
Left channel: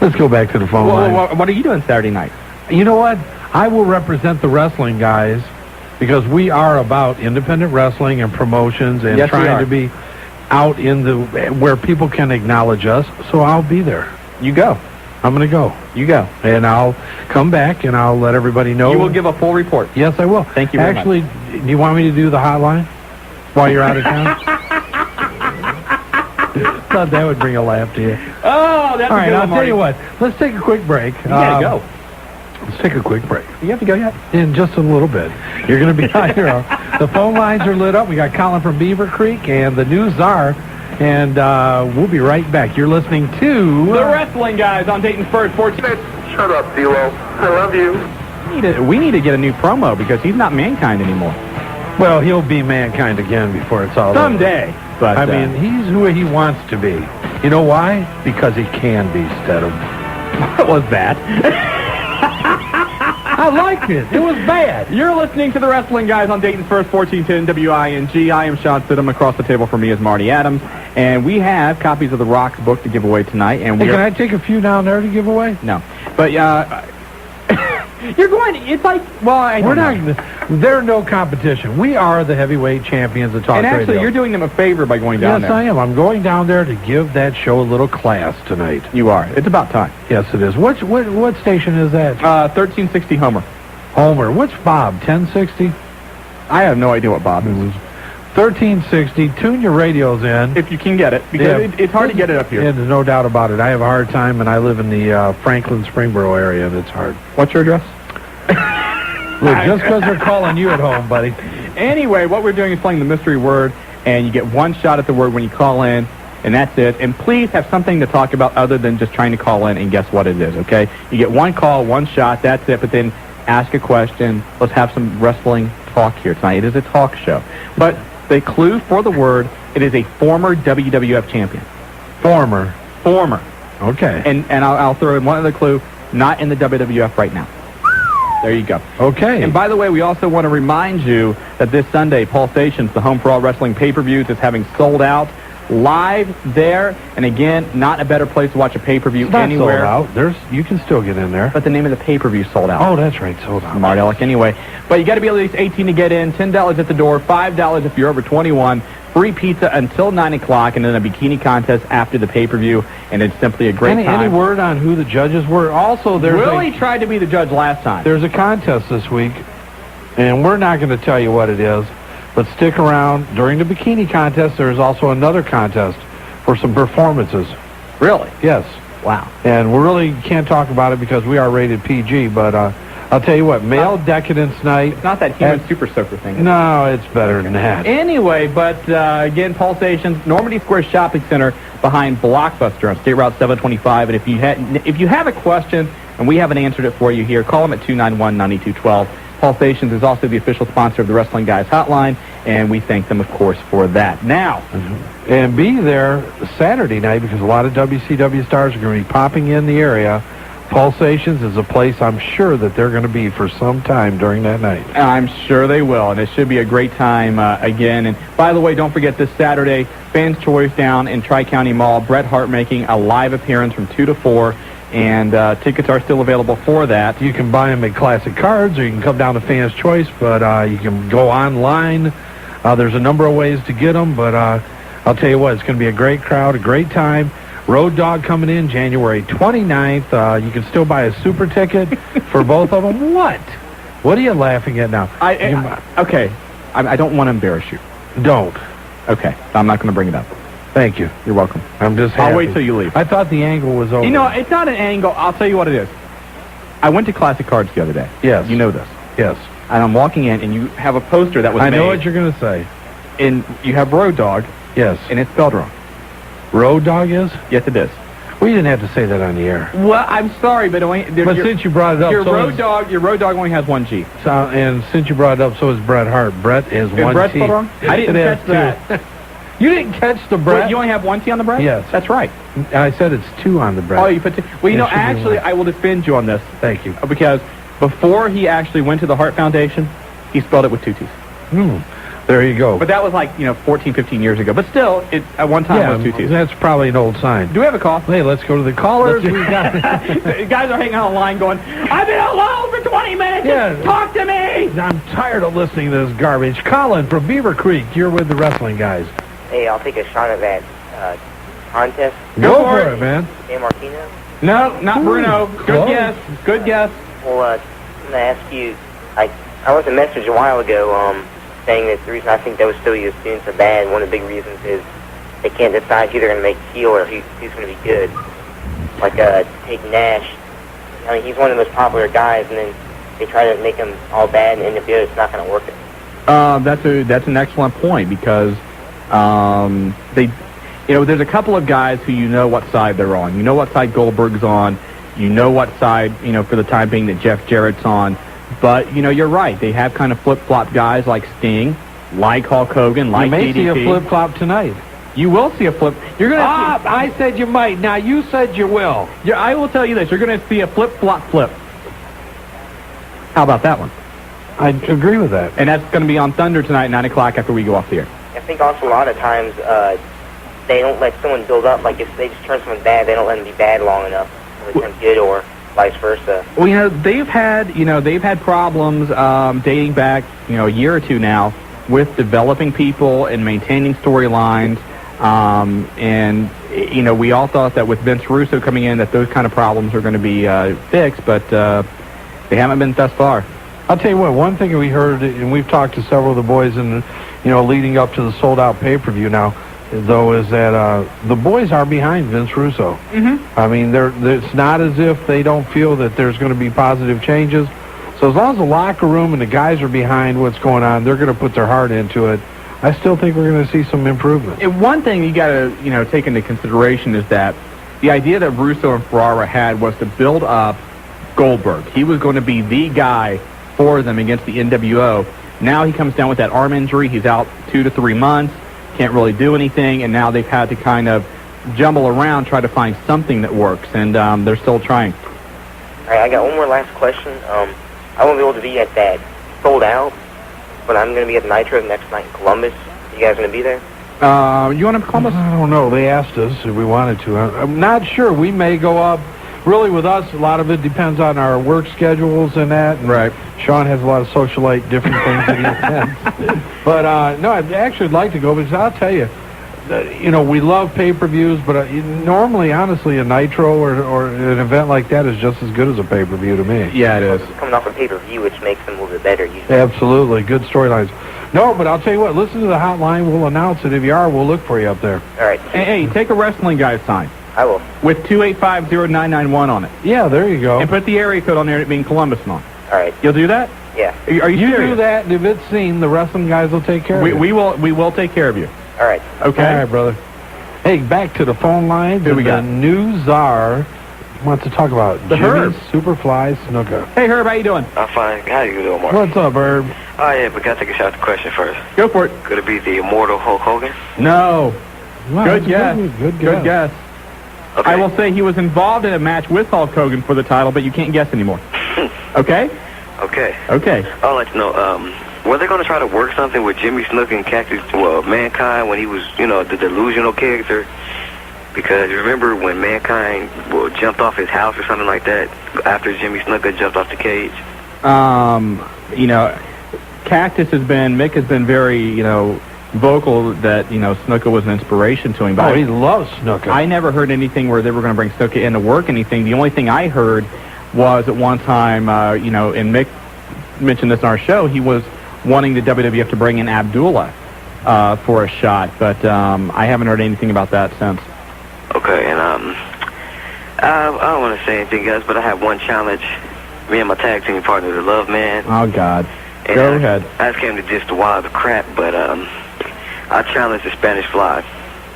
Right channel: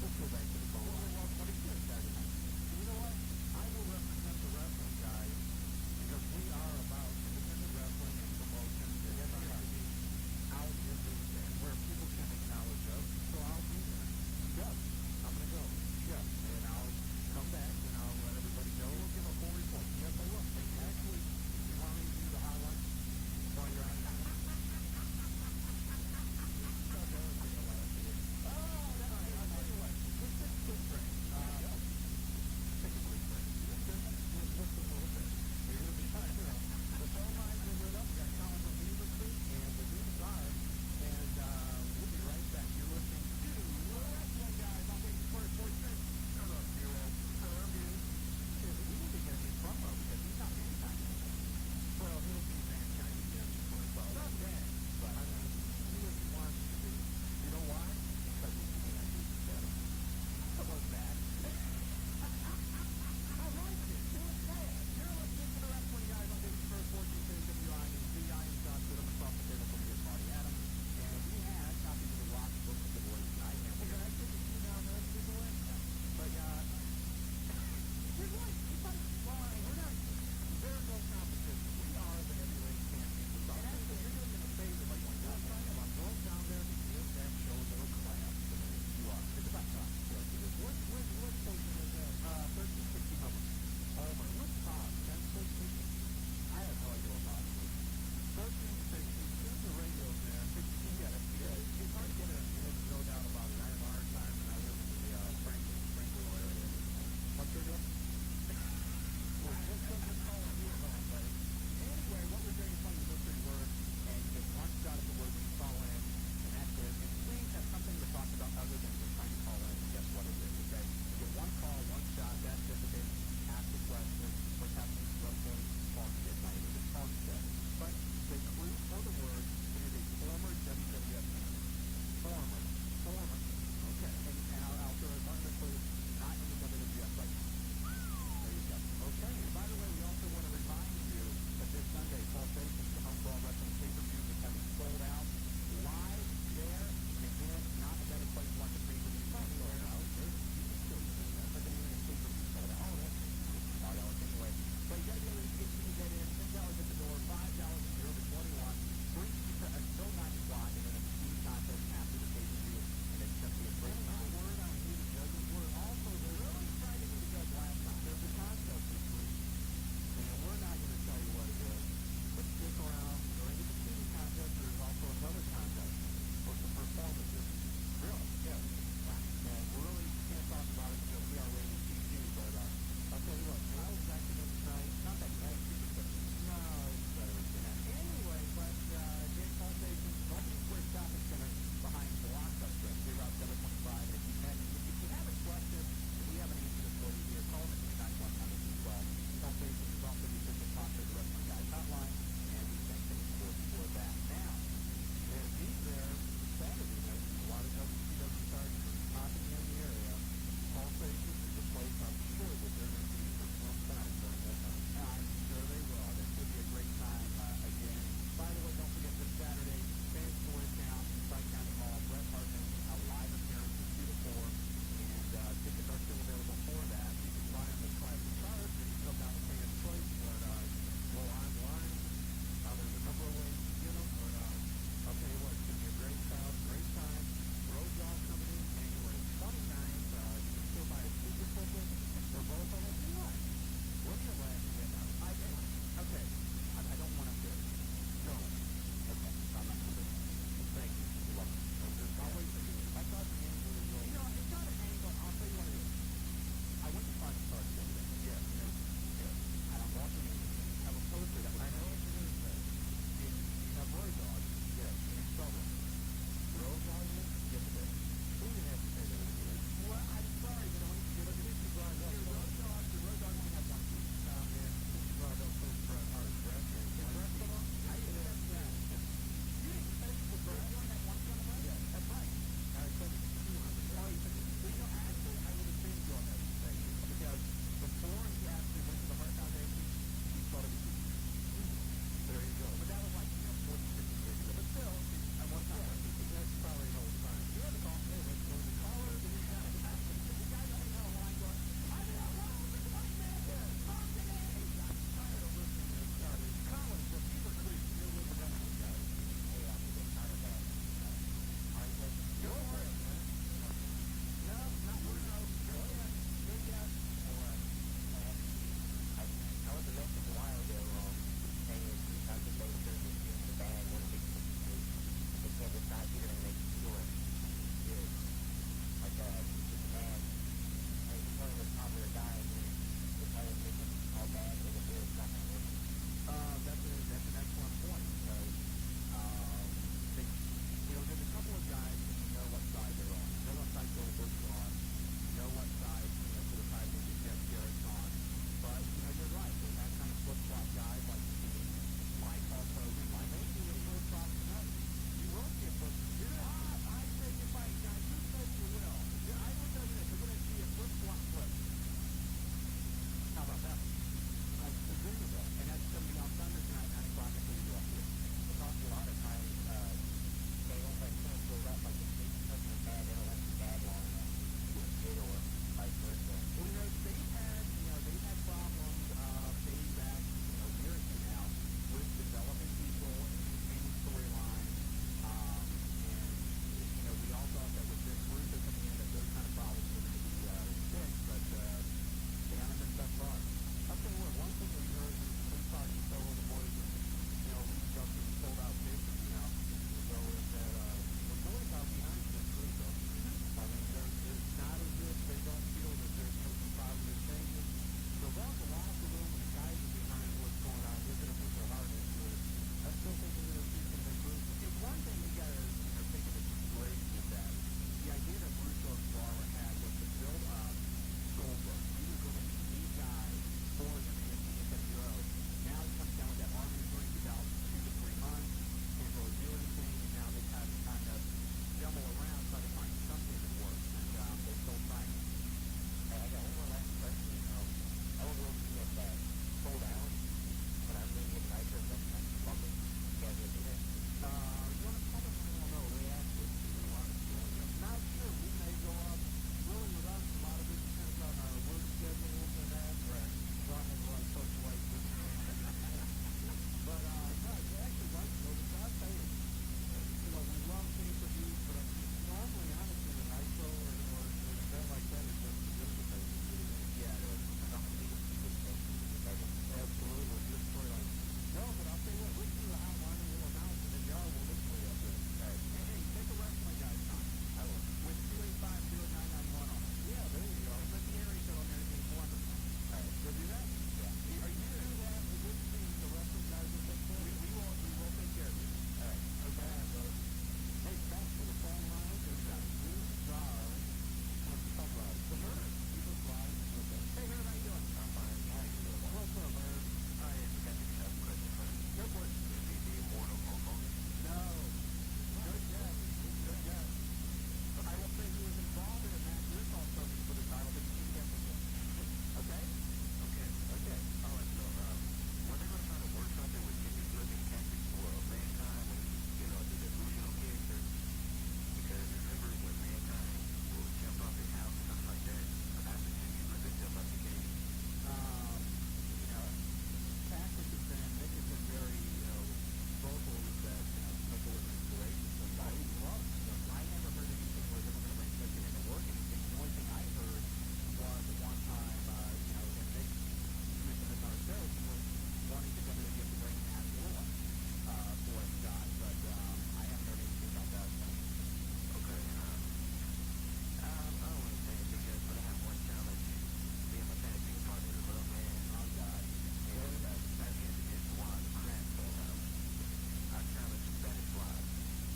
Let's go back to the phone line. What are you doing Saturday night? You know what? I will represent the wrestling guys because we are about independent wrestling and promotions and trying to be out in where people can acknowledge us. So I'll be there. You go. I'm going to go. You go. And I'll come back and I'll let everybody know. You will give a full report. Yes, I will. Thank you very much. Actually, do you want me to do the hotline while you're out of town? Thought that would bring a laugh to you. Oh, that's all right. I'll Marty. tell you what. Let's take a quick break. You gotta go. Let's take a quick break. You have to go yet? In just a little bit. You're going to be out here. The phone lines are lit up. We got Colin from Beaver Creek and the News Czar. And we'll be right back. You're listening to The Wrestling Guys on Dayton's First 14. Shut up, D-Lo. I love you. We need to get a new promo because he's not Mankind anymore. Well, he'll be Mankind again before it's all someday. Over. But I mean, he's who he wants to be. You know why? Because he can be, Stedham. What was that? I liked it. It was bad. You're listening to The Wrestling Guys on Dayton's First 1410 WING. I am Shawn Stidham. Across the table from me is Marty Adams. And we have copies of the Rock's book to give away tonight. And can I take a few down there to give away? No. But you're going to, it's like, well, we're not, there's no competition. We are the heavyweight champions of talk radio. And actually, you're doing them a favor by going down there. Yes, I am. I'm going down there to give that show a little class tonight. You are. It's about time. Yes, it is. What station is that? 1360 Homer. Homer. What's Bob? 1060? I have no idea what Bob is. 1360. Tune your radios in. If you can get it, because it's hard to get it up here. Yeah, there's no doubt about it. I have a hard time, and I live in the Franklin, Springboro area, and it's hard. What's your address? Look, just because they're calling you at home, buddy. Anyway, what we're doing is playing the mystery word, and you get one shot at the word when you call in, and that's it. And please have something to talk about other than just trying to call in and guess what it is, okay? You get one call, one shot, that's it, but then ask a question. Let's have some wrestling talk here tonight. It is a talk show. But the clue for the word, it is a former WWF champion. Former. Okay. And I'll throw in one other clue, not in the WWF right now. There you go. Okay. And by the way, we also want to remind you that this Sunday, Pulsations, the home for all wrestling pay-per-views, is having sold out live there. And again, not a better place to watch a pay-per-view anywhere. Sold out. You can still get in there. But the name of the pay-per-view sold out. Oh, that's right, sold out. Smart aleck anyway. But you got to be at least 18 to get in. $10 at the door. $5 if you're over 21. Free pizza until 9 o'clock, and then a bikini contest after the pay-per-view, and it's simply a great time. Any word on who the judges were? Also, Willie tried to be the judge last time. There's a contest this week, and we're not going to tell you what it is, but stick around. During the bikini contest, there's also another contest for some performances. Really? Yes. Wow. And we really can't talk about it because we are rated PG, but I'll tell you what, male decadence night. It's not that human super soaker thing. No, it's better than that. Anyway, but again, Pulsations, Normandy Square Shopping Center behind Blockbuster on State Route 725. And if you have a question and we haven't answered it for you here, call them at 291-9212. Pulsations is also the official sponsor of the Wrestling Guys Hotline, and we thank them, of course, for that. Now, and be there Saturday night because a lot of WCW stars are going to be popping in the area Pulsations is a place I'm sure that they're going to be for some time during that night. I'm sure they will, and it should be a great time again. And by the way, don't forget this Saturday, Fans Choice down in Tri-County Mall. Bret Hart making a live appearance from 2 to 4, and tickets are still available for that. You can buy them at Classic Cards, or you can come down to Fans Choice, but you can go online. There's a number of ways to get them, but I'll tell you what, it's going to be a great crowd, a great time. Road Dogg coming in January 29th. You can still buy a super ticket for both of them. What? What are you laughing at now? Okay. I don't want to embarrass you. Don't. Okay. I'm not going to bring it up. Thank you. You're welcome. I'm just happy. I'll wait till you leave. I thought the angle was over. You know, it's not an angle. I'll tell you what it is. I went to Classic Cards the other day. Yes. You know this. Yes. And I'm walking in, and you have a poster that was I made. know what you're going to say. And you have Road Dogg. Yes. And it's spelled wrong. Road Dogg is? Yes, it is. Well, you didn't have to say that on the air. Well, I'm sorry, but since you brought it up, your Road Dogg only has one G. So, and since you brought it up, so is Bret Hart. Bret is one Bret T. spelled wrong? I didn't catch that. You didn't catch the Bret? Wait, you only have one T on the Bret? Yes. That's right. I said it's 2 on the Bret. Oh, you put 2. Well, you know, actually, I will defend you on this. Thank you. Because before he actually went to the Hart Foundation, he spelled it with 2 T's. There you go. But that was like, 14, 15 years ago. But still, it at one time was 2 T's. That's probably an old sign. Do we have a call? Hey, let's go to the callers. The guys are hanging on the line going, I've been alone for 20 minutes. Yeah. Talk to me. I'm tired of listening to this garbage. Colin from Beaver Creek, you're with the wrestling guys. Hey, I'll take a shot at that contest. Go for it, man. San Martino? No, not Bruno. Good guess. Good guess. Well, I'm going to ask you, I left a message a while ago saying that the reason I think WCW students are bad, one of the big reasons is they can't decide who they're going to make heel or who's going to be good. Like, take Nash. I mean, he's one of the most popular guys, and then they try to make him all bad, and in the end, it's not going to work. That's an excellent point, because there's a couple of guys who you know what side they're on. You know what side Goldberg's on. You know what side, for the time being, that Jeff Jarrett's on. But, you're right. They have kind of flip-flop guys like Sting, like Hulk Hogan, like DDP. You may see a flip-flop tonight. You will see a flip. You're going to see... I said you might. Now, you said you will. Yeah, I will tell you this. You're going to see a flip-flop-flip. How about that one? I agree with that. And that's going to be on Thunder tonight at 9 o'clock after we go off the air. I think also a lot of times they don't let someone build up. Like, if they just turn someone bad, they don't let them be bad long enough. They turn good, or vice versa. Well, they've had problems dating back, a year or two now with developing people and maintaining storylines. And we all thought that with Vince Russo coming in that those kind of problems are going to be fixed, but they haven't been thus far. I'll tell you what, one thing we heard, and we've talked to several of the boys in, leading up to the sold-out pay-per-view now, though, is that the boys are behind Vince Russo. Mm-hmm. I mean, it's not as if they don't feel that there's going to be positive changes. So as long as the locker room and the guys are behind what's going on, they're going to put their heart into it. I still think we're going to see some improvement. And one thing you got to, take into consideration is that the idea that Russo and Ferrara had was to build up Goldberg. He was going to be the guy for them against the NWO. Now he comes down with that arm injury. He's out 2 to 3 months. Can't really do anything, and now they've had to kind of jumble around, try to find something that works, and they're still trying. All right, I got one more last question. I won't be able to be at that sold out, but I'm going to be at Nitro next night in Columbus. You guys going to be there? You want to Columbus? I don't know. They asked us if we wanted to. I'm not sure. We may go up. Really, with us, a lot of it depends on our work schedules and that. Right. Shawn has a lot of socialite different things that he attends. But, no, I'd actually like to go because I'll tell you, we love pay-per-views, but normally, honestly, a Nitro or an event like that is just as good as a pay-per-view to me. Yeah, it is. Coming off a pay-per-view, which makes them a little bit better usually. Absolutely. Good storylines. No, but I'll tell you what, listen to the hotline. We'll announce it. If you are, we'll look for you up there. All right. Hey, take a Wrestling Guys sign. I will. With 2850991 on it. Yeah, there you go. And put the area code on there, it being Columbus on. All right. You'll do that? Yeah. Are you serious? do that, and if it's seen, the Wrestling Guys will take care of you. We will take care of you. All right. Okay. All right, brother. Hey, back to the phone line. Who we got? The new czar wants to talk about the Jimmy Herb. Superfly Snuka. Hey, Herb, how you doing? I'm fine. How you doing, Mark? What's up, Herb? Oh, yeah, but gotta take a shot at the question first. Go for it. Could it be the immortal Hulk Hogan? No. Wow, Good guess. Good guess. Good guess. I will say he was involved in a match with Hulk Hogan for the title, but you can't guess anymore. Okay? Okay. Okay. I'd like to know, were they going to try to work something with Jimmy Snuka and Cactus, Mankind, when he was, the delusional character? Because remember when Mankind jumped off his house or something like that after Jimmy Snuka jumped off the cage? Mick has been very, vocal that, Snuka was an inspiration to him. But he loves Snuka. I never heard anything where they were going to bring Snuka in to work anything. The only thing I heard was at one time, and Mick mentioned this in our show, he was wanting the WWF to bring in Abdullah for a shot, but I haven't heard anything about that since. Okay, and I don't want to say anything, guys, but I have one challenge. Me and my tag team partner, the Love Man. Oh, God. And Go ahead. I just came to just a while of crap, but I challenged the Spanish Fly.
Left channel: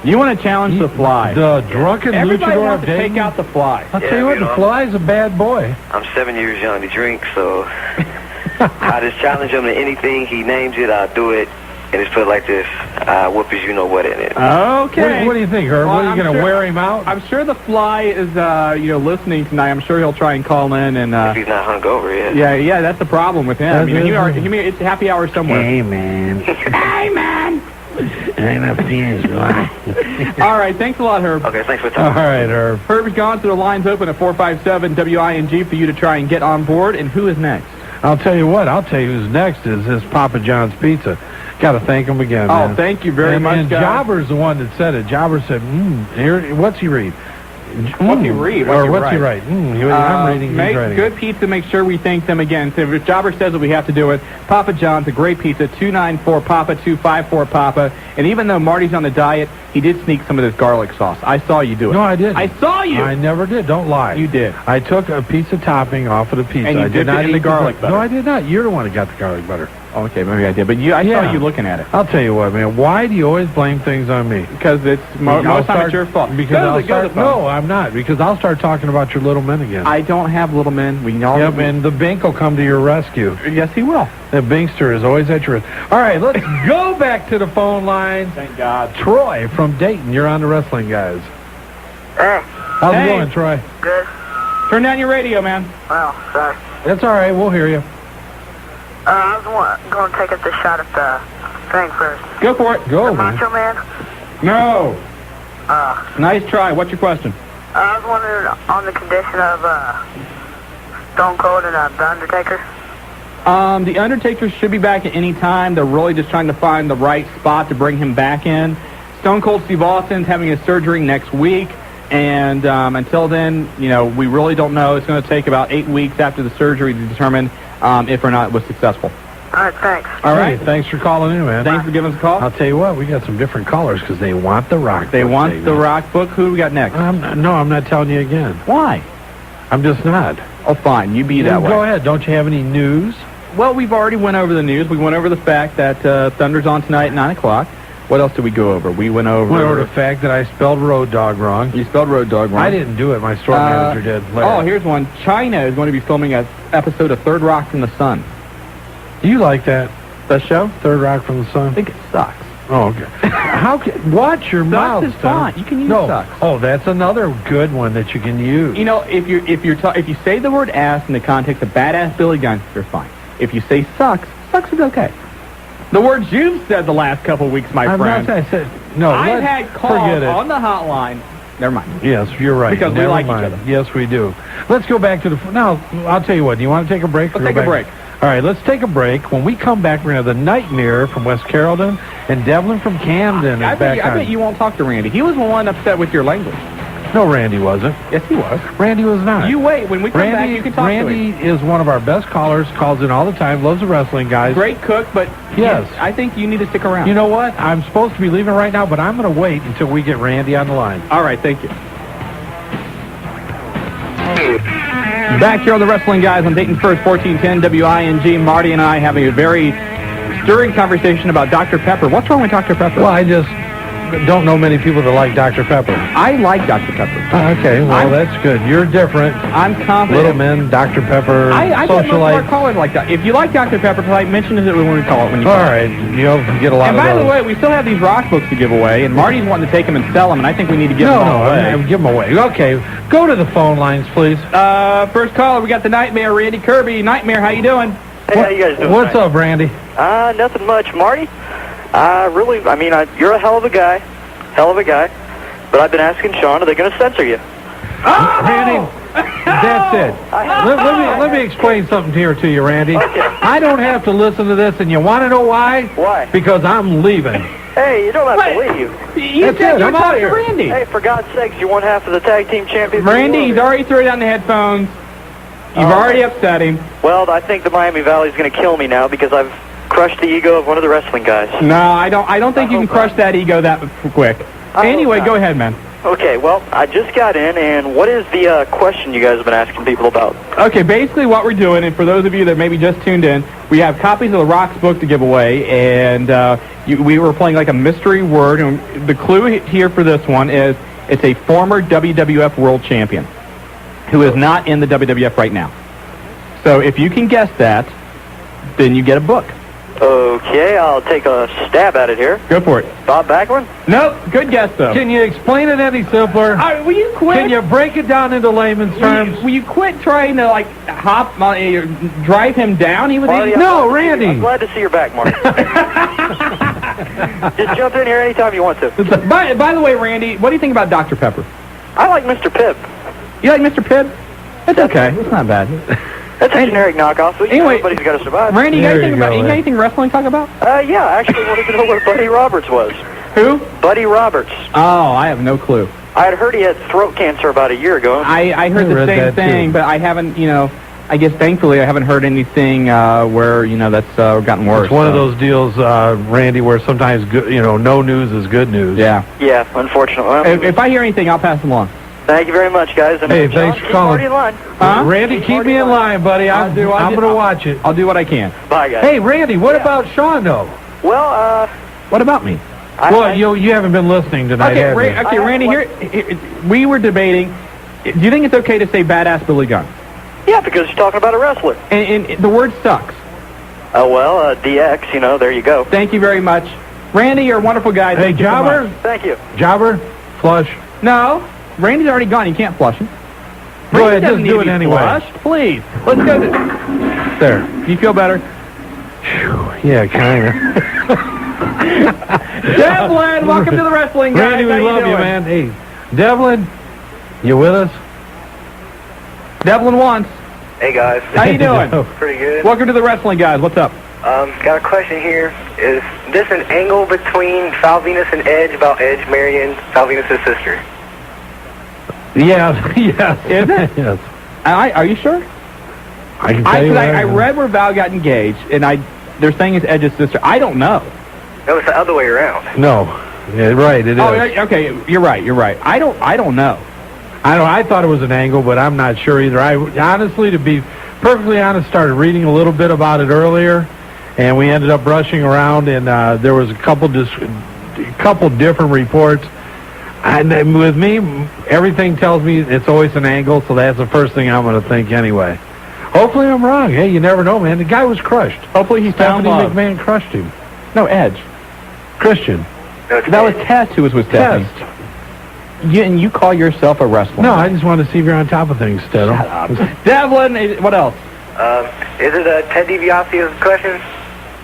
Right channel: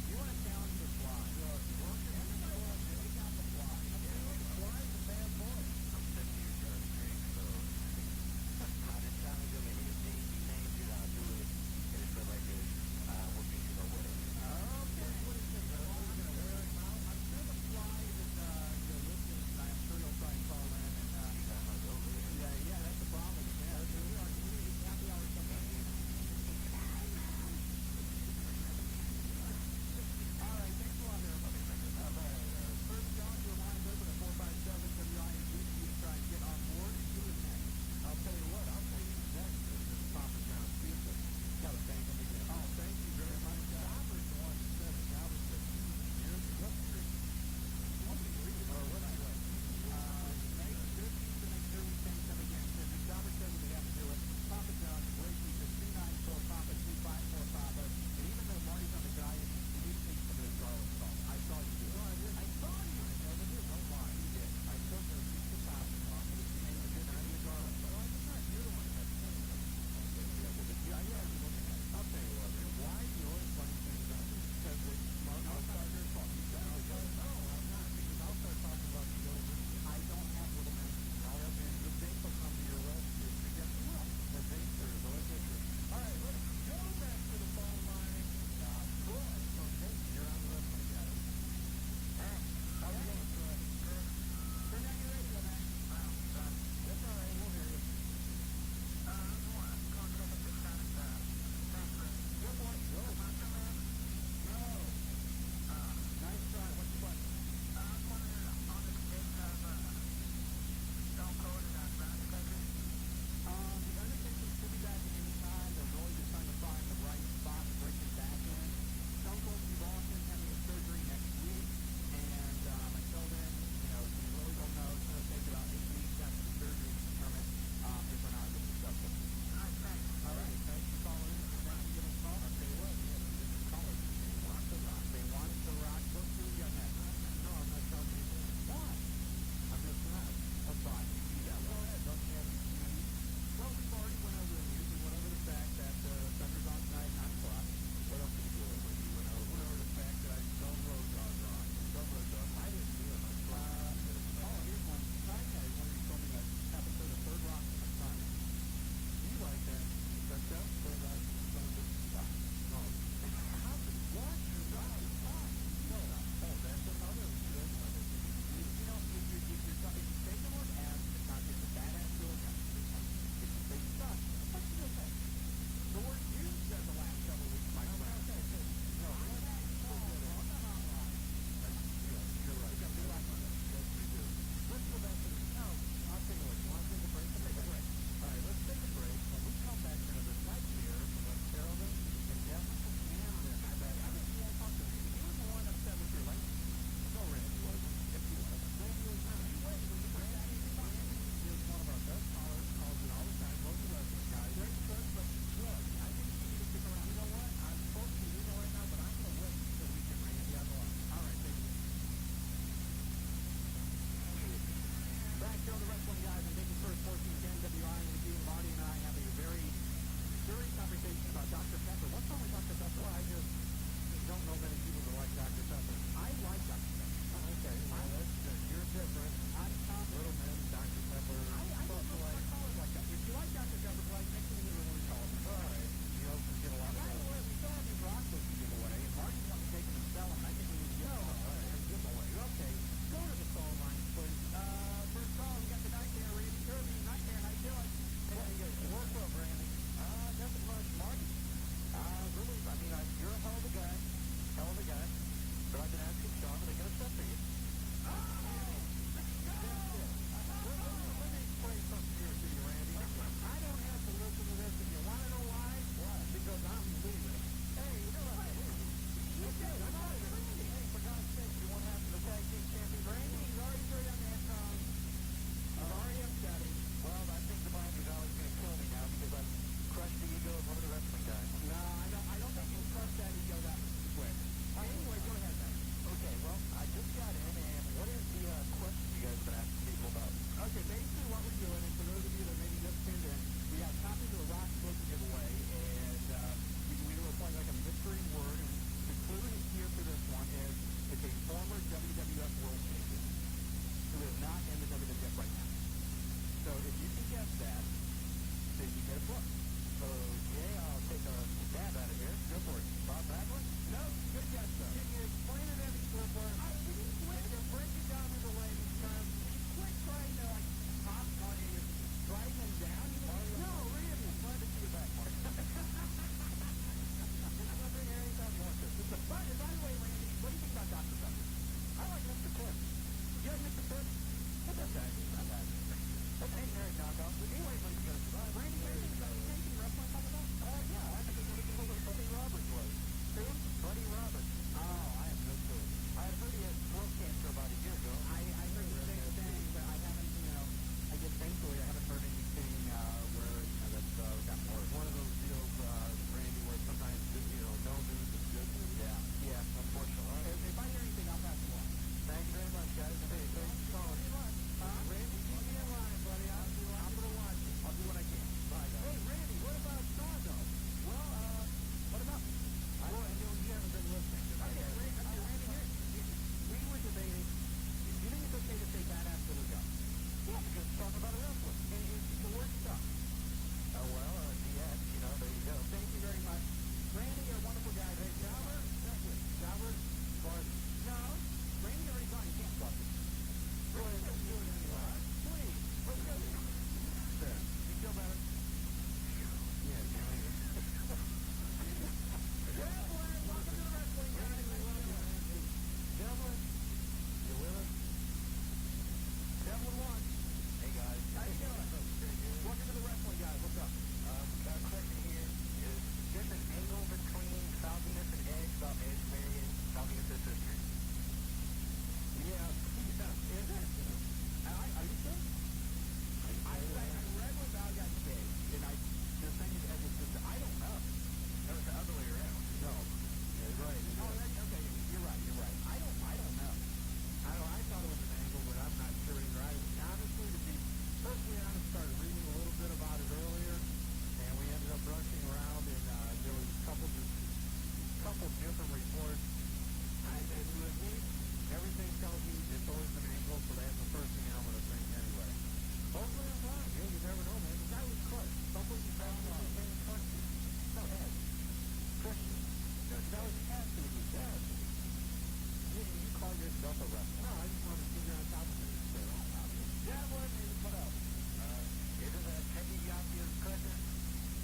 You want to challenge the Fly? The drunken Everybody luchador wants of to Dayton? take out the Fly. I'll tell you what, the Fly's a bad boy. I'm 7 years young to drink, so I just challenge him to anything. He names it, I'll do it. And it's put like this, whoop as you know what in it. Okay. What do you think, Herb? Well, what, are you going to wear him out? I'm sure the Fly is, listening tonight. I'm sure he'll try and call in and. If he's not hungover yet. Yeah, that's the problem with him. It's happy hour somewhere. Hey, man. Hey, man. I'm a fierce boy. All right, thanks a lot, Herb. Okay, thanks for the time. All right, Herb. Herb's gone, so the line's open at 457-WING for you to try and get on board. And who is next? I'll tell you what. I'll tell you who's next is this Papa John's Pizza. Got to thank him again, man. Oh, thank you very much, And guys. Jobber's the one that said it. Jobber said, here, what's he read? What's he read? What's he write? I'm reading, he's Make writing. good pizza. Make sure we thank them again. So if Jobber says that we have to do it, Papa John's, a great pizza, 294-PAPA, 254-PAPA. And even though Marty's on the diet, he did sneak some of this garlic sauce. I saw you do it. No, I didn't. I saw you. I never did. Don't lie. You did. I took a piece of topping off of the pizza. And you I dipped did not it in the eat garlic butter. No, I did not. You're the one who got the garlic butter. Okay, maybe I did. But I saw you looking at it. I'll tell you what, man. Why do you always blame things on me? Because it's most time it's your fault. Because no, I'm not. Because I'll start talking about your little men again. I don't have little men. We know. Yep, and the Bink will come to your rescue. Yes, he will. The Binkster is always at your wrist. All right, let's go back to the phone line. Thank God. Troy from Dayton, you're on the Wrestling Guys. How's it going, Troy? Good. Turn down your radio, man. Well, sorry. That's all right. We'll hear you. I was going to take up the shot at the thing first. Go for it. Go, man. Macho Man? No. Nice try. What's your question? I was wondering on the condition of Stone Cold and The Undertaker. The Undertaker should be back at any time. They're really just trying to find the right spot to bring him back in. Stone Cold Steve Austin's having his surgery next week. And until then, we really don't know. It's going to take about 8 weeks after the surgery to determine if or not it was successful. All right, thanks. All right. Hey, thanks for calling in, man. Thanks for giving us a call. I'll tell you what, we got some different callers because they want the rock. They want the rock book. Who do we got next? No, I'm not telling you again. Why? I'm just not. Oh, fine. You be that way. Go ahead. Don't you have any news? Well, we've already went over the news. We went over the fact that Thunder's on tonight at 9 o'clock. What else did we go over? We went over the fact that I spelled Road Dog wrong. You spelled Road Dog wrong. I didn't do it. My store manager did. Oh, here's one. China is going to be filming an episode of Third Rock from the Sun. Do you like that? That show? Third Rock from the Sun? I think it sucks. Oh, okay. Watch your mouth. Sucks is fine. You can use sucks. Oh, that's another good one that you can use. If you say the word ass in the context of badass Billy Gunn, you're fine. If you say sucks is okay. The words you've said the last couple of weeks, my friend. I said no. I've had calls on the hotline. Never mind. Yes, you're right. Because we like each other. Yes, we do. Let's go back to now. I'll tell you what. Do you want to take a break? Let's take a break. All right, let's take a break. When we come back, we're going to have the Nightmare from West Carrollton and Devlin from Camden. I bet you won't talk to Randy. He was the one upset with your language. No, Randy wasn't. Yes, he was. Randy was not. You wait. When we come back, you can talk to him. Randy is one of our best callers, calls in all the time, loves the wrestling guys. Great cook, but yes, I think you need to stick around. You know what? I'm supposed to be leaving right now, but I'm going to wait until we get Randy on the line. All right, thank you. Back here on the Wrestling Guys on Dayton First, 1410 WING. Marty and I having a very stirring conversation about Dr. Pepper. What's wrong with Dr. Pepper? Well, don't know many people that like Dr. Pepper. I like Dr. Pepper. Okay, well, that's good. You're different. I'm confident. Little men, Dr. Pepper, I bet most of our socialite. callers like that. If you like Dr. Pepper, because I mentioned it when we call it. When you All call right, you get a lot and of by those. the way, we still have these rock books to give away, and Marty's wanting to take them and sell them, and I think we need to give them all away. Give them away. Okay, go to the phone lines, please. First caller, we got the Nightmare, Randy Kirby. Nightmare, how you doing? Hey, how you guys doing? What's up, Randy? Nothing much, Marty. You're a hell of a guy. But I've been asking Shawn, are they going to censor you? Randy, that's it. Let me explain something here to you, Randy. Okay. I don't have to listen to this, and you want to know why? Why? Because I'm leaving. Hey, you don't have to leave. You said you were talking to Randy. Hey, for God's sakes, you won half of the tag team championship. Randy, he's already threw down the headphones. You've already upset him. Well, I think the Miami Valley's going to kill me now because I've crushed the ego of one of the wrestling guys. No, I don't think you can crush that ego that quick. Anyway, go ahead, man. Okay, well, I just got in, and what is the question you guys have been asking people about? Okay, basically what we're doing, and for those of you that maybe just tuned in, we have copies of the Rock's book to give away, and we were playing like a mystery word, and the clue here for this one is it's a former WWF World Champion who is not in the WWF right now. So if you can guess that, then you get a book. Okay, I'll take a stab at it here. Go for it. Bob Backlund? Nope, good guess, though. Can you explain it any simpler? Will you quit? Can you break it down into layman's terms? Will you quit trying to, drive him down? He was Marty, Randy. I'm glad to see your back, Marty. Just jump in here anytime you want to. By the way, Randy, what do you think about Dr. Pepper? I like Mr. Pibb. You like Mr. Pibb? It's okay. It's not bad. That's a generic knockoff, but anyway, everybody's got to survive. Randy, you got anything wrestling to talk about? Yeah, I actually wanted to know what Buddy Roberts was. Who? Buddy Roberts. Oh, I have no clue. I had heard he had throat cancer about a year ago. I heard the same thing, but I haven't, I guess thankfully I haven't heard anything where, that's gotten worse. It's one of those deals, Randy, where sometimes, no news is good news. Yeah. Yeah, unfortunately. If I hear anything, I'll pass them along. Thank you very much, guys. And hey, John, thanks for calling. Keep Marty in line. Huh? Randy, keep me in line, buddy. I'm going to watch it. I'll do what I can. Bye, guys. Hey, Randy, what about Shawn, though? Well, what about me? You haven't been listening tonight, have you? Okay, Randy, here, we were debating, do you think it's okay to say badass Billy Gunn? Yeah, because you're talking about a wrestler. And the word sucks. DX, there you go. Thank you very much. Randy, you're a wonderful guy. Hey, Jobber? Thank you. Jobber, flush. No, Randy's already gone. You can't flush him. Go ahead, just do it anyway. Flushed. Please. Let's go. There. You feel better? Yeah, kind of. Devlin, welcome to the wrestling guys. Randy, we love you, man. Hey, Devlin, you with us? Devlin once. Hey, guys. How you doing? Pretty good. Welcome to the wrestling guys. What's up? Got a question here. Is this an angle between Val Venus and Edge about Edge marrying Val Venus' sister? Yeah. Is it? Yes. Are you sure? I can tell you I read where Val got engaged, and they're saying it's Edge's sister. I don't know. No, it's the other way around. No. Yeah, right, it is. Oh, okay. You're right. I don't know. I thought it was an angle, but I'm not sure either. I honestly, to be perfectly honest, started reading a little bit about it earlier, and we ended up rushing around, and there was a couple different reports. And with me, everything tells me it's always an angle, so that's the first thing I'm going to think anyway. Hopefully I'm wrong. Hey, you never know, man. The guy was crushed. Hopefully he's found love. McMahon crushed him. No, Edge. Christian. That was Test who was with Stephanie. And you call yourself a wrestler? No, I just want to see if you're on top of things, Stedham. Shut up. Devlin, what else? Is it Ted DiBiase's question?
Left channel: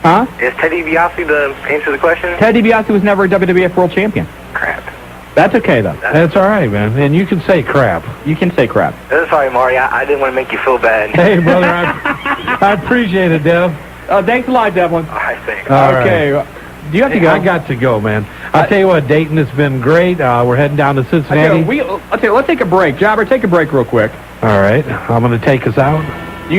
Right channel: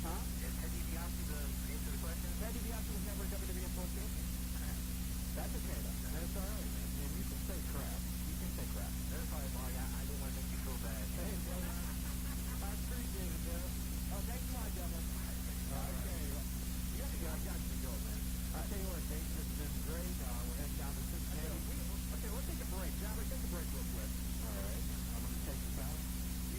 Huh? Is Ted DiBiase the answer to the question? Ted DiBiase was never a WWF World Champion. Crap. That's okay, though. That's all right, man. And you can say crap. You can say crap. Sorry, Marty. I didn't want to make you feel bad. Hey, brother, I appreciate it, Dev. Thanks a lot, Devlin. All right, thanks. Okay. Right. Do you have to go? I got to go, man. I'll tell you what, Dayton, it's been great. We're heading down to Cincinnati. Let's take a break. Jobber, take a break real quick. All right. I'm going to take us out.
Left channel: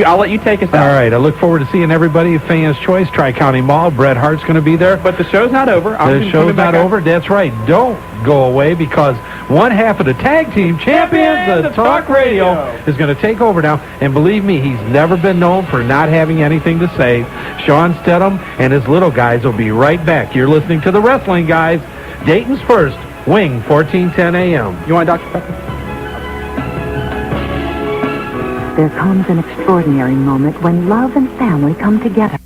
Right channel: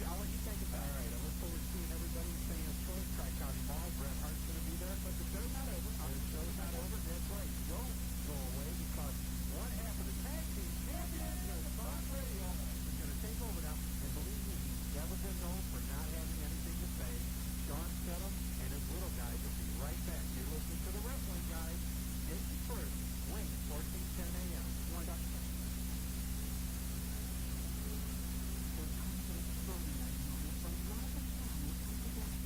I'll let you take us out. All right. I look forward to seeing everybody at Fans Choice, Tri-County Mall. Bret Hart's going to be there. But the show's not over. The show's not over. That's right. Don't go away, because one half of the tag team champions, the Talk Radio, is going to take over now. And believe me, he's never been known for not having anything to say. Shawn Stedham and his little guys will be right back. You're listening to the Wrestling Guys. Dayton's first, Wing, 1410 a.m. You want Dr. Pepper? There comes an extraordinary moment when love and family come together.